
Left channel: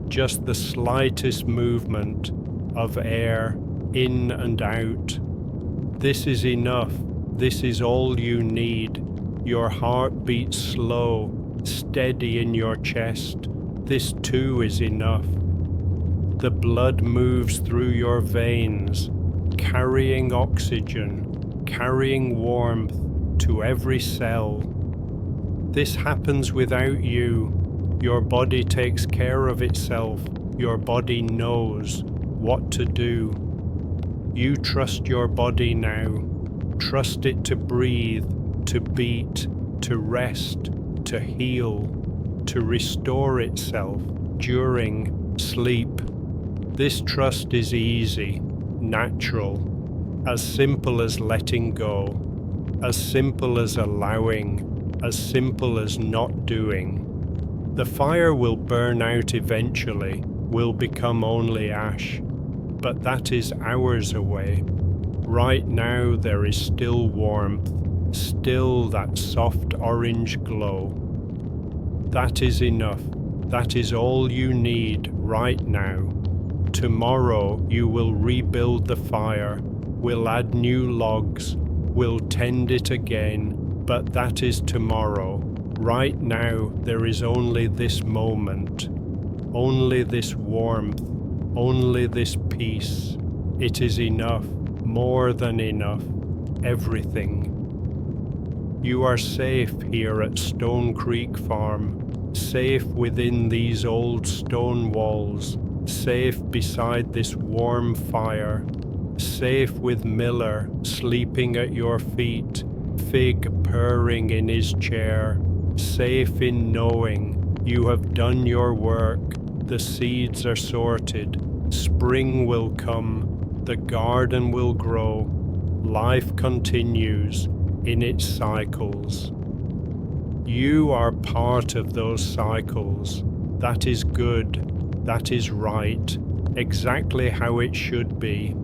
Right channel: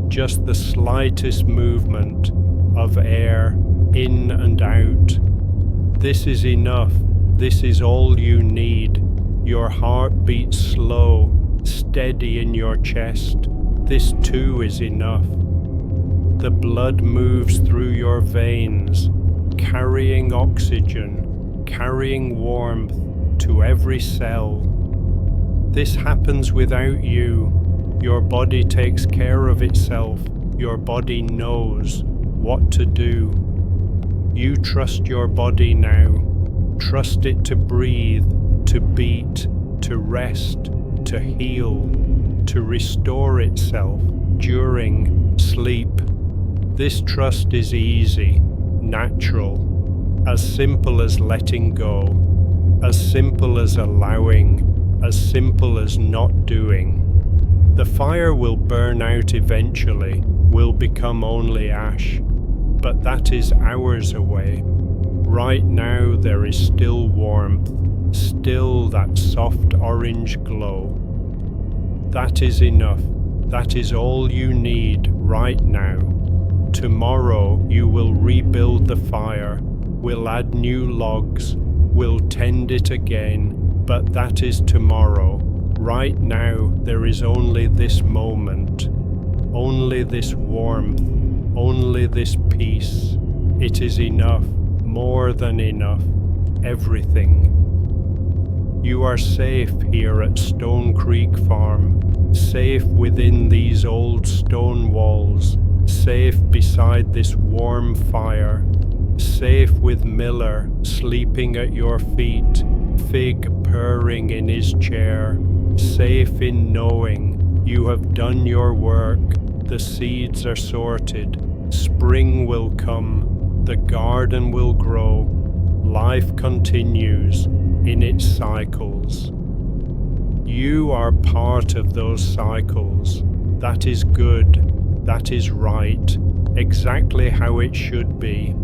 just the slightest movement of air in and out. This is enough, this is all you need. Your heart beats slow, steady in your chest. This too is enough. The blood moves through your veins, carrying oxygen, carrying warmth to every cell. This happens without you. Your body takes care of itself. Your body knows what to do. You trust your body now. Trust it to breathe, to beat, to rest, to heal, to restore itself during sleep. This trust is easy, natural, as simple as letting go, as simple as allowing, as simple as not doing. The fire will burn out eventually, will become only ash, but that is hours away. Right now there is still warmth, still that soft orange glow. That is enough. That is all you need right now. Tomorrow you will rebuild the fire, will add new logs, will tend it again, but that is tomorrow. Right now there is only this moment, only this warmth, only this peace. It is enough, more than enough, everything. You are safe here at Stone Creek Farm, safe within these old stone walls, safe beside this warm fire, safe with Miller sleeping at your feet, Fig purring in his chair, safe in knowing you have done your work, the seeds are sorted, spring will come, the garden will grow, life continues in its cycles. You are part of those cycles. That is good, that is right, exactly how it should be.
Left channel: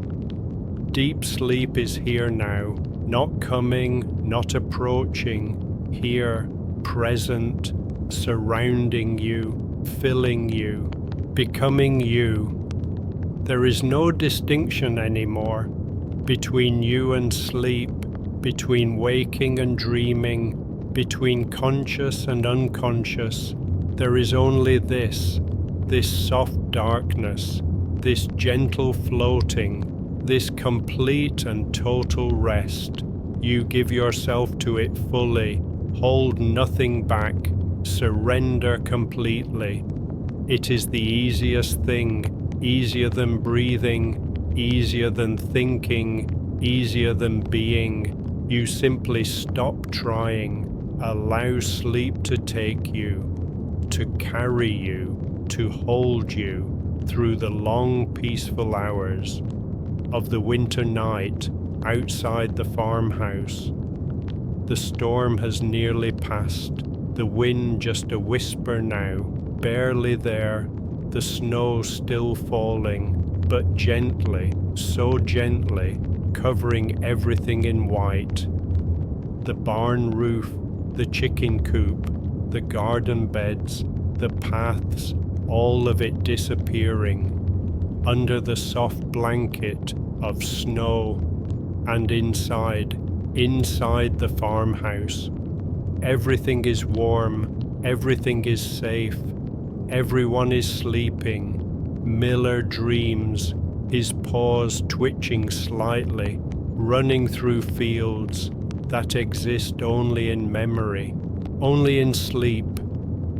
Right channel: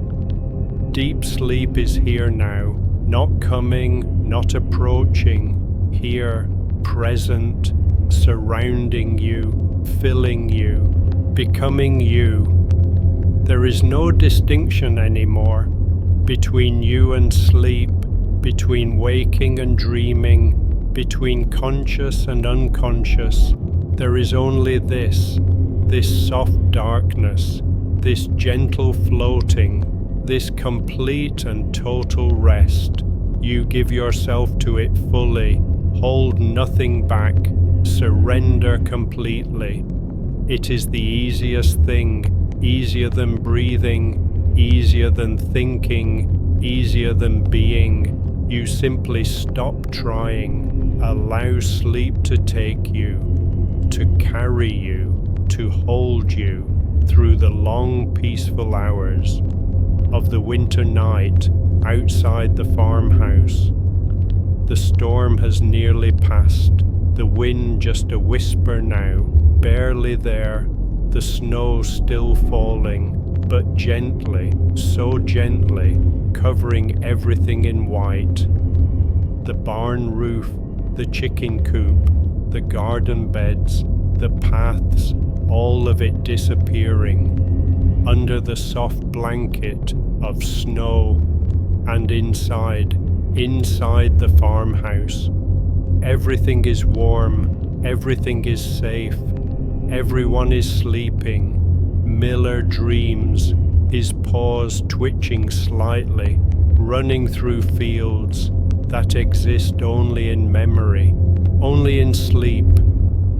Deep sleep is here now, not coming, not approaching, here, present, surrounding you, filling you, becoming you. There is no distinction anymore between you and sleep, between waking and dreaming, between conscious and unconscious. There is only this soft darkness, this gentle floating, this complete and total rest. You give yourself to it fully, hold nothing back, surrender completely. It is the easiest thing, easier than breathing, easier than thinking, easier than being. You simply stop trying, allow sleep to take you, to carry you, to hold you through the long peaceful hours of the winter night outside the farmhouse. The storm has nearly passed, the wind just a whisper now, barely there, the snow still falling, but gently, so gently, covering everything in white. The barn roof, the chicken coop, the garden beds, the paths, all of it disappearing under the soft blanket of snow. And inside the farmhouse, everything is warm, everything is safe, everyone is sleeping. Miller dreams, his paws twitching slightly, running through fields that exist only in memory, only in sleep.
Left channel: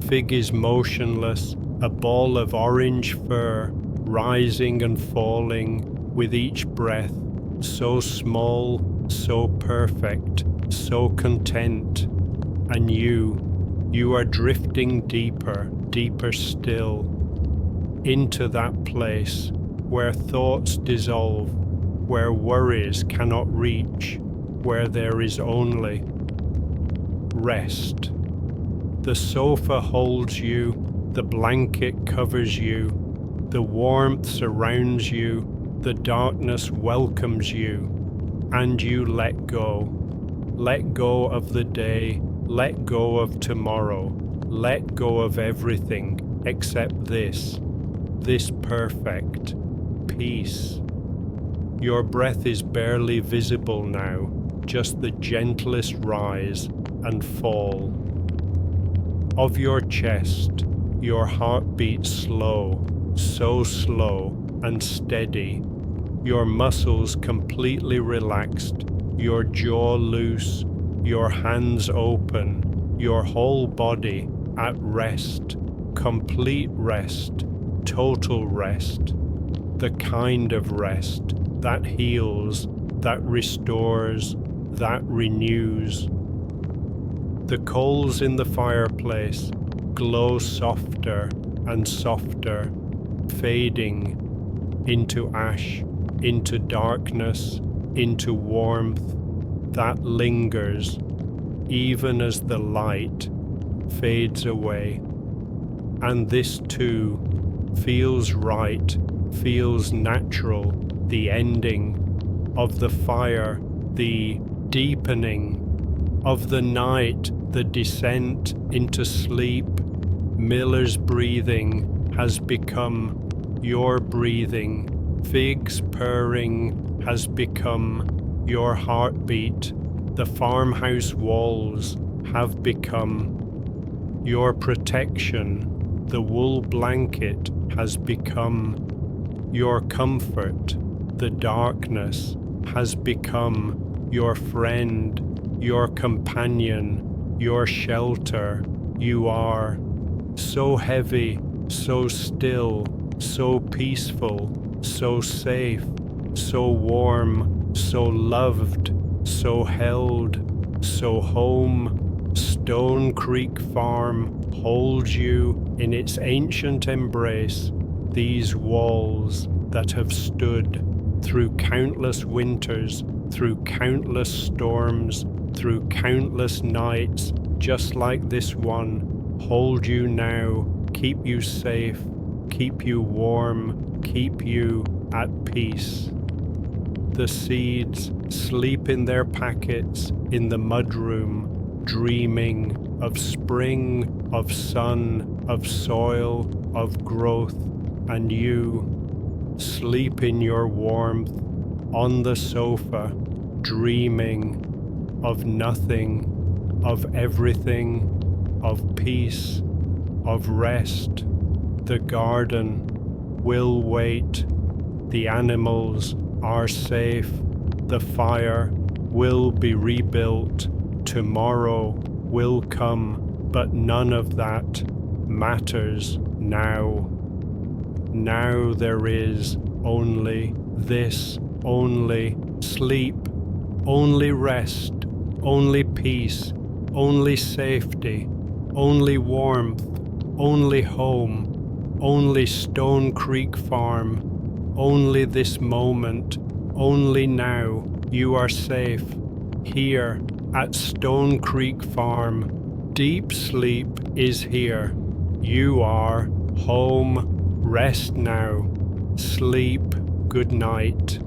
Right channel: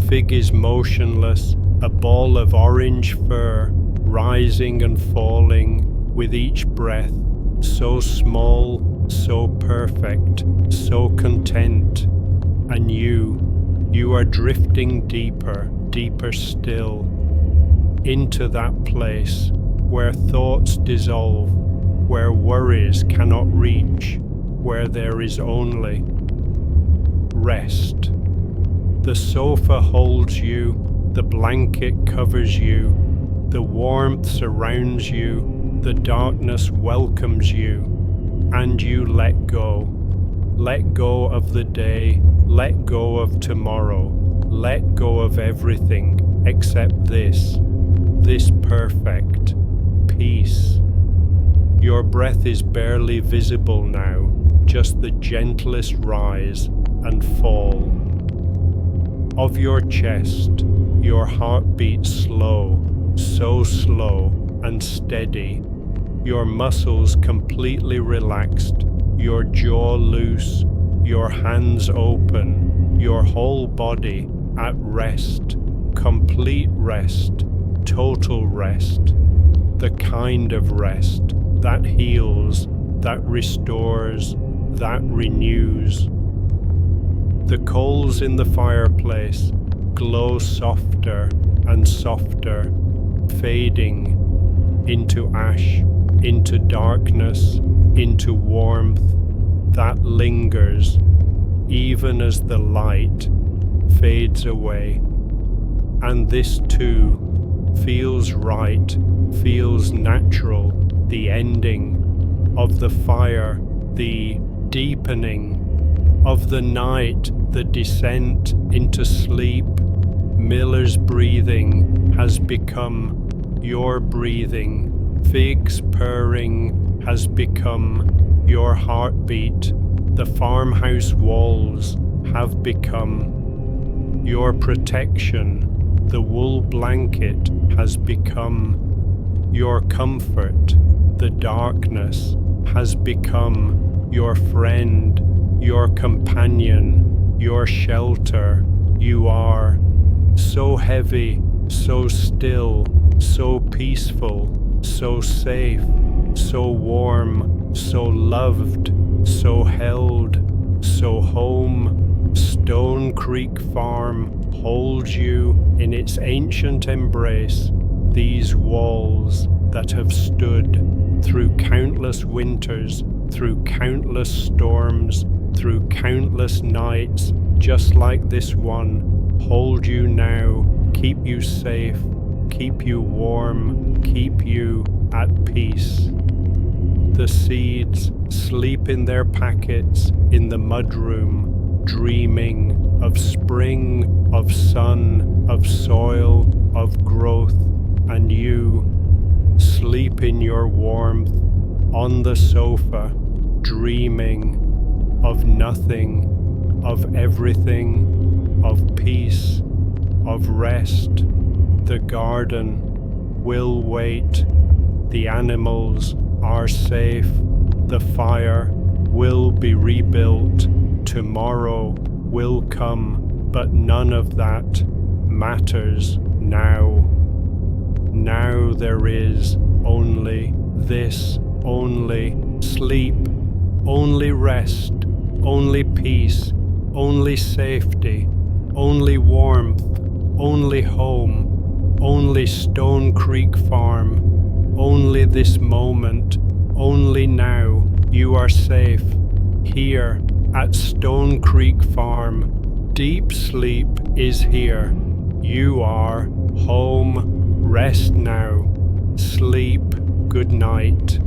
Fig is motionless, a ball of orange fur, rising and falling with each breath, so small, so perfect, so content. And you are drifting deeper, deeper still, into that place where thoughts dissolve, where worries cannot reach, where there is only rest. The sofa holds you, the blanket covers you, the warmth surrounds you, the darkness welcomes you, and you let go. Let go of the day, let go of tomorrow, let go of everything except this perfect peace. Your breath is barely visible now, just the gentlest rise and fall of your chest. Your heart beats slow, so slow and steady. Your muscles completely relaxed, your jaw loose, your hands open, your whole body at rest, complete rest, total rest, the kind of rest that heals, that restores, that renews. The coals in the fireplace glow softer and softer, fading into ash, into darkness, into warmth that lingers even as the light fades away. And this too feels right, feels natural, the ending of the fire, the deepening of the night, the descent into sleep. Miller's breathing has become your breathing. Figs purring has become your heartbeat. The farmhouse walls have become your protection. The wool blanket has become your comfort. The darkness has become your friend, your companion, your shelter. You are so heavy, so still, so peaceful, so safe, so warm, so loved, so held, so home. Stone Creek Farm holds you in its ancient embrace. These walls that have stood through countless winters, through countless storms, through countless nights, just like this one, hold you now, keep you safe, keep you warm, keep you at peace. The seeds sleep in their packets in the mudroom, dreaming of spring, of sun, of soil, of growth, and you sleep in your warmth on the sofa, dreaming of nothing, of everything, of peace, of rest. The garden will wait. The animals are safe. The fire will be rebuilt. Tomorrow will come, but none of that matters now. Now there is only this, only sleep, only rest, only peace, only safety, only warmth, only home, only Stone Creek Farm, only this moment, only now. You are safe here at Stone Creek Farm. Deep sleep is here. You are home. Rest now. Sleep. Good night.